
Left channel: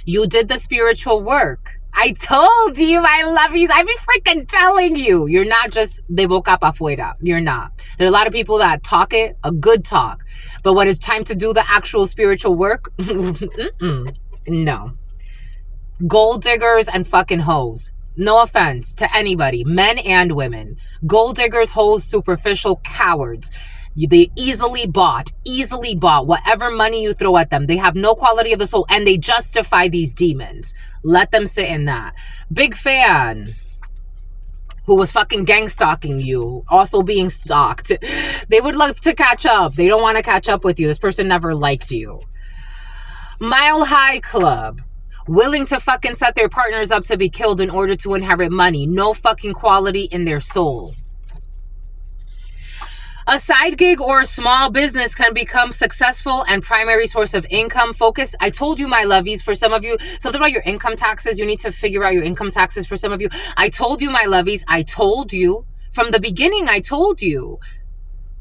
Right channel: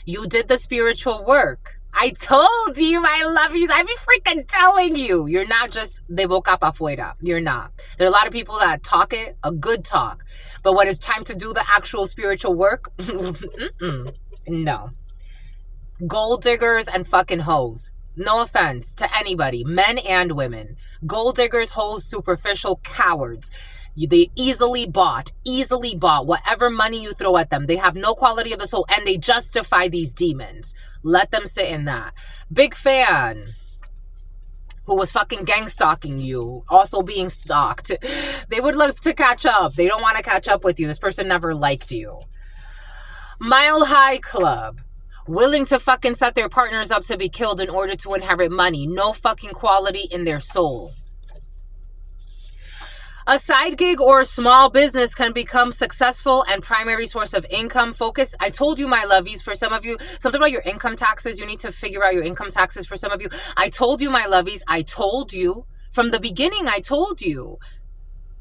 You did the spiritual work. I told you I love you. I be freaking telling you. You're not just de boca pa fuera. You're not. There are a lot of people that talk it, a good talk. But when it's time to do the actual spiritual work, no. Gold diggers and fucking hoes. No offense to anybody, men and women. Gold diggers, hoes, superficial cowards. They easily bought whatever money you throw at them. They have no quality of the soul, and they justify these demons. Let them sit in that. Big fan who was fucking gang stalking you, also being stalked. They would love to catch up. They don't want to catch up with you. This person never liked you. Mile High Club. willing to fucking set their partners up to be killed in order to inherit money. No fucking quality in their soul. A side gig or a small business can become successful and primary source of income. Focus. I told you, my lovies, for some of you, something about your income taxes. You need to figure out your income taxes for some of you. I told you, my lovies. I told you from the beginning. I told you.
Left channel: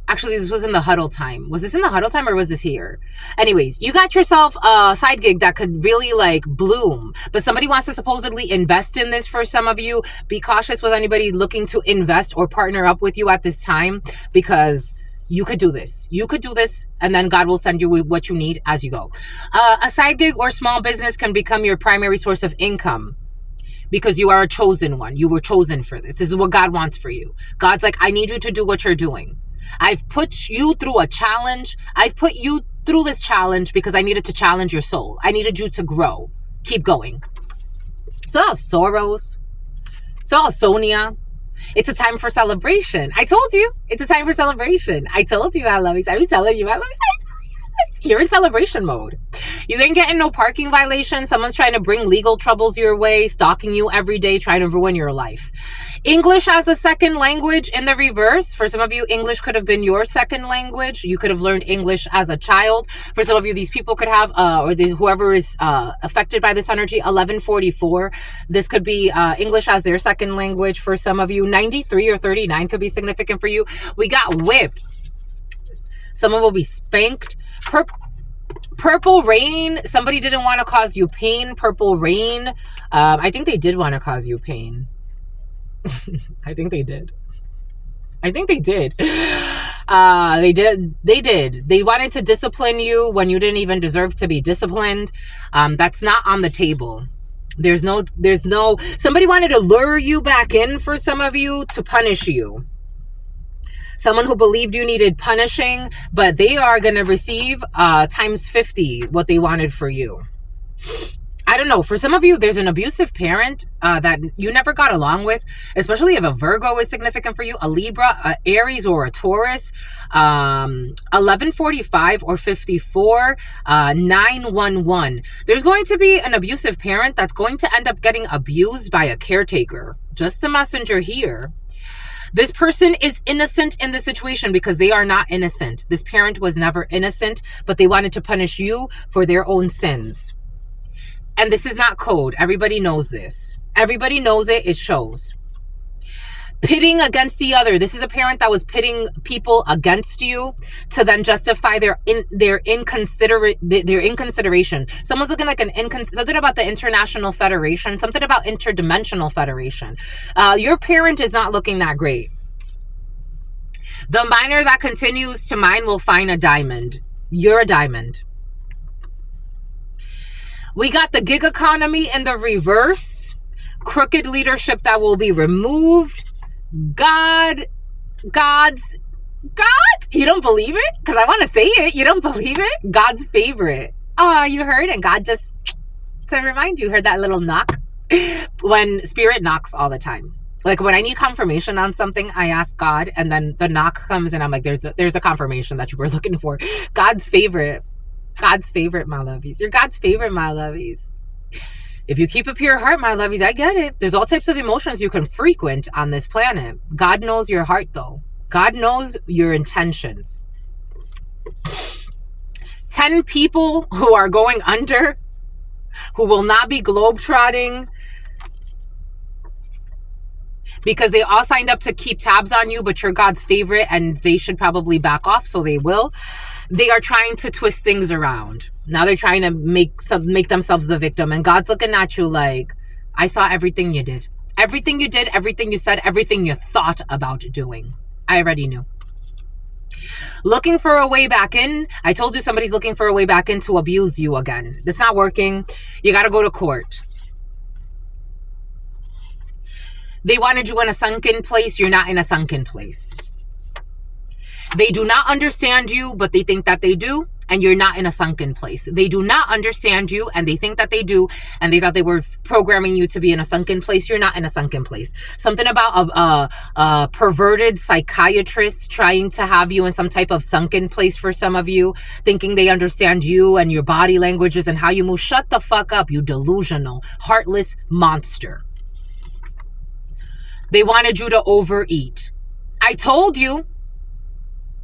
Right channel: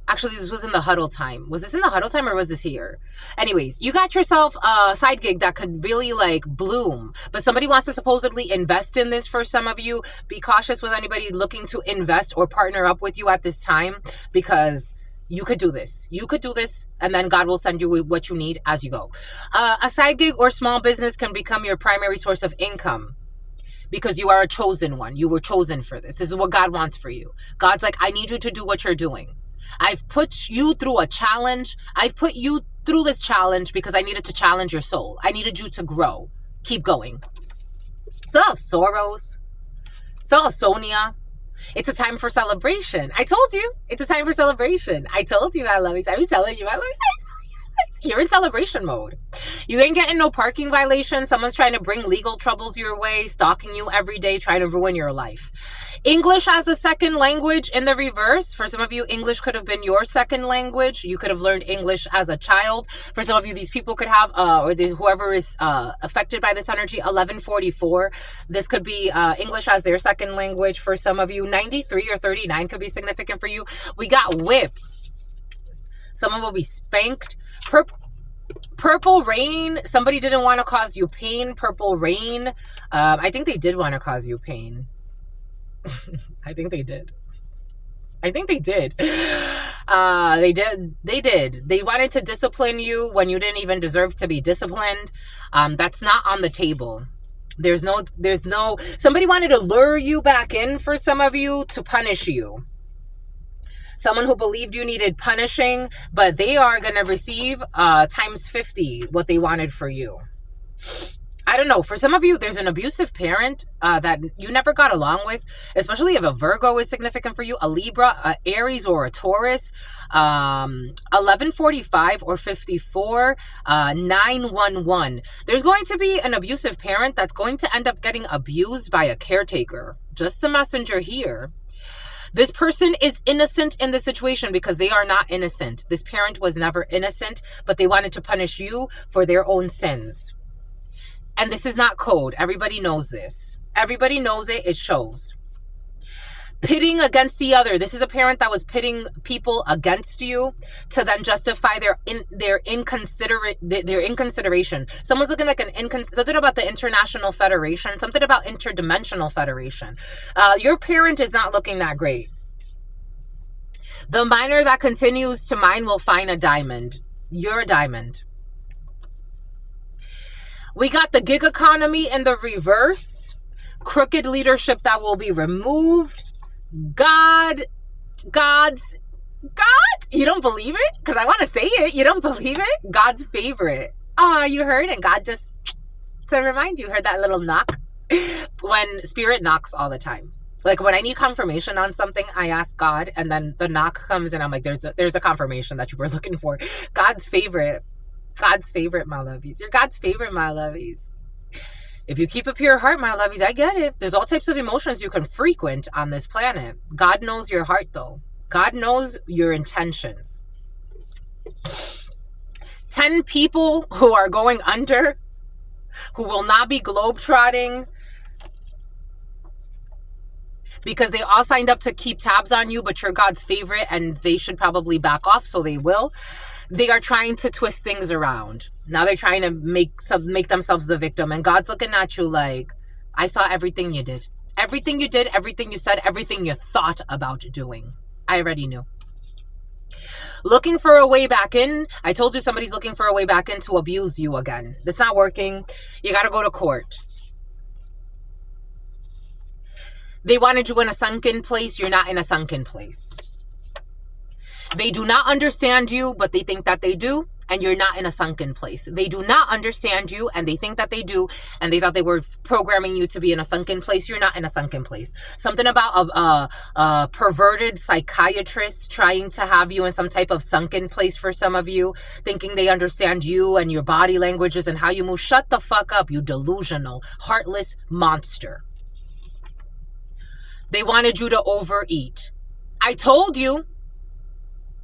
Actually, this was in the huddle time. Was this in the huddle time or was this here? Anyways, you got yourself a side gig that could really like bloom, but somebody wants to supposedly invest in this for some of you. Be cautious with anybody looking to invest or partner up with you at this time, because you could do this. You could do this, and then God will send you what you need as you go. A side gig or small business can become your primary source of income, because you are a chosen one. You were chosen for this. This is what God wants for you. God's like, I need you to do what you're doing. I've put you through a challenge. I've put you through this challenge because I needed to challenge your soul. I needed you to grow. Keep going. It's all Soros. It's all Sonia. It's a time for celebration. I told you. It's a time for celebration. I told you, I love you. I'm telling you, I love you. You're in celebration mode. You ain't getting no parking violation. Someone's trying to bring legal troubles your way, stalking you every day, trying to ruin your life. English as a second language in the reverse. For some of you, English could have been your second language. You could have learned English as a child. For some of you, these people could have, whoever is affected by this energy, 1144. This could be English as their second language. For some of you, 93 or 39 could be significant for you. We got whipped. Someone will be spanked. Purple rain. Somebody didn't want to cause you pain. Purple rain. I think they did want to cause you pain. I think they did. They did. They wanted to discipline you when you didn't even deserve to be disciplined. That's not on the table. There's no, somebody wanted to lure you back in, for some of you, to punish you. Someone who believed you needed punishing, but they are going to receive times 50 what they wanted for you. I don't know. For some of you, there's an abusive parent that you never got along with, especially if a Virgo is significant for you, a Libra, a Aries, or a Taurus. 1145 or 54, 911. There's going to be an abusive parent that's going to end up getting abused by a caretaker. Just the messenger here. This person is innocent in this situation because they are not innocent. This parent was never innocent, but they wanted to punish you for their own sins. And this is not code. Everybody knows this. Everybody knows it. It shows. Pitting against the other. This is a parent that was pitting people against you to then justify their inconsideration. Someone's looking like something about the International Federation, something about Interdimensional Federation. Your parent is not looking that great. The miner that continues to mine will find a diamond. You're a diamond. We got the gig economy in the reverse. Crooked leadership that will be removed. God's. You don't believe it? Because I want to say it. You don't believe it? God's favorite. Oh, you heard? And God just, to remind you, heard that little knock? When spirit knocks all the time. Like when I need confirmation on something, I ask God, and then the knock comes and I'm like, there's a confirmation that you were looking for. God's favorite. God's favorite, my lovies. You're God's favorite, my lovies. If you keep a pure heart, my lovies, I get it. There's all types of emotions you can frequent on this planet. God knows your heart, though. God knows your intentions. 10 people who are going under, who will not be globetrotting, because they all signed up to keep tabs on you, but you're God's favorite, and they should probably back off, so they will. They are trying to twist things around. Now they're trying to make themselves the victim. And God's looking at you like, I saw everything you did. Everything you did, everything you said, everything you thought about doing. I already knew. Looking for a way back in. I told you somebody's looking for a way back in to abuse you again. That's not working. You got to go to court. They wanted you in a sunken place. You're not in a sunken place. They do not understand you, but they think that they do. and you're not in a sunken place. They do not understand you, and they think that they do, and they thought they were programming you to be in a sunken place. You're not in a sunken place. Something about a perverted psychiatrist trying to have you in some type of sunken place for some of you, thinking they understand you and your body languages and how you move. Shut the fuck up, you delusional, heartless monster. They wanted you to overeat. I told you.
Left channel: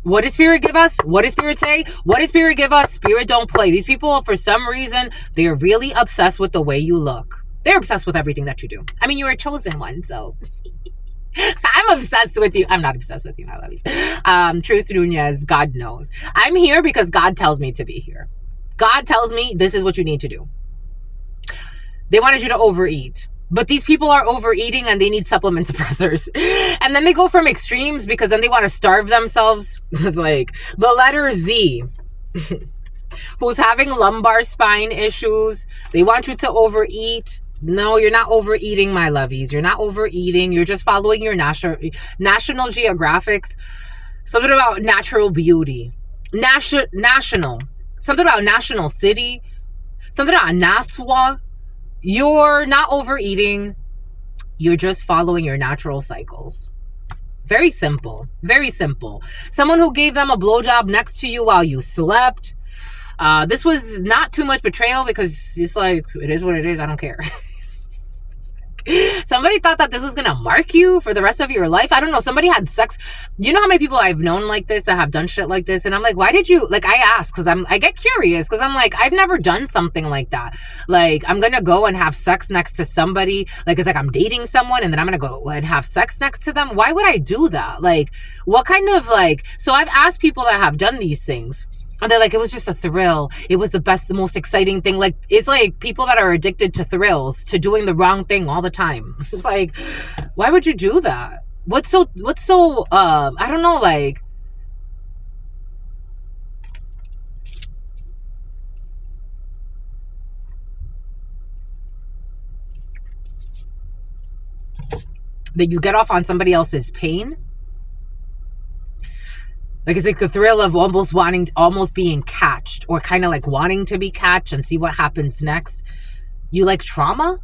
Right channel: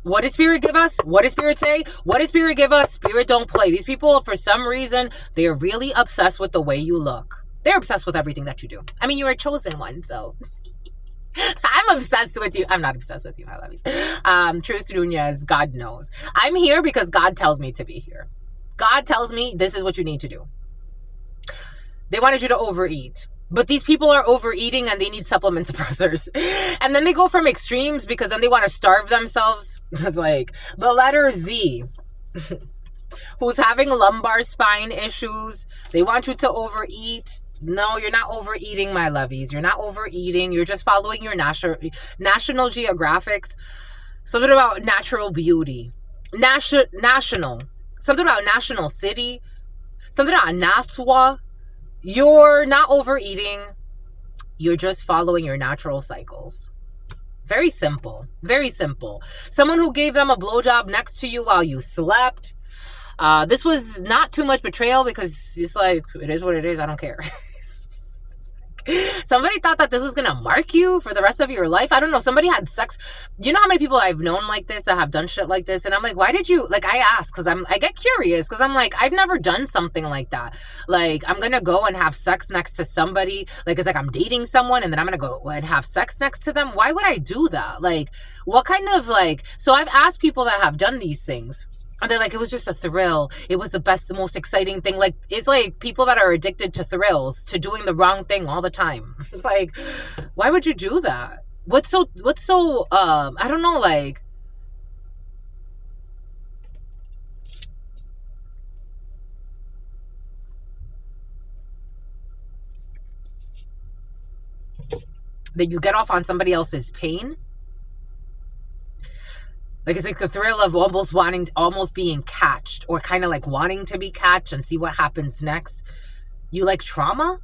What did Spirit give us? What did Spirit say? What did Spirit give us? Spirit don't play. These people, for some reason, they are really obsessed with the way you look. They're obsessed with everything that you do. I mean, you're a chosen one, so I'm obsessed with you. I'm not obsessed with you. I love you. Truth Nunez, God knows. I'm here because God tells me to be here. God tells me this is what you need to do. They wanted you to overeat. But these people are overeating and they need supplement suppressors. And then they go from extremes because then they want to starve themselves. It's like the letter Z, who's having lumbar spine issues. They want you to overeat. No, you're not overeating, my lovies. You're not overeating. You're just following your National Geographics. Something about natural beauty. National. Something about National City. Something about Nassau. You're not overeating. You're just following your natural cycles. Very simple. Very simple. Someone who gave them a blowjob next to you while you slept. This was not too much betrayal because it's like, it is what it is. I don't care. Somebody thought that this was going to mark you for the rest of your life. I don't know. Somebody had sex. You know how many people I've known like this that have done shit like this? And I'm like, why did you, like, I ask because I get curious because I'm like, I've never done something like that. Like, I'm going to go and have sex next to somebody. Like, it's like I'm dating someone and then I'm going to go and have sex next to them. Why would I do that? Like, what kind of like, so I've asked people that have done these things. And they're like, it was just a thrill. It was the best, the most exciting thing. Like, it's like people that are addicted to thrills, to doing the wrong thing all the time. It's like, why would you do that? What's so, I don't know, like, that you get off on somebody else's pain? Like, it's like the thrill of almost being catched, or kind of like wanting to be catched and see what happens next. You like trauma?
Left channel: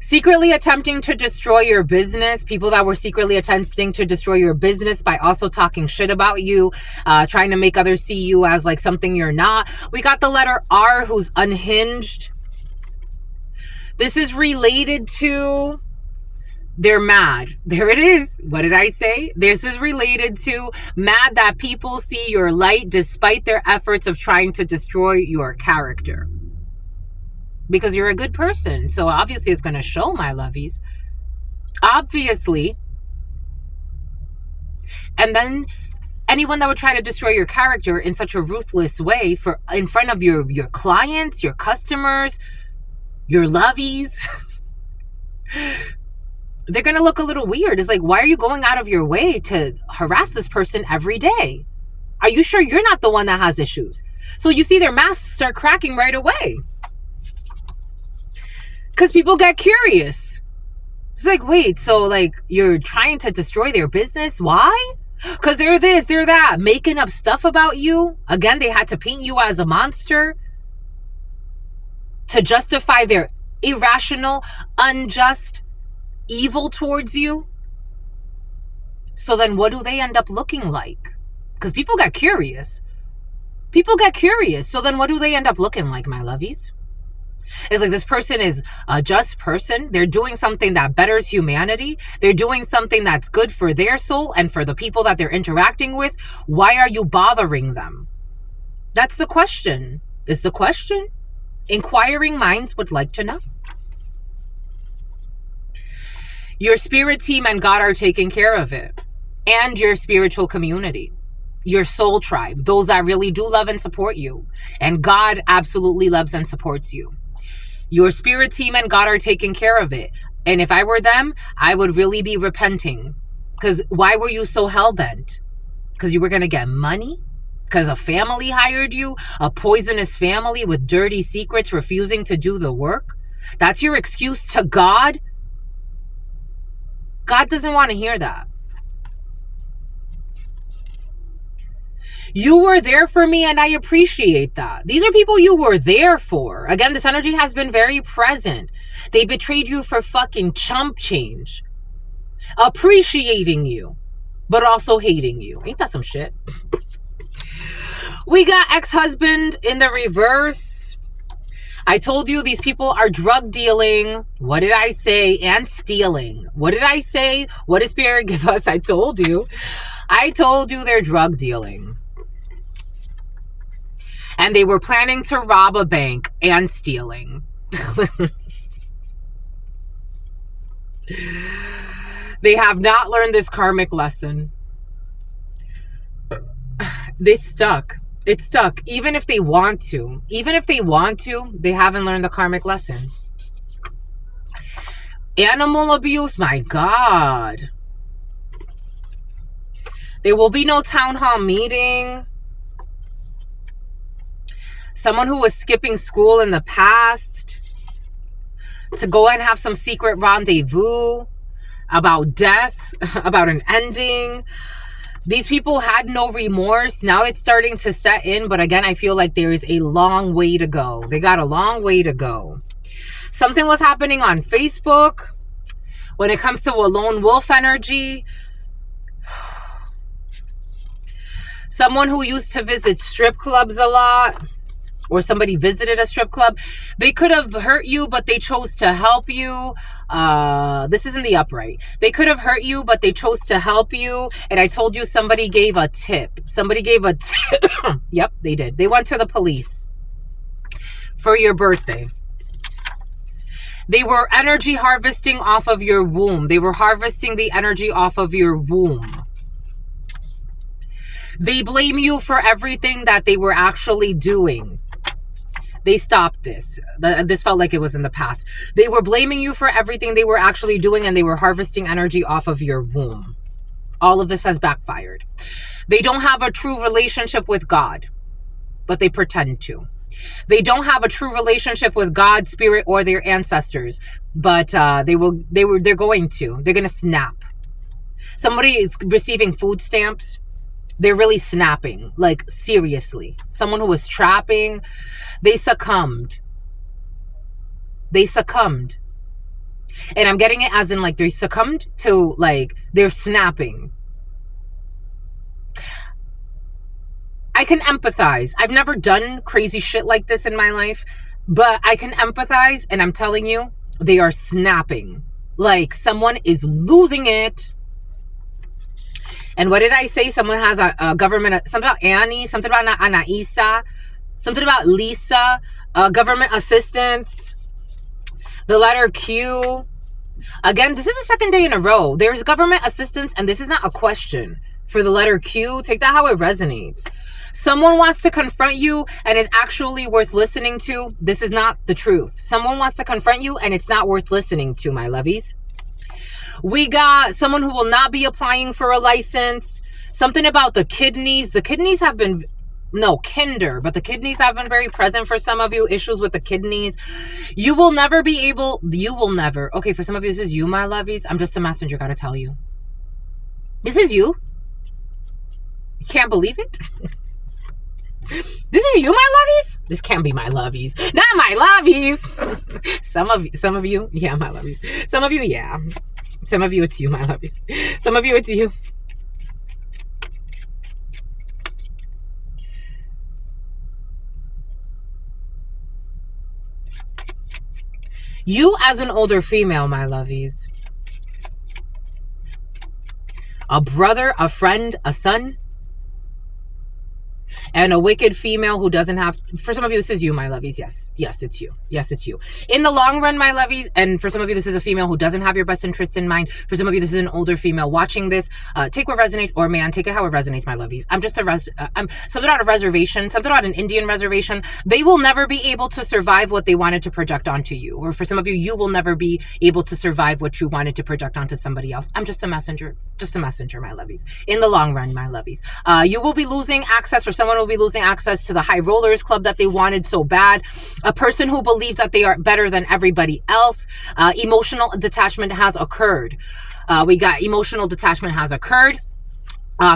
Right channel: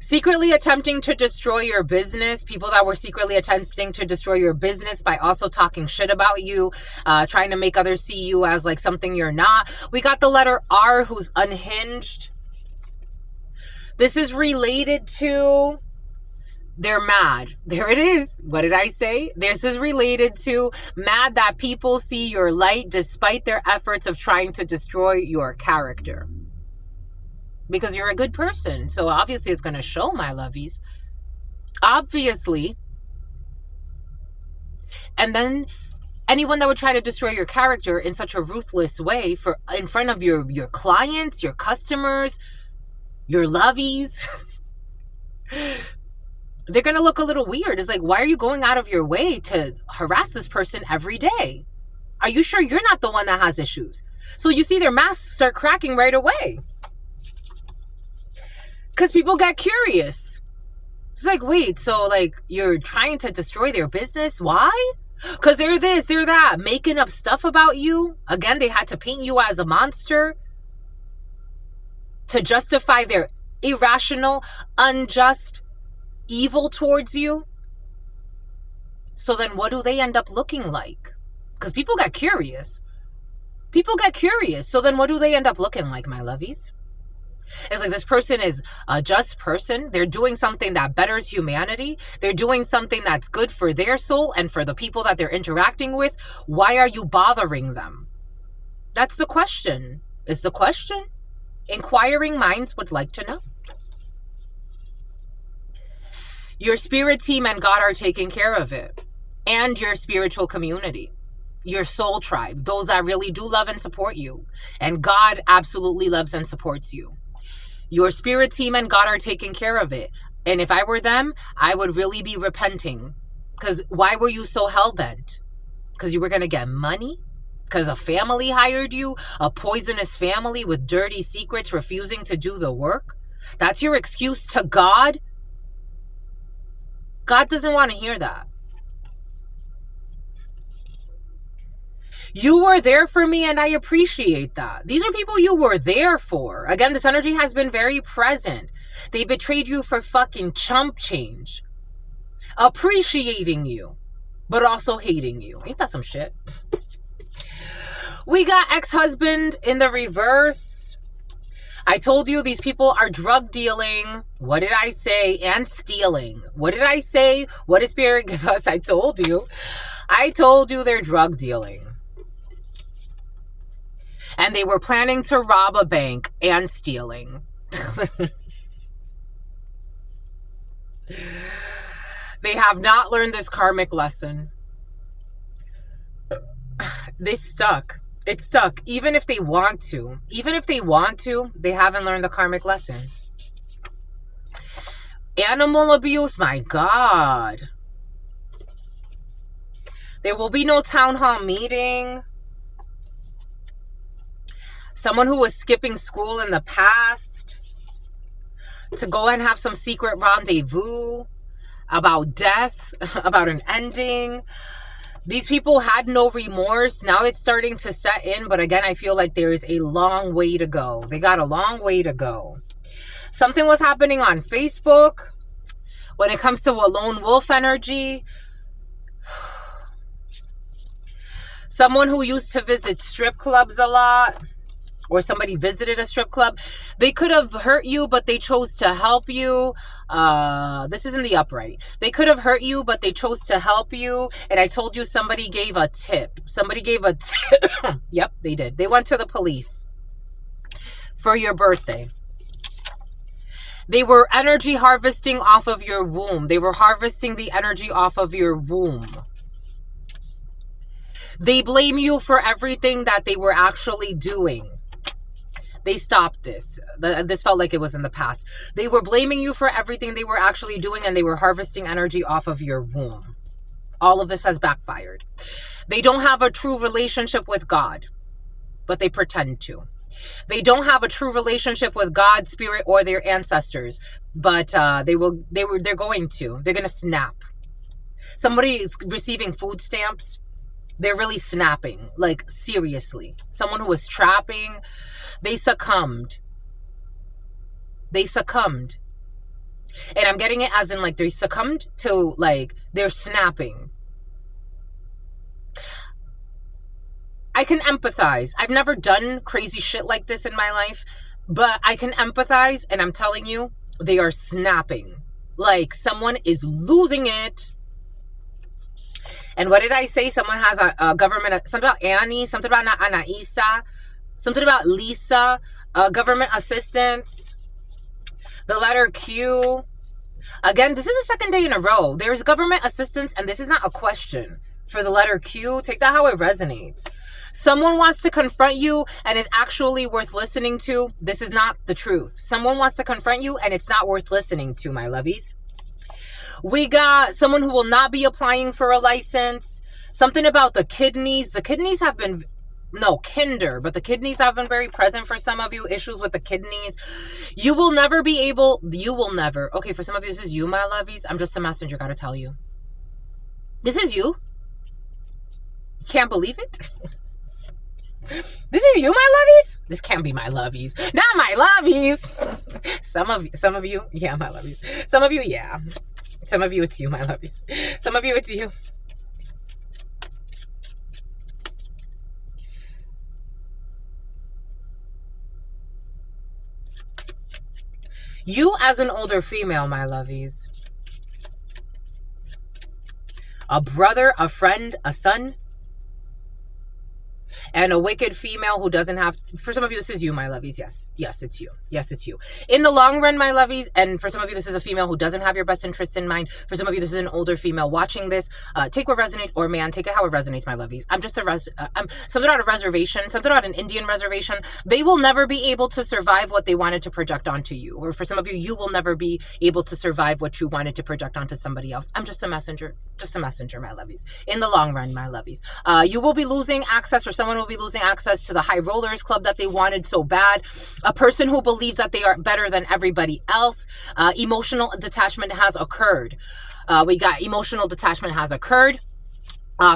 Secretly attempting to destroy your business. People that were secretly attempting to destroy your business by also talking shit about you, trying to make others see you as like something you're not. We got the letter R, who's unhinged. This is related to... They're mad. There it is. What did I say? This is related to mad that people see your light despite their efforts of trying to destroy your character. Because you're a good person. So obviously it's going to show, my lovies. Obviously. And then anyone that would try to destroy your character in such a ruthless way in front of your clients, your customers, your lovies... they're going to look a little weird. It's like, why are you going out of your way to harass this person every day? Are you sure you're not the one that has issues? So you see their masks start cracking right away. Because people get curious. It's like, wait, so like you're trying to destroy their business? Why? Because they're this, they're that, making up stuff about you. Again, they had to paint you as a monster to justify their irrational, unjust, evil towards you. So then what do they end up looking like? Because people get curious. People get curious. So then what do they end up looking like, my lovies? It's like this person is a just person. They're doing something that betters humanity. They're doing something that's good for their soul and for the people that they're interacting with. Why are you bothering them? That's the question. Is the question. Inquiring minds would like to know. Your spirit team and God are taking care of it. And your spiritual community. Your soul tribe. Those that really do love and support you. And God absolutely loves and supports you. Your spirit team and God are taking care of it. And if I were them, I would really be repenting. Because why were you so hell-bent? Because you were going to get money? Because a family hired you? A poisonous family with dirty secrets refusing to do the work? That's your excuse to God? God doesn't want to hear that. You were there for me, and I appreciate that. These are people you were there for. Again, this energy has been very present. They betrayed you for fucking chump change. Appreciating you, but also hating you. Ain't that some shit? We got ex-husband in the reverse. I told you these people are drug dealing. What did I say? And stealing. What did I say? What did Spirit give us? I told you. I told you they're drug dealing. And they were planning to rob a bank and stealing. They have not learned this karmic lesson. They stuck. It's stuck. Even if they want to, they haven't learned the karmic lesson. Animal abuse, my God. There will be no town hall meeting. Someone who was skipping school in the past to go and have some secret rendezvous about death, about an ending. These people had no remorse. Now it's starting to set in. But again, I feel like there is a long way to go. They got a long way to go. Something was happening on Facebook when it comes to a lone wolf energy. Someone who used to visit strip clubs a lot, or somebody visited a strip club, they could have hurt you, but they chose to help you. This is in the upright. They could have hurt you, but they chose to help you. And I told you somebody gave a tip. Somebody gave a tip. Yep, they did. They went to the police for your birthday. They were energy harvesting off of your womb. They were harvesting the energy off of your womb. They blame you for everything that they were actually doing. They stopped this. This felt like it was in the past. They were blaming you for everything they were actually doing, and they were harvesting energy off of your womb. All of this has backfired. They don't have a true relationship with God, but they pretend to. They don't have a true relationship with God, spirit, or their ancestors, but they're going to. They're going to snap. Somebody is receiving food stamps. They're really snapping, like seriously. Someone who was trapping, they succumbed. They succumbed. And I'm getting it as in like they succumbed to like they're snapping. I can empathize. I've never done crazy shit like this in my life, but I can empathize, and I'm telling you, they are snapping. Like someone is losing it. And what did I say? Someone has a government, something about Annie, something about Anaisa, something about Lisa, government assistance, the letter Q. Again, this is the second day in a row. There's government assistance, and this is not a question. For the letter Q, take that how it resonates. Someone wants to confront you and is actually worth listening to. This is not the truth. Someone wants to confront you and it's not worth listening to, my lovies. We got someone who will not be applying for a license. Something about the kidneys. The kidneys have been, no, kinder, but the kidneys have been very present for some of you. Issues with the kidneys. You will never, okay, for some of you, this is you, my lovies. I'm just a messenger, gotta tell you. This is you. You can't believe it? This is you, my lovies? This can't be my lovies. Not my lovies. Some of you, yeah, my lovies. Some of you, yeah. Some of you, it's you, my lovies. Some of you, it's you. You as an older female, my lovies. A brother, a friend, a son. And a wicked female who doesn't have, for some of you, this is you, my lovies. Yes. Yes, it's you. Yes, it's you. In the long run, my lovies, and for some of you, this is a female who doesn't have your best interest in mind. For some of you, this is an older female watching this. Take what resonates, or man, take it how it resonates, my lovies. I'm just I'm something about a reservation, something about an Indian reservation. They will never be able to survive what they wanted to project onto you. Or for some of you, you will never be able to survive what you wanted to project onto somebody else. I'm just a messenger, my lovies. In the long run, my lovies. You will be losing access, or someone will be losing access to the high rollers club that they wanted so bad. A person who believes that they are better than everybody else. Emotional detachment has occurred. We got emotional detachment has occurred.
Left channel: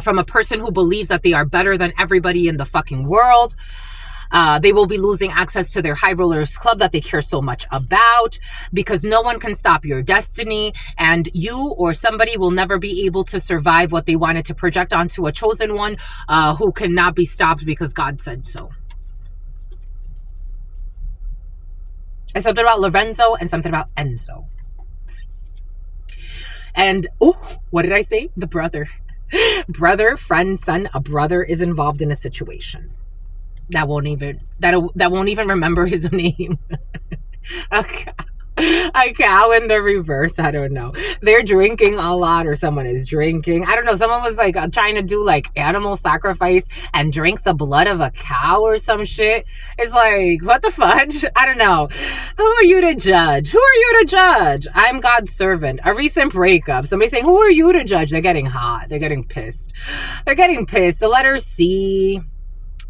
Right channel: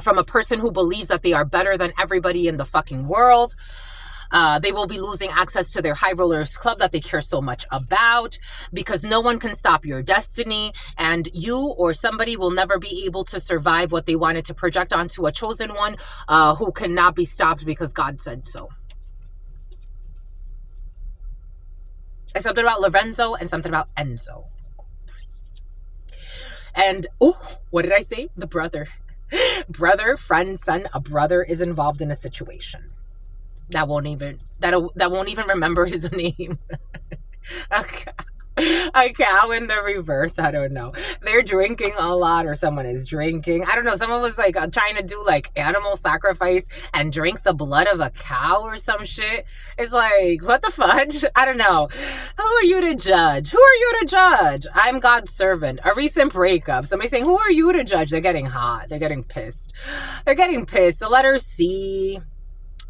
from a person who believes that they are better than everybody in the fucking world. They will be losing access to their high rollers club that they care so much about, because no one can stop your destiny, and you or somebody will never be able to survive what they wanted to project onto a chosen one who cannot be stopped because God said so. And something about Lorenzo and something about Enzo. And, oh, what did I say? The brother. Brother, friend, son, a brother is involved in a situation. That won't even remember his name. A cow in the reverse. I don't know. They're drinking a lot, or someone is drinking. I don't know. Someone was like trying to do like animal sacrifice and drink the blood of a cow or some shit. It's like, what the fudge? I don't know. Who are you to judge? Who are you to judge? I'm God's servant. A recent breakup. Somebody saying, who are you to judge? They're getting hot. They're getting pissed. They're getting pissed. The letter C.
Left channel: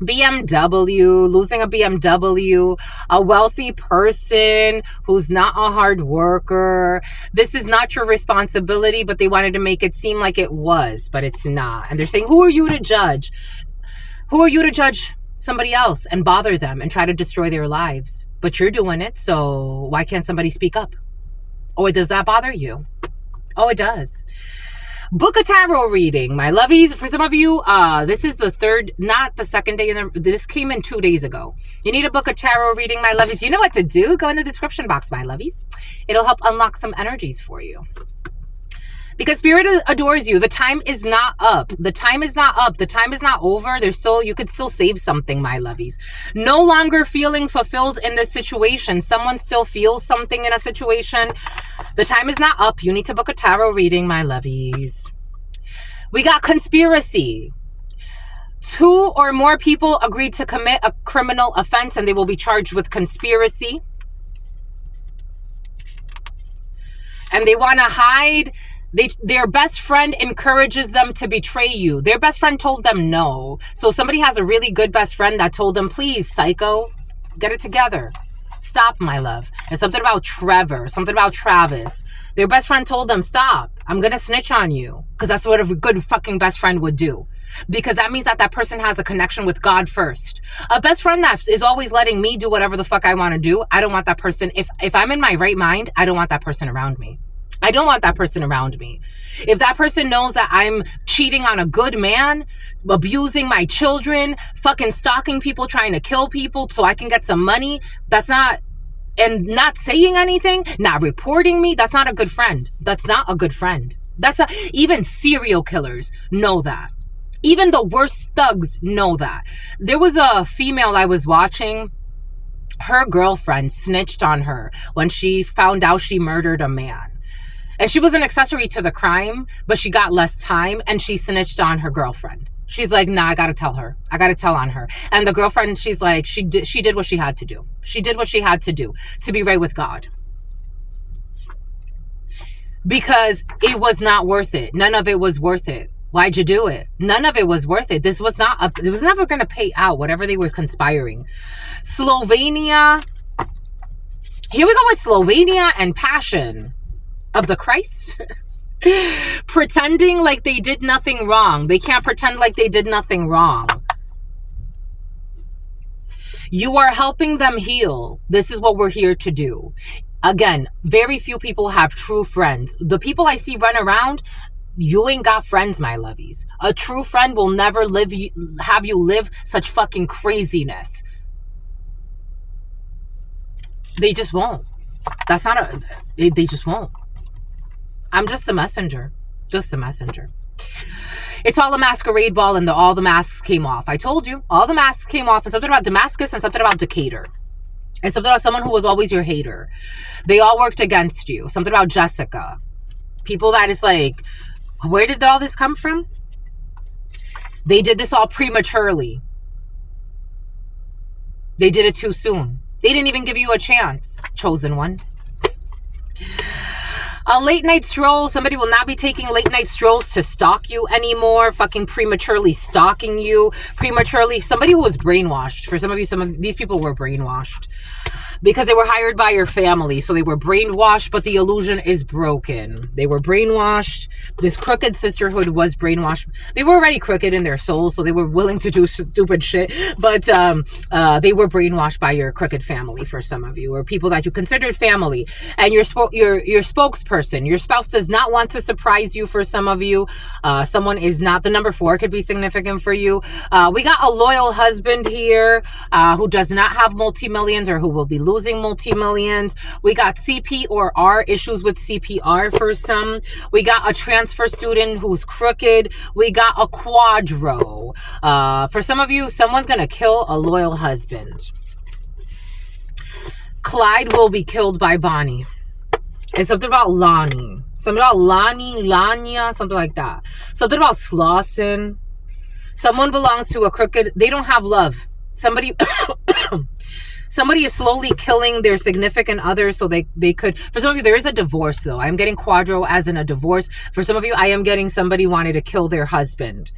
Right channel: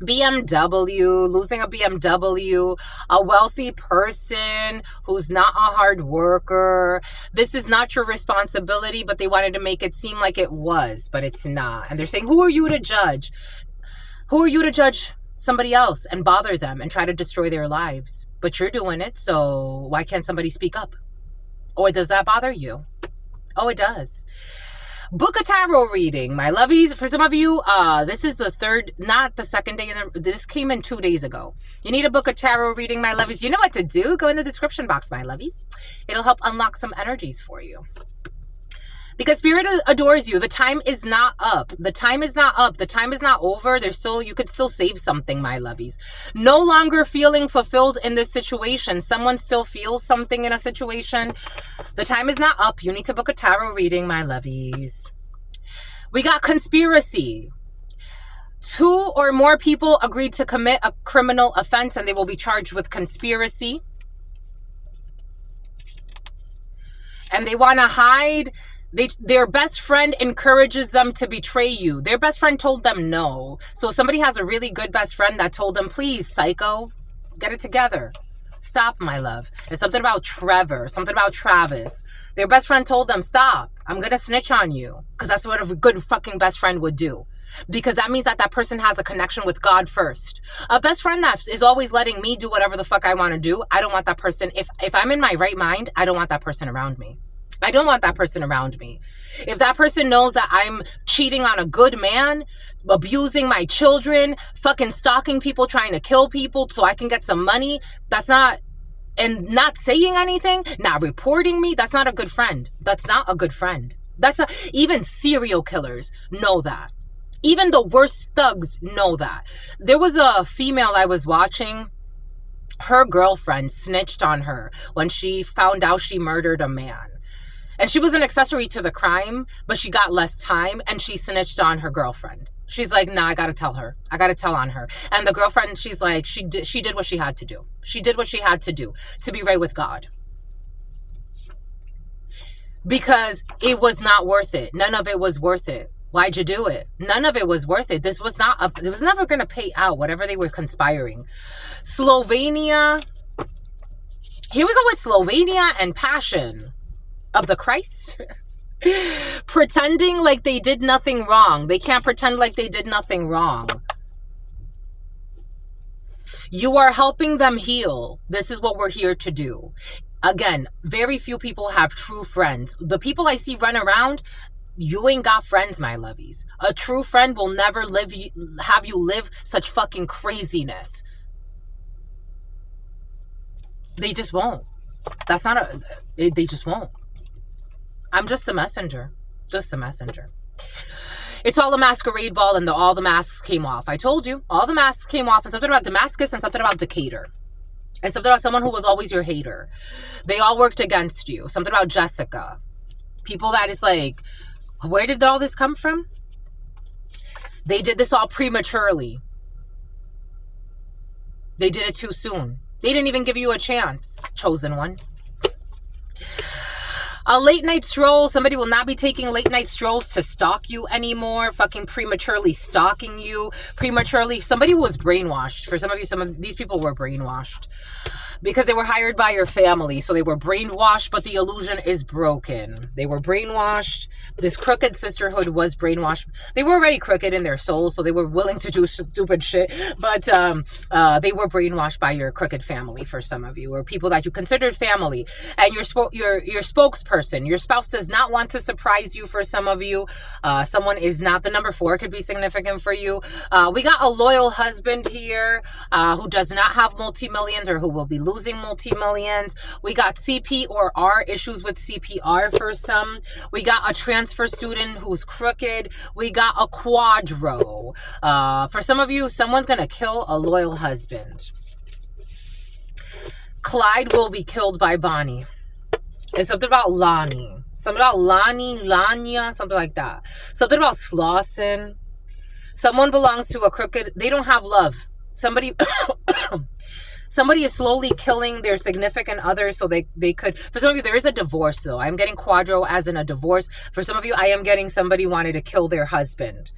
BMW, losing a BMW, a wealthy person who's not a hard worker. This is not your responsibility, but they wanted to make it seem like it was, but it's not. And they're saying, who are you to judge? Who are you to judge somebody else and bother them and try to destroy their lives? But you're doing it, so why can't somebody speak up? Or does that bother you? Oh, it does. Book a tarot reading, my lovies. For some of you, this is the third, not the second day. This came in 2 days ago. You need to book a tarot reading, my lovies. You know what to do. Go in the description box, my lovies. It'll help unlock some energies for you. Because Spirit adores you. The time is not up. The time is not up. The time is not over. You could still save something, my lovies. No longer feeling fulfilled in this situation. Someone still feels something in a situation. The time is not up. You need to book a tarot reading, my lovies. We got conspiracy. 2 or more people agreed to commit a criminal offense and they will be charged with conspiracy. And they want to hide. Their best friend encourages them to betray you. Their best friend told them no. So somebody has a really good best friend that told them, please, psycho, get it together. Stop, my love. And something about Trevor, something about Travis. Their best friend told them, stop. I'm going to snitch on you. Because that's what a good fucking best friend would do. Because that means that person has a connection with God first. A best friend that is always letting me do whatever the fuck I want to do, I don't want that person. If I'm in my right mind, I don't want that person around me. I don't want that person around me. If that person knows that I'm cheating on a good man, abusing my children, fucking stalking people, trying to kill people so I can get some money, and not saying anything, not reporting me, that's not a good friend. That's not a good friend. Even serial killers know that. Even the worst thugs know that. There was a female I was watching. Her girlfriend snitched on her when she found out she murdered a man. And she was an accessory to the crime, but she got less time and she snitched on her girlfriend. She's like, nah, I got to tell her. I got to tell on her. And the girlfriend, she's like, she did what she had to do. She did what she had to do to be right with God. Because it was not worth it. None of it was worth it. Why'd you do it? None of it was worth it. It was never going to pay out, whatever they were conspiring. Slovenia. Here we go with Slovenia and passion of the Christ. Pretending like they did nothing wrong. They can't pretend like they did nothing wrong. You are helping them heal. This is what we're here to do. Again, very few people have true friends. The people I see run around, you ain't got friends, my lovies. A true friend will never have you live such fucking craziness. They just won't. They just won't. I'm just a messenger. Just a messenger. It's all a masquerade ball and all the masks came off. I told you. All the masks came off, and something about Damascus and something about Decatur. And something about someone who was always your hater. They all worked against you. Something about Jessica. People that is like, where did all this come from? They did this all prematurely. They did it too soon. They didn't even give you a chance, chosen one. A late night stroll. Somebody will not be taking late night strolls to stalk you anymore. Fucking prematurely stalking you. Prematurely. Somebody who was brainwashed. For some of you, some of these people were brainwashed. because they were hired by your family. So they were brainwashed, but the illusion is broken. They were brainwashed. This crooked sisterhood was brainwashed. They were already crooked in their souls, so they were willing to do stupid shit. But they were brainwashed by your crooked family for some of you, or people that you considered family. And your spokesperson, your spouse does not want to surprise you for some of you. Someone is not, the number 4 could be significant for you. We got a loyal husband here who does not have multi-millions or who will be losing multi-millions. We got CP or R, issues with CPR for some. We got a transfer student who's crooked. We got a quadro. For some of you, someone's going to kill a loyal husband. Clyde will be killed by Bonnie. It's something about Lonnie. Something about Lanya, something like that. Something about Slauson. Someone belongs to a crooked, they don't have love. Somebody is slowly killing their significant other so they could, for some of you, there is a divorce though. I'm getting quadro as in a divorce. For some of you, I am getting somebody wanted to kill their husband.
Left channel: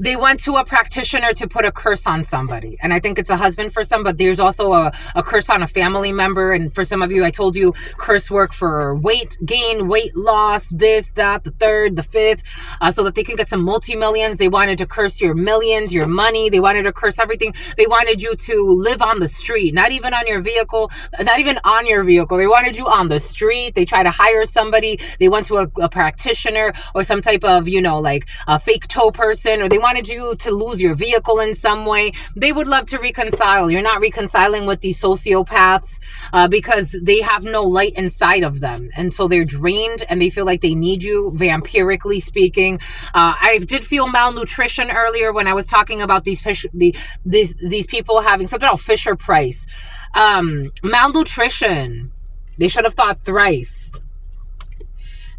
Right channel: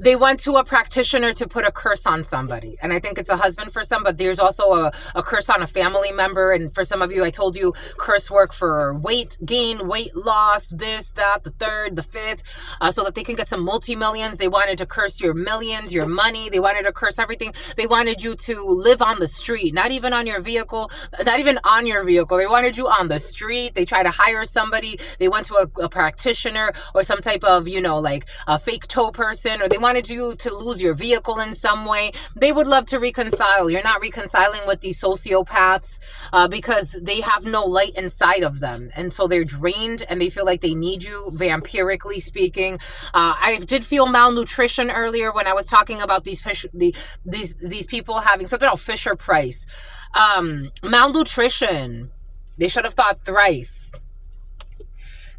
They went to a practitioner to put a curse on somebody. And I think it's a husband for some, but there's also a curse on a family member. And for some of you, I told you curse work for weight gain, weight loss, this, that, the third, the fifth, so that they can get some multi-millions. They wanted to curse your millions, your money. They wanted to curse everything. They wanted you to live on the street, not even on your vehicle, not even on your vehicle. They wanted you on the street. They tried to hire somebody. They went to a practitioner or some type of, like a fake toe person, or they wanted you to lose your vehicle in some way. They would love to reconcile. You're not reconciling with these sociopaths because they have no light inside of them. And so they're drained and they feel like they need you, vampirically speaking. I did feel malnutrition earlier when I was talking about these people having something about Fisher Price. Malnutrition. They should have thought thrice.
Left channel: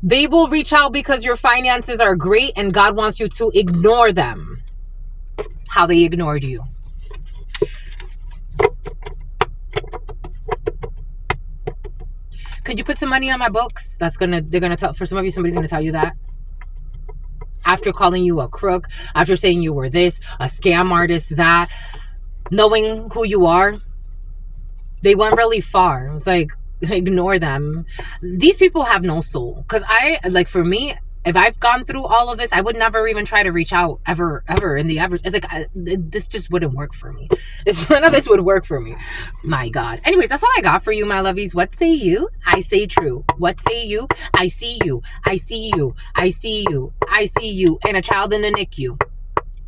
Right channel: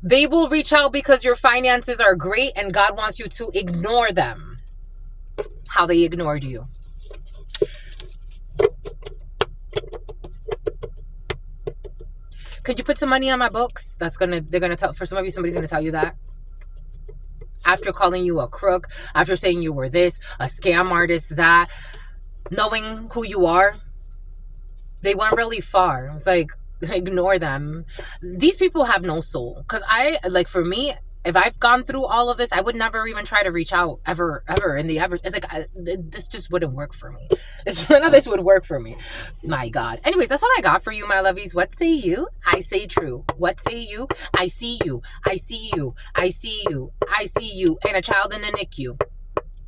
They will reach out because your finances are great and God wants you to ignore them. How they ignored you. Could you put some money on my books? They're gonna tell, for some of you, somebody's gonna tell you that. After calling you a crook, after saying you were this, a scam artist, that, knowing who you are, they went really far. It's like, ignore them. These people have no soul. Because for me, if I've gone through all of this, I would never even try to reach out ever in the ever. It's like, this just wouldn't work for me. None of this would work for me. My God. Anyways, that's all I got for you, my lovies. What say you? I say true. What say you? I see you. I see you. I see you. I see you. And a child in the NICU.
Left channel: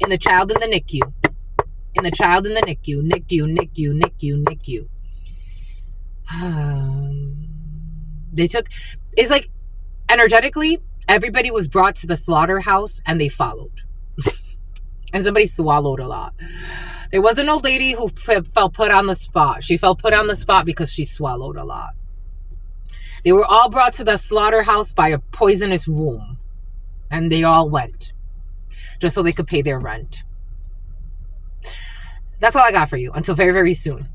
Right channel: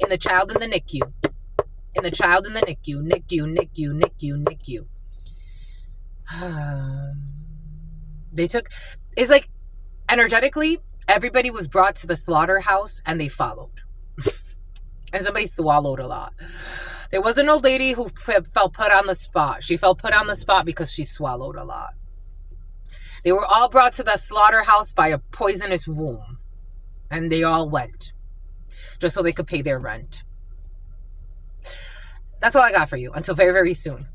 And the child in the NICU. And the child in the NICU. NICU, NICU, NICU, NICU. It's like energetically, everybody was brought to the slaughterhouse and they followed. And somebody swallowed a lot. There was an old lady who felt put on the spot. She felt put on the spot because she swallowed a lot. They were all brought to the slaughterhouse by a poisonous womb. And they all went. Just so they could pay their rent. That's all I got for you. Until very, very soon.